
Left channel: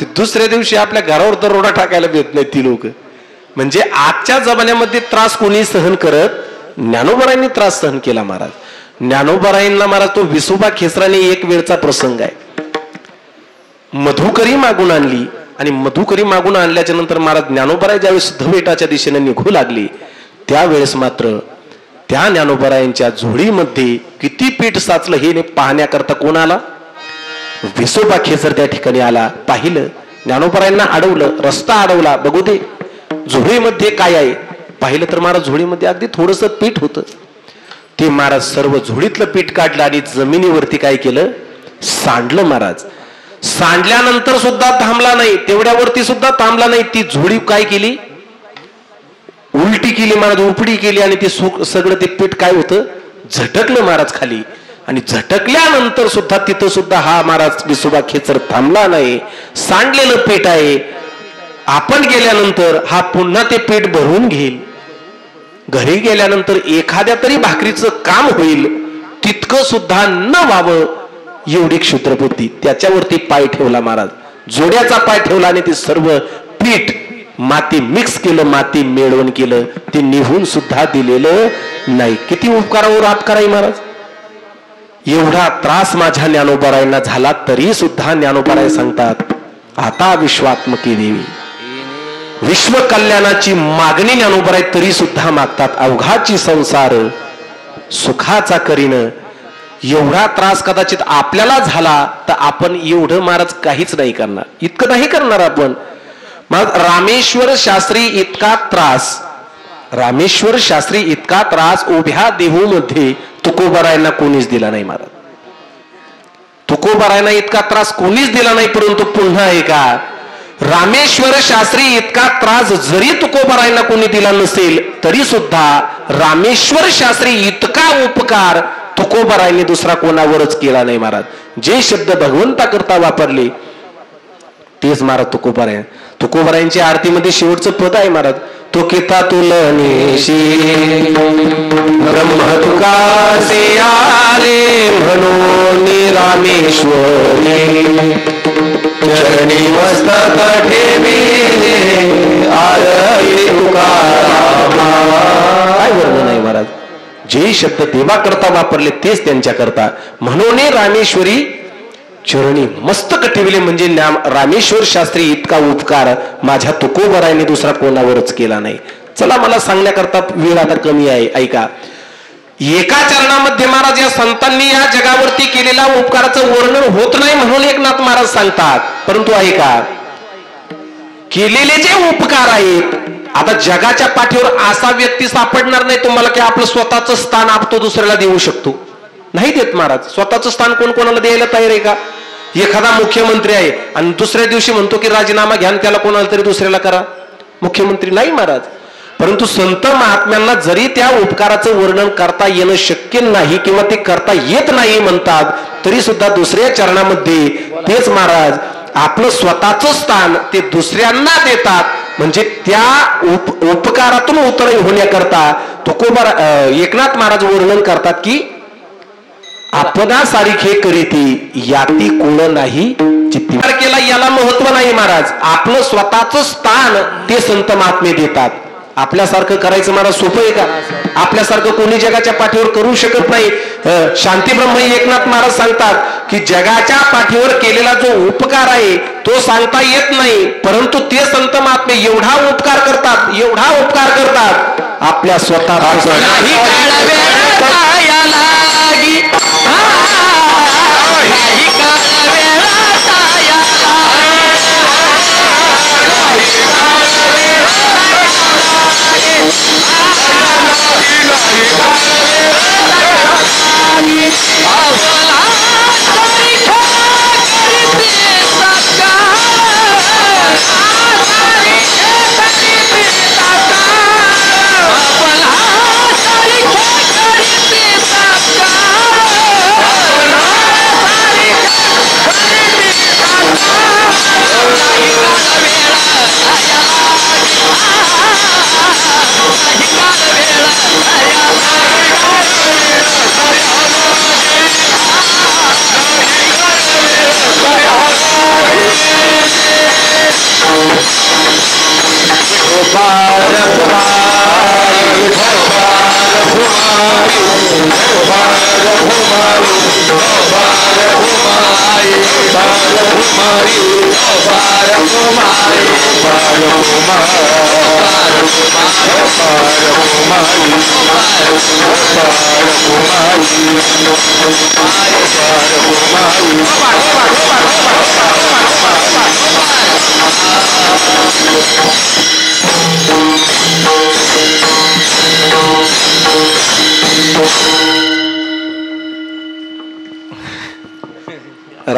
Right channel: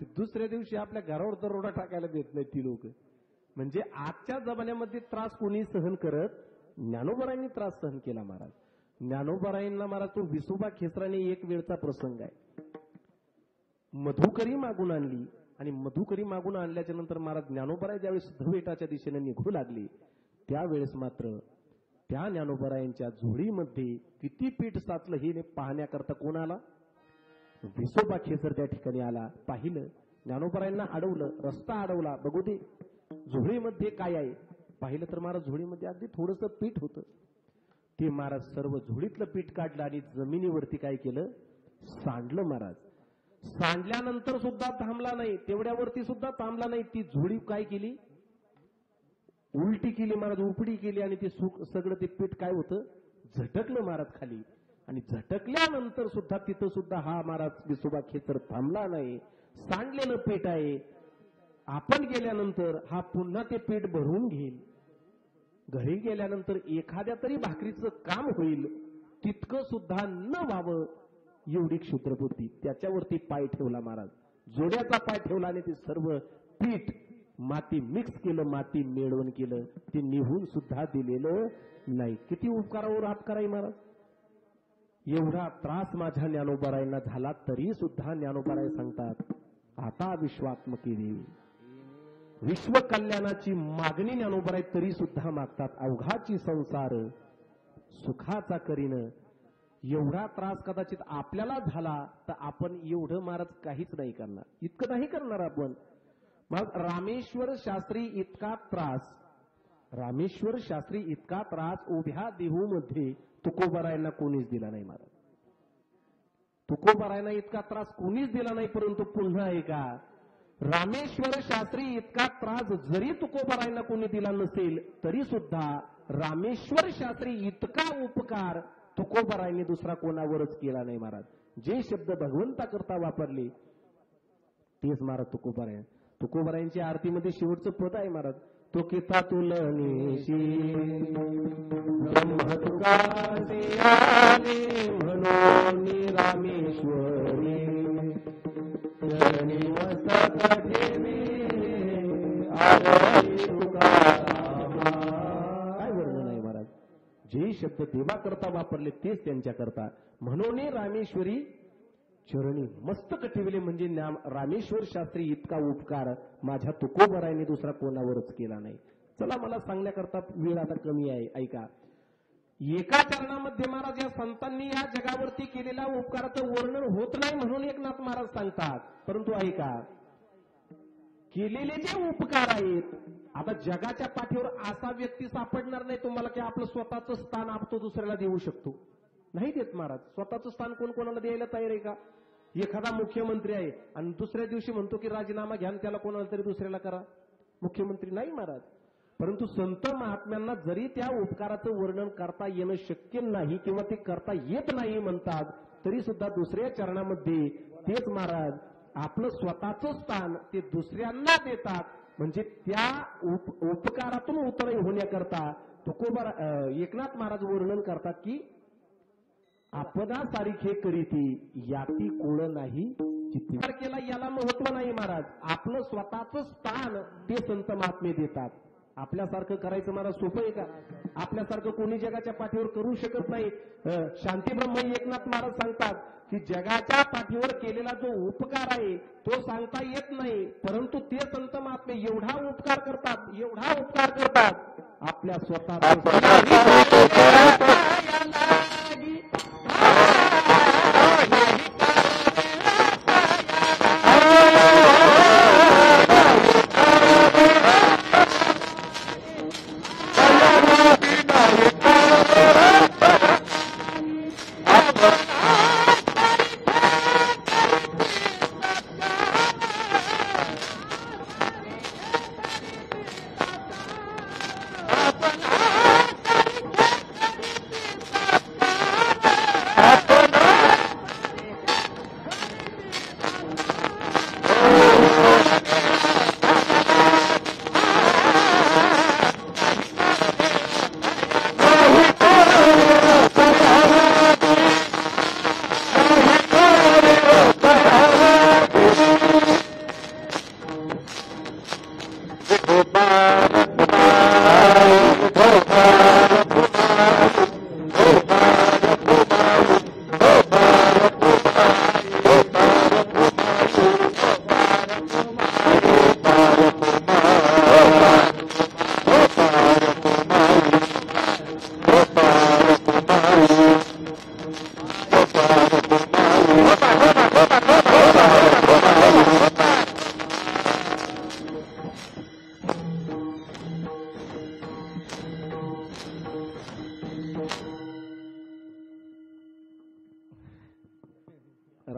ते दुसऱ्या दिवशी आपल्या घरावर दरोडा टाकायला भेट नाही ती लोक. म्हणजे आजच्या जमान्यामध्ये त्रास कोणी सहन करत, ज्ञानोबारायांनी त्रास सहन केला महाराज. ज्ञानोबारायांना महाराज तो विसोबा खेचराने एक वेळचा प्रसंग आहे, मधुकरी मागून आणली, आणि मधुकरी मागून आणल्याच्या नंतर महाराज ज्ञानोबाराय ज्यावेळेस सिद्धपीठाच्या दिशेने निघू लागली, त्यावेळेस मात्र त्या ज्ञानोबारायांच्या झोळीमध्ये किती पीठ साचलं हे पाहण्याकरता कोण आला? विसोबा खेचर त्या ठिकाणी आला. पाहिलं, ज्ञानोबारायांना अडवलं, रस्ता अडवला, बघू दे झोळीमध्ये काय आहे. पाहिलं तर महाराज झोळीमध्ये अगदी थोडंसं पीठ होतं. ते महाराज सर्व झोळीतलं पीठ काढलं आणि जमिनीवरती काय केलं? सांडलं. महाराज सांडल्यानंतर सुद्धा थांबला नाही, तेवढ्यावरती सुद्धा थांबला नाही. ती झोळी काय केली? उलटी केली महाराज, उपडी केली, आणि ते सगळं ते पीठ काय होतं? झटकलं महाराज खाली. आणि झटकल्यानंतर सुद्धा तिथं सुद्धा हा महाराज विसोबा खेचर थांबला नाही. सांडलेलं पीठ आहे, आपण गेल्यानंतर हा पुन्हा ते पीठ भरून घेईल. घरी गेल्यानंतर एखाद्या तरी भाकरीचं काम होईल, तितकं सुद्धा न व्हावं एवढी क्षुद्र बुद्धी. त्याच्यावरती पाय ठेवला महाराज, जोड्याचा पाय ठेवला, आणि ते सर्व पीठ माती मिक्स केलं, माती मेळवण केलं, ते निघून सुद्धा दिलेलं नाही. किती उपकारावर अपकार आहे महाराज. एवढा त्रास माझ्या ज्ञानोबारायांना झाला तरी सुद्धा ज्ञानोबाराय सांगतात, आता विश्वात्मकी देवी, विश्व कल्याणाची मागणी ज्ञानोबाराय तरी सुद्धा मागतात. अवघाची संसार सुखाचा करीन. एवढा त्रास कदाचित आपल्याला झाला तर आपण एवढं महाराज काहीच नाही करणार, इतकं नाही करणार आपण. मग रामेश्वर शास्त्री इतका त्रास, रामेश्वर शास्त्री इतका त्रास उभ्या देहूमध्ये तुकोबारायांना कोणीच दिला नाही महाराज. तुकोबारायांना इतका त्रास कोणीच दिला नाही. परंतु पुन्हा एका रामेश्वर शास्त्री इतका त्रास जरी तुकोबारायांना कोणी दिला नसेल तरी सुद्धा रामेश्वर शास्त्री इतका उपकार तुकोबारायांनी दुसरा कोणावरच केला नाही महाराज. जे शब्द भगवंता करता वापरले तेच महाराज तुकोबाराय. तुकोबारायांच्या आरतीमध्ये शेवटचं पद आहे महाराज. तो किता तुलनेशी ब्रह्म तुकासे आले म्हणून रामेश्वरी चरणी मस्तक ठेविले आरती तुकारामा. काय वर्णन आहे महाराज. जे शब्द देवा करता वापरले तेच त्यांच्या करता. म्हणून रामेश्वरी चरणी मस्तक ठेवले म्हणजे रामेश्वर शास्त्री इतका उपकार माझ्या तुकोबारायांनी दुसरा कोणावरच केला नाही. चला मला सांगण्याकरता वेळ आता कमी आहे. ऐका, एका चरणामध्ये महाराज या संतांनी या जगावरती केलेल्या उपकाराचं वर्णन होत नाही म्हणून एकनाथ महाराज सांगतात. परंतु ऐका, केलेले जे उपकार आहेत, आता जगाच्या पाठीवर असा व्यक्ती सापडणार नाही तुम्हाला की आपलं स्वतःचं स्थान आपण दुसऱ्याला देऊ शकतो. नाही देत महाराज. स्वतःचं स्थान कोण कोणाला द्यायला तयार आहे का. एखादा मुख्यमंत्री आहे आणि दुसऱ्या दिवशी म्हणतो की राजीनामा घ्या त्याला कोणाला तरी दुसऱ्याला करा. मुख्यमंत्री नाही महाराज. परंतु संत महात्म्यांना जरी त्या उपकाराचं वर्णन करता येणं शक्य नाही किंवा ते करता येत नाही म्हणतात तरी सुद्धा दुसऱ्या चरणामध्ये तेच महाराज आपलं स्वतःचं स्थान ते दुसऱ्यांना देतात. म्हणजे त्या उपकारातून उतरणी होण्याकरता एकनाथ महाराज वर्णन करतात की आपणा सारिखे करीती याती कोण नाही चित्ती. केला याला महत्व नाही महाराज. आपलं स्वतःचं स्थान ते संत महात्मे देतात. आपल्यासारखं करायचं महाराज सोपं आहे का. आपल्यासारखं कोणी जगाच्या पाठीवर करू शकत नाही. शांतीब्रह्म एकनाथ महाराज सांगतात की जगाच्या पाठीवर केलेला जो उपकार आहे तो सांगता येत नाही. परंतु ते संत महात्मे एवढा उपकार करतात आपल्या स्वतः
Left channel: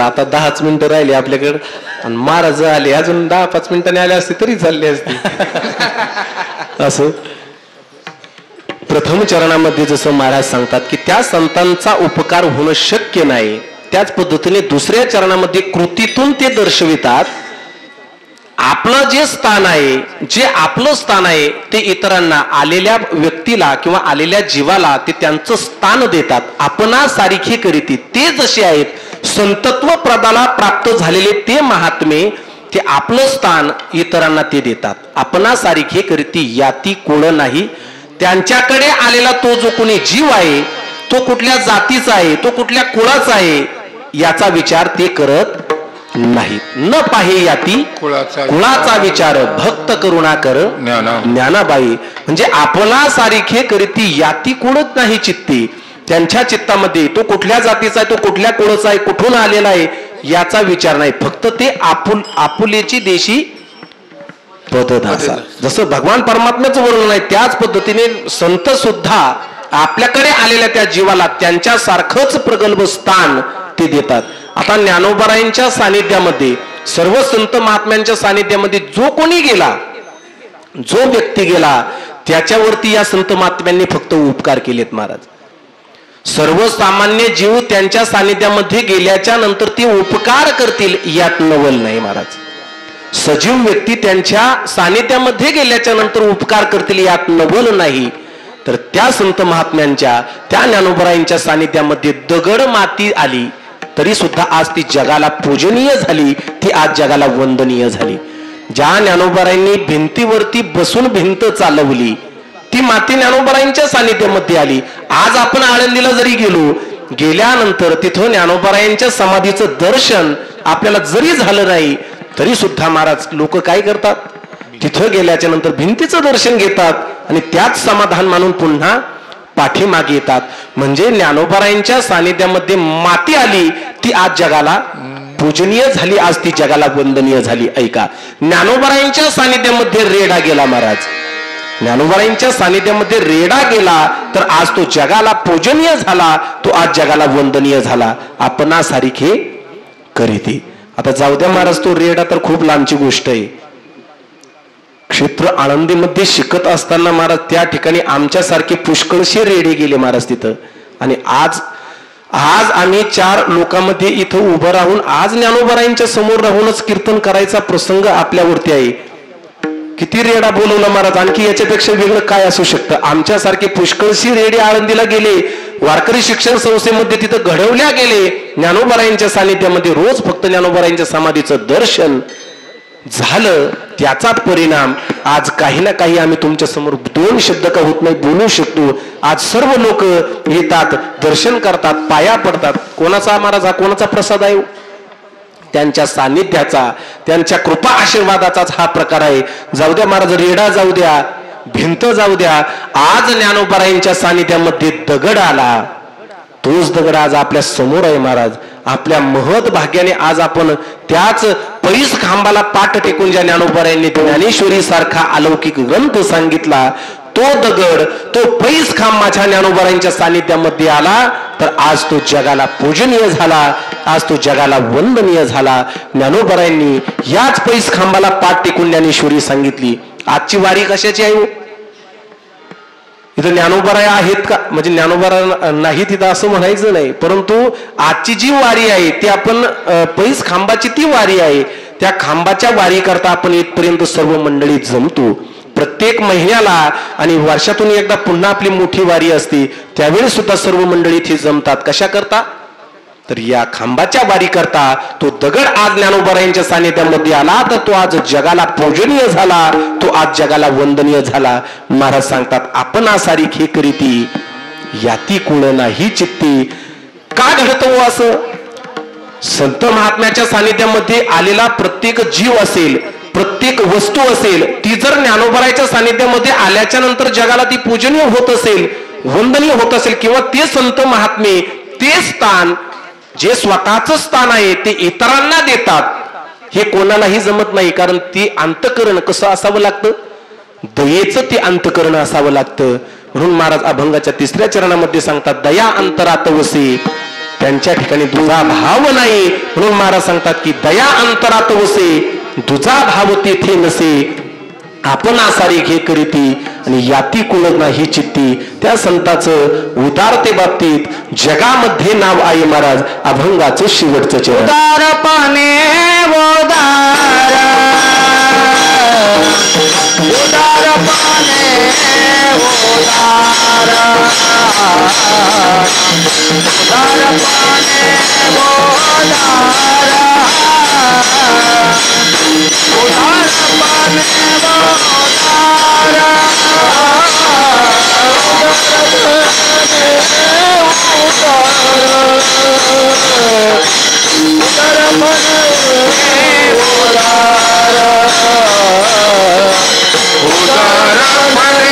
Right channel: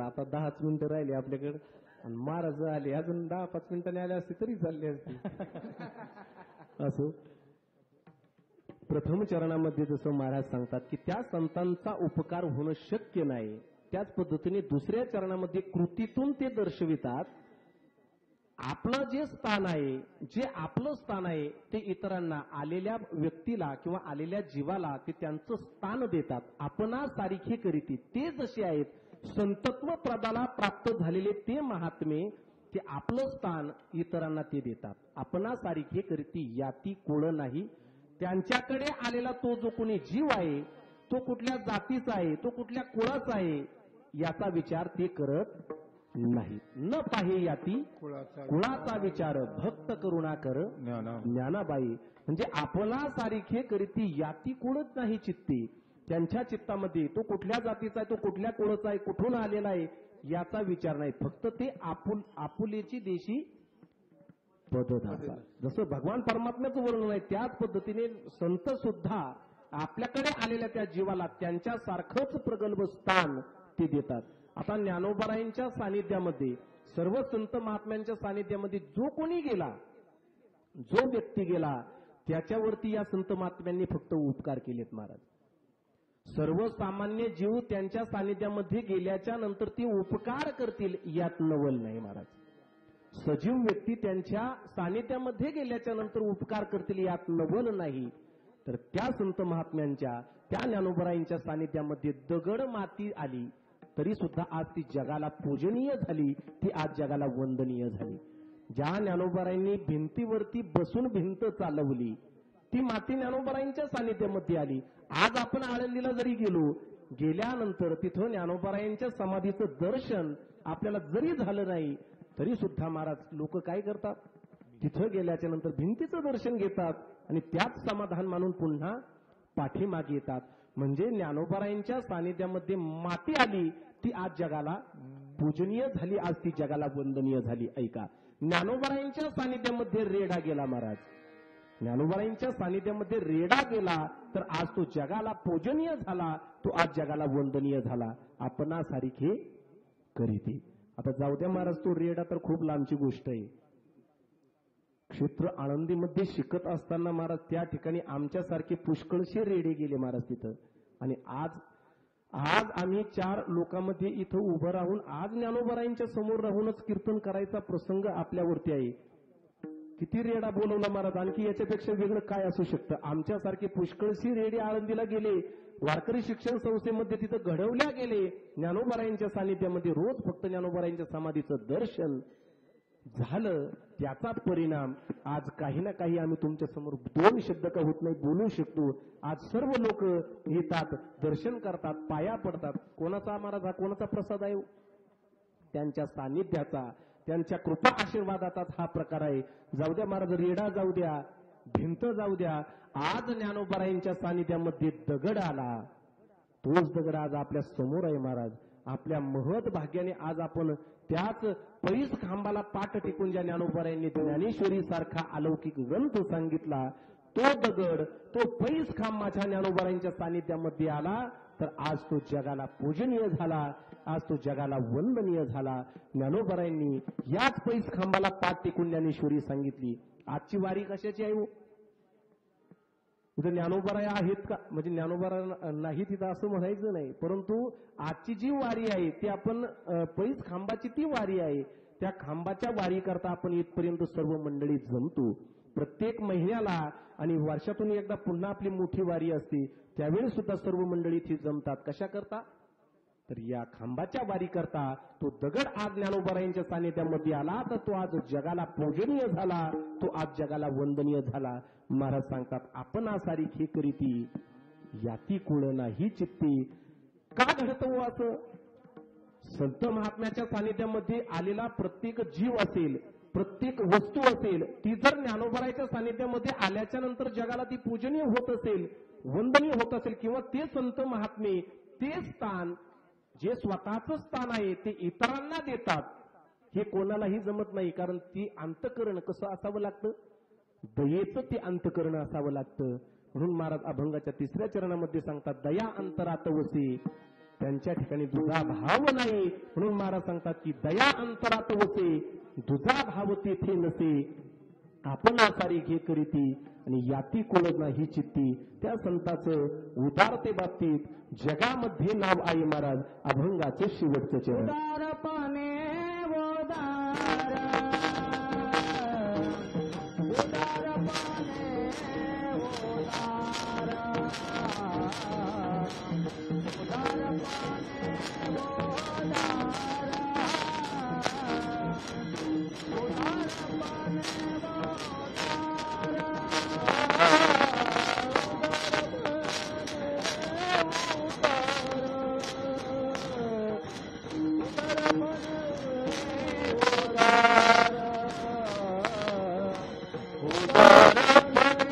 आता 10च मिनिटं राहिली आपल्याकडे आणि महाराज आले अजून 10-5 मिनिटांनी आले असते तरी चालले असते. असं प्रथम चरणामध्ये जसं महाराज सांगतात की त्या संतांचा उपकार होणं शक्य नाही त्याच पद्धतीने दुसऱ्या चरणामध्ये कृतीतून ते दर्शवितात आपलं जे स्थान आहे, जे आपलं स्थान आहे ते इतरांना आलेल्या व्यक्तीला किंवा आलेल्या जीवाला ते त्यांचं स्थान देतात. आपणा सारिखे करीती ते जसे आहेत संतत्व प्रदाला प्राप्त झालेले ते महात्मे ते आपलं स्थान इतरांना ते देतात. आपणा सारिखे करीती याती कोण नाही. त्यांच्याकडे आलेला तो जो कोणी जीव आहे तो कुठल्या जातीचा आहे, तो कुठल्या कुळाचा आहे याचा विचार ते करत नाही. न पाहे याती कुळाचा विचार भक्त करुणा कर ज्ञानाबाई. म्हणजे आपला सारिखे करीती याती कुळत नाही चित्ती. त्यांच्या चित्तामध्ये तो कुठल्या जातीचा आहे, तो कुठल्या कुळाचा आहे, कुठून आलेला आहे याचा विचार नाही. फक्त ते आपुलेची देशी पददासा. जसं भगवान परमात्म्याचं वर्णन आहे त्याच पद्धतीने संत सुद्धा आपल्याकडे आलेल्या त्या जीवाला त्यांच्यासारखंच प्रगल्भ स्थान ते देतात. आता ज्ञानोबारायांच्या सानिध्यामध्ये, सर्व संत महात्म्यांच्या सानिध्यामध्ये जो कोणी गेला, जो व्यक्ती गेला, त्याच्यावरती या संत महात्म्यांनी फक्त उपकार केलेत महाराज. सर्वसामान्य जीव त्यांच्या सानिध्यामध्ये गेल्याच्या नंतर ते उपकार करतील यात नवल नाही महाराज. सजीव व्यक्ती त्यांच्या सानिध्यामध्ये गेल्याच्या नंतर उपकार करतील यात नवल नाही. तर त्या संत महात्म्यांच्या, त्या ज्ञानोबरायांच्या सानिध्यामध्ये दगड माती आली तरी सुद्धा आज ती जगाला पूजनीय झाली, ती आज जगाला वंदनीय झाली. ज्या ज्ञानोबरायांनी भिंतीवरती बसून भिंत चालवली ती माती ज्ञानोबरायांच्या सानिध्यामध्ये आली. आज आपण आळंदीला जरी गेलो, गेल्यानंतर तिथं ज्ञानोबरायांच्या समाधीचं दर्शन आपल्याला जरी झालं नाही तरी सुद्धा महाराज लोक काय करतात, तिथं गेल्याच्या नंतर भिंतीचं दर्शन घेतात आणि त्याच समाधान मानून पुन्हा पाठीमागे येतात. म्हणजे ज्ञानोबरायांच्या सानिध्यामध्ये माती आली ती आज जगाला पूजनीय झाली, आज ती जगाला वंदनीय झाली. ऐका, ज्ञानोबरायांच्या सानिध्यामध्ये रेडा गेला महाराज, ज्ञानोबरायांच्या सानिध्यामध्ये रेडा गेला तर आज तो जगाला पूजनीय झाला, तो आज जगाला वंदनीय झाला. आपणासारखे करीते. आता जाऊ द्या महाराज, तो रेडा तर खूप लांबची गोष्ट आहे. क्षेत्र आळंदीमध्ये शिकत असताना महाराज त्या ठिकाणी आमच्यासारखे पुष्कळशे रेडे गेले महाराज तिथं. आणि आज आम्ही 4 लोकांमध्ये इथं उभं राहून आज ज्ञानोबरायांच्या समोर राहूनच कीर्तन करायचा प्रसंग आपल्यावरती आहे. किती रेडा बोलवला महाराज, आणखी याच्यापेक्षा वेगळं काय असू शकतं. आमच्यासारखे पुष्कळशी रेडे आळंदीला गेले, वारकरी शिक्षण संस्थेमध्ये तिथं घडवल्या गेले, ज्ञानोबरायांच्या सानिध्यामध्ये रोज फक्त ज्ञानोबरायांच्या समाधीचं दर्शन झालं. त्याचा परिणाम आज काही ना काही आम्ही तुमच्या समोर 2 शब्द का होत नाही बोलू शकतो. आज सर्व लोक येतात, दर्शन करतात, पाया पडतात. कोणाचा महाराज हा कोणाचा प्रसाद आहे? त्यांच्या सानिध्याचा, त्यांच्या कृपा आशीर्वादाचाच हा प्रकार आहे. जाऊ द्या महाराज, रेडा जाऊ द्या, भिंत जाऊ द्या, आज ज्ञानोबरायांच्या सानिध्यामध्ये दगड आला, तोच दगड आज आपल्या समोर आहे महाराज. आपल्या महत भाग्याने आज आपण त्याच पैस खांबाला पाठ टेकून ज्या ज्ञानोबरायांनी ज्ञानेश्वरी सारखा अलौकिक ग्रंथ सांगितला, तो दगड, तो पैस खांब माझ्या ज्ञानोबरायांच्या सानिध्यामध्ये आला तर आज तो जगाला पूजनीय झाला, आज तो जगाला वंदनीय झाला. ज्ञानोबरायांनी याच पैस खांबाला पाठ टेकून ज्ञानेश्वरी सांगितली. आजची वारी कशाची आहे? इथं ज्ञानोबराया आहेत का? म्हणजे ज्ञानोबरा नाही तिथं असं म्हणायचं नाही, परंतु आजची जी वारी आहे ती आपण पैस खांबाची ती वारी आहे. त्या खांबाच्या वारी करता आपण इथपर्यंत सर्व मंडळी जमतो. प्रत्येक महिन्याला आणि वर्षातून एकदा पुन्हा आपली मोठी वारी असते, त्यावेळी सुद्धा सर्व मंडळी इथे जमतात. कशा करता? तर या खांबाच्या वारी करता तो दगड आज ज्ञानोबरायांच्या सानिध्यामध्ये आला तर तो आज जगाला पूजनीय झाला, तो आज जगाला वंदनीय झाला. महाराज सांगतात, आपण सारिखे करीती याती कुळ नाही चित्ती. का घडतं असं? संत महात्म्याच्या सानिध्यामध्ये आलेला प्रत्येक जीव असेल, प्रत्येक वस्तू असेल, ती जर ज्ञानोबरायांच्या सानिध्यामध्ये आल्याच्या नंतर जगाला ती पूजनीय होत असेल, वंदनीय होत असेल, किंवा ते संत महात्मे ते स्थान जे स्वतःच स्थान आहे ते इतरांना देतात, हे कोणालाही जमत नाही. कारण ते अंतकरण कसं असावं लागतं? दयेचं ते अंतकरण असावं लागतं. म्हणून महाराज अभंगाच्या 3ऱ्या चरणामध्ये सांगतात, दया अंतरात वसे. त्यांच्या ठिकाणी दुजा भाव नाही, म्हणून महाराज सांगतात की दया अंतरात वसे, दुजा भाव तेथे नसे. आपण सारिखे करीती आणि याती कुळ नाही चित्ती. त्या संताचं उदारते बाबतीत जगामध्ये नाव आहे महाराज. अभंगाचं शेवटचं चरण, उदारपणे उदार, उदारपणे उदार, उदारपणे उदार, उदारपणे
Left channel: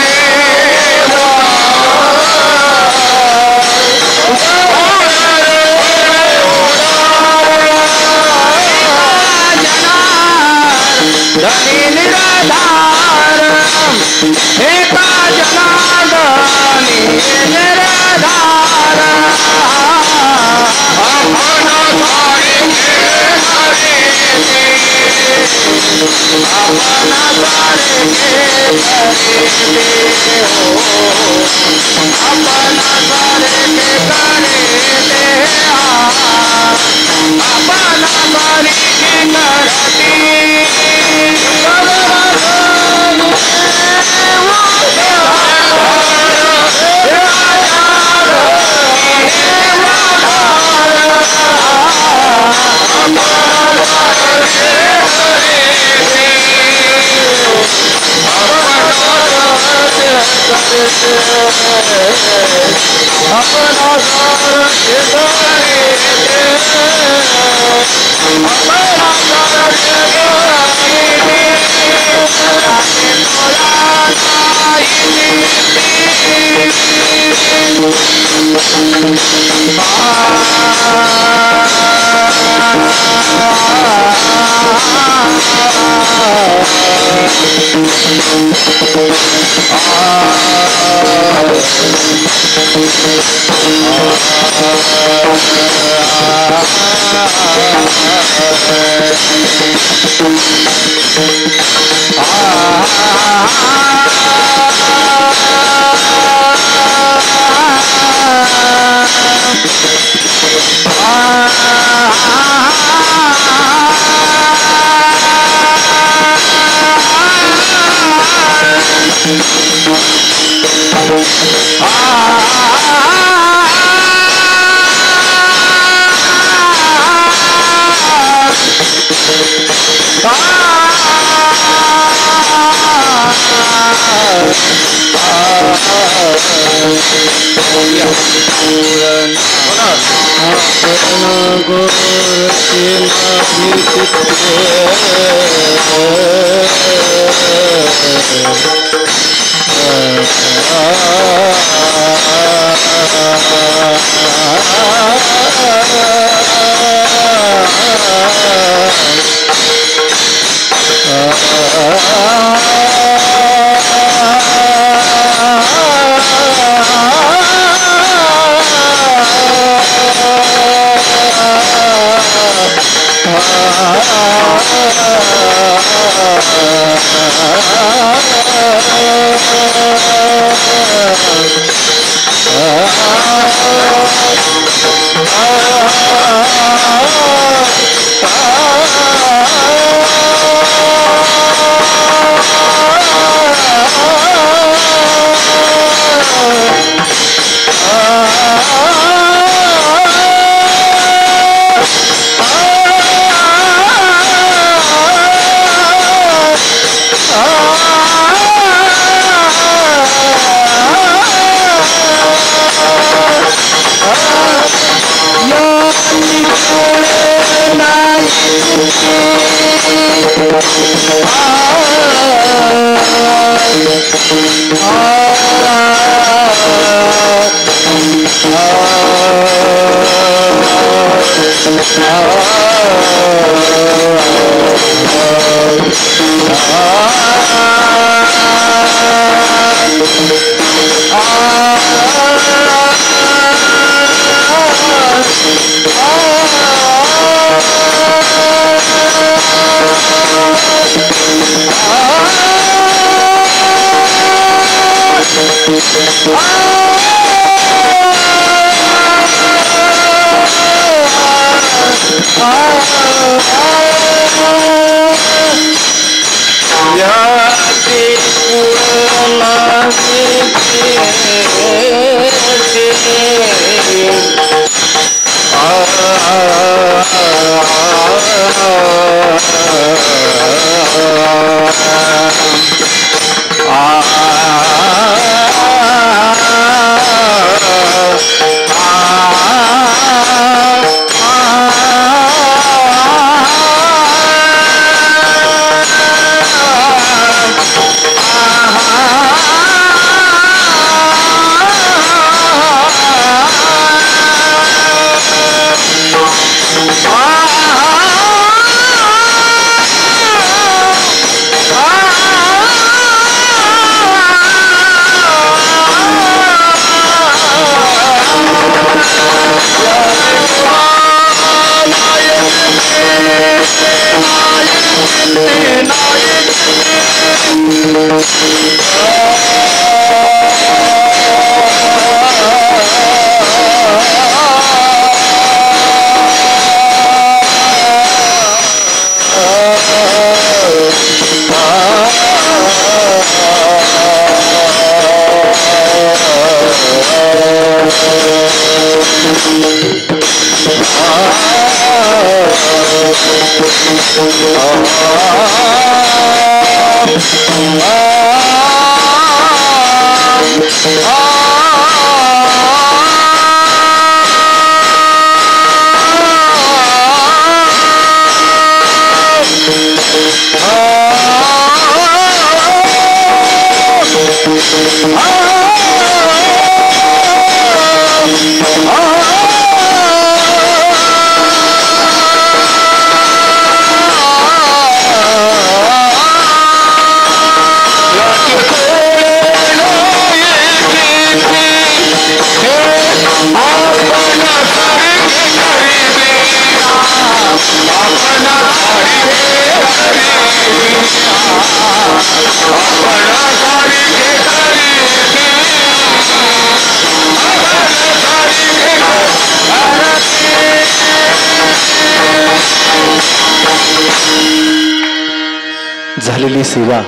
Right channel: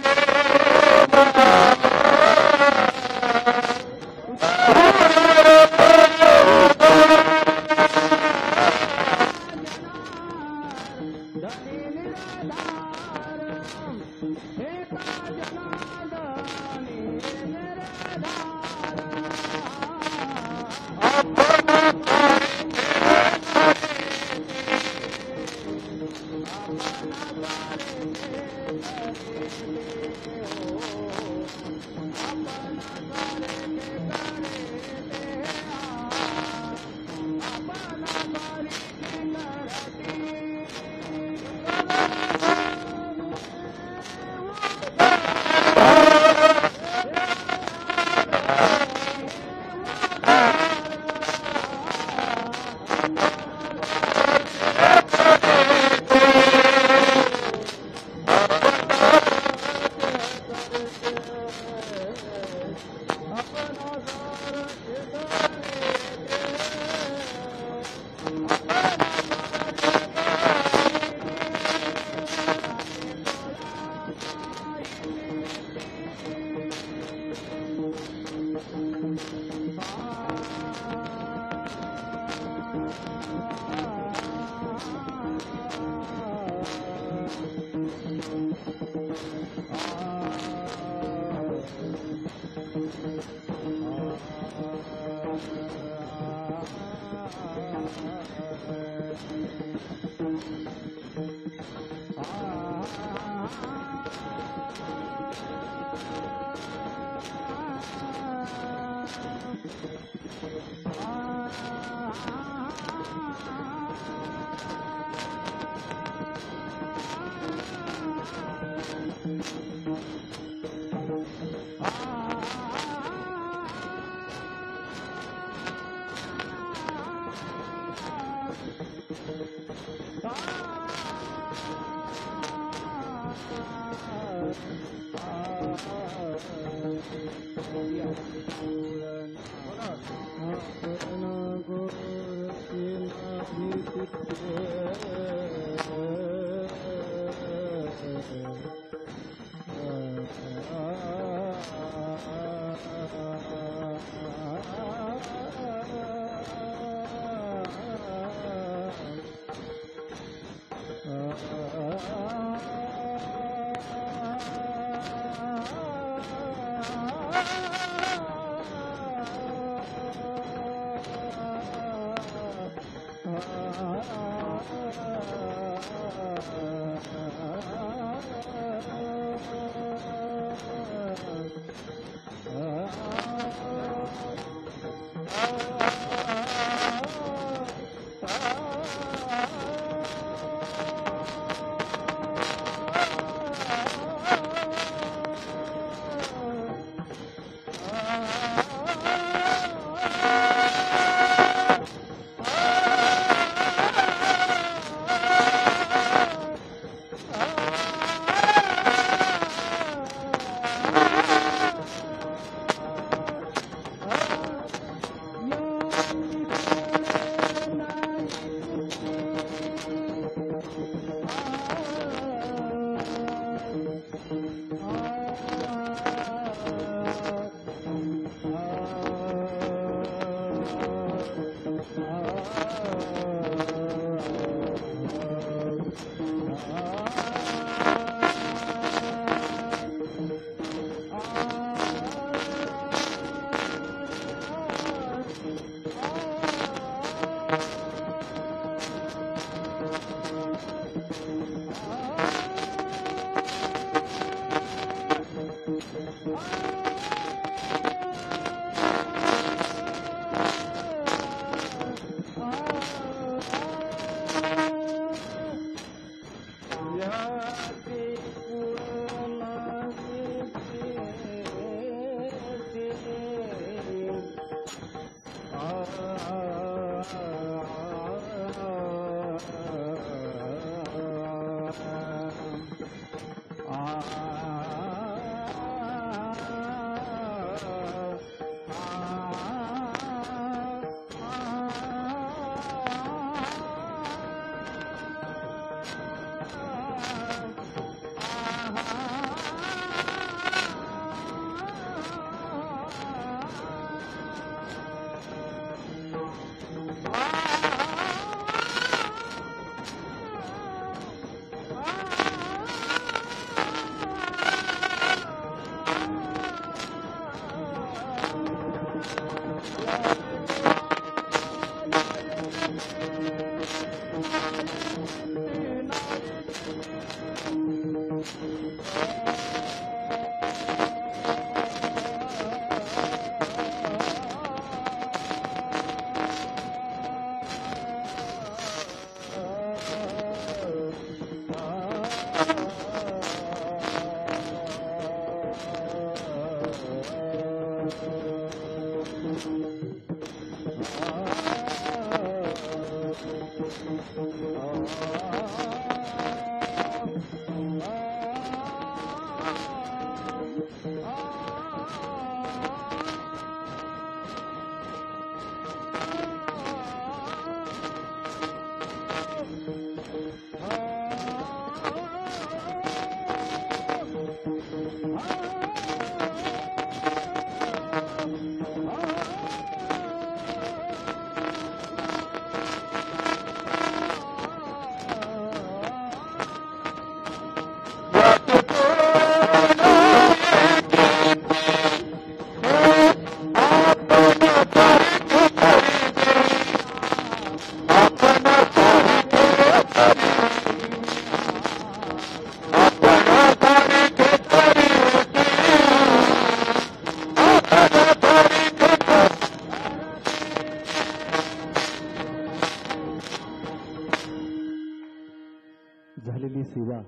झालेली सेवा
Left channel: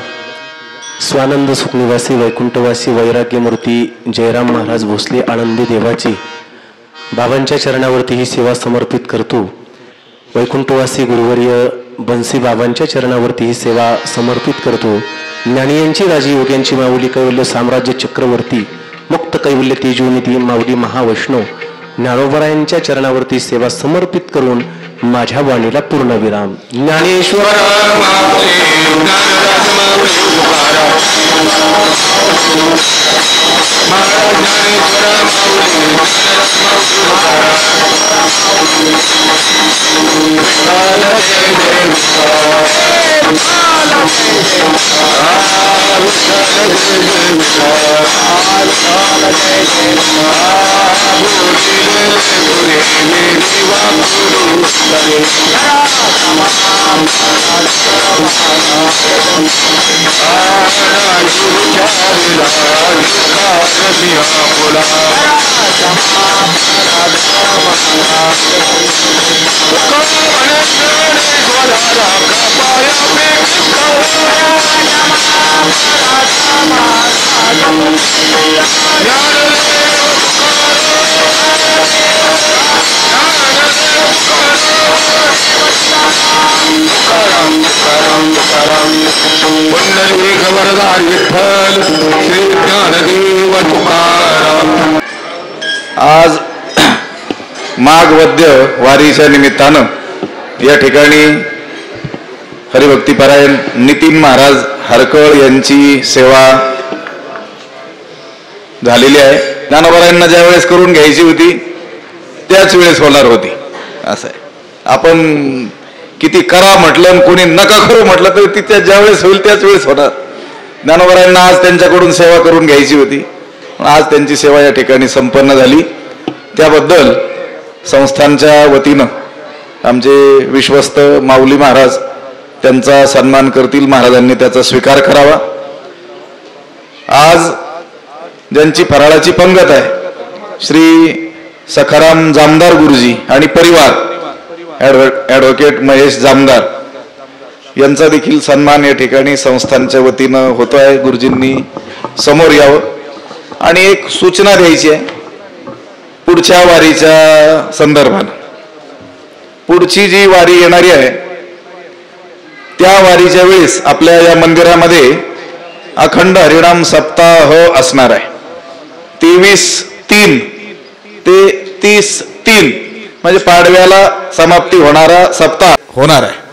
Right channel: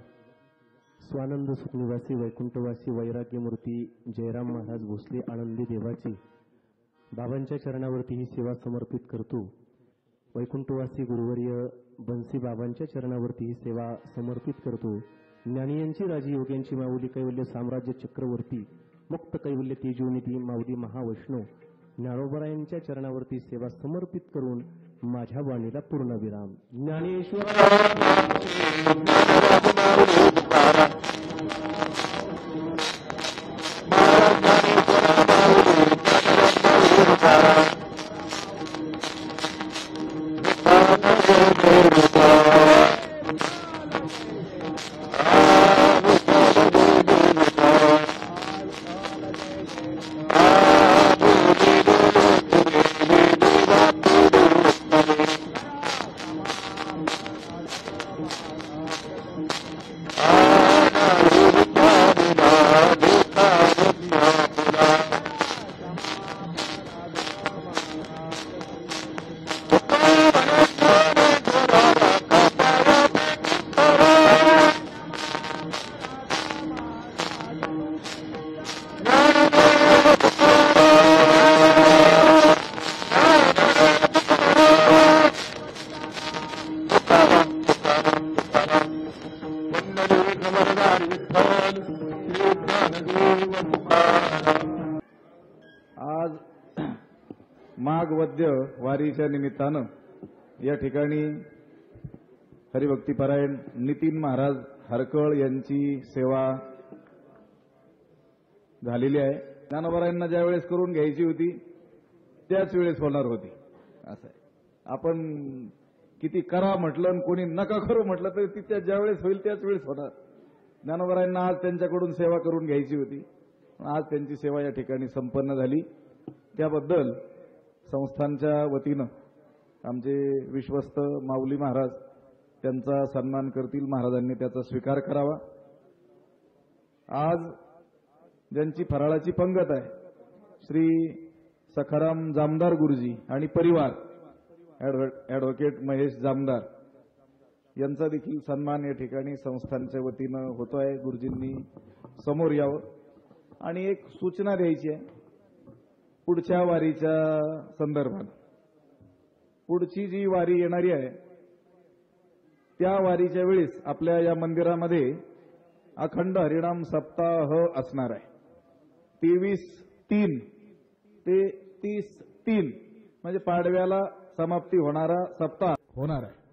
स्वानंद सुखनिवासी वैकुंठवासी वैराग्यमूर्ती जयराम महाराज भोसले आनंदी देवाची बाबांच्या चरणावरती ही सेवा समर्पित करतो. वैकुंठवासी गुरुवर्य बन्सी बाबांच्या चरणावरती ही सेवा समर्पित करतो. ज्ञानियांची राजयोग्यांची माऊली कैवल्य साम्राज्य चक्रवर्ती मुक्त कैवल्य तेजोनिधी माऊली महावैष्णव ज्ञानोबरायांच्या चरणावरती सेवा समर्पित करून माझ्या वाणीला पूर्णविराम. ज्ञानेश्वर आज माघ वद्य वारीच्या निमित्तानं या ठिकाणी हरिभक्तीपरायण नितीन महाराज हरकळ यांची सेवा झालेली आहे. ज्ञानोबरायांना ज्या वेळेस करून घ्यायची होती त्याच वेळेस होणार होती. असं आहे, आपण किती करा म्हटलं कोणी नका करू म्हटलं तर ती त्या ज्या वेळेस होईल त्याच वेळेस होणार. ज्ञानोबरायांना आज त्यांच्याकडून सेवा करून घ्यायची होती, आज त्यांची सेवा या ठिकाणी संपन्न झाली. त्याबद्दल संस्थांच्या वतीनं आमचे विश्वस्त माऊली महाराज त्यांचा सन्मान करतील. महाराजांनी त्याचा स्वीकार करावा. आज ज्यांची फराळाची पंगत आहे श्री सखाराम जामदार गुरुजी आणि परिवार ॲडव्होकेट महेश जामदार यांचा देखील सन्मान या ठिकाणी संस्थांच्या वतीनं होतो आहे. गुरुजींनी समोर यावं आणि एक सूचना द्यायची आहे पुढच्या वारीच्या संदर्भानं. पुढची जी वारी येणारी आहे त्या वारीच्या वेळेस आपल्या या मंदिरामध्ये अखंड हरिनाम सप्ताह असणार आहे. 23/3 ते 30/3 म्हणजे पाडव्याला समाप्ती होणारा सप्ताह होणार आहे.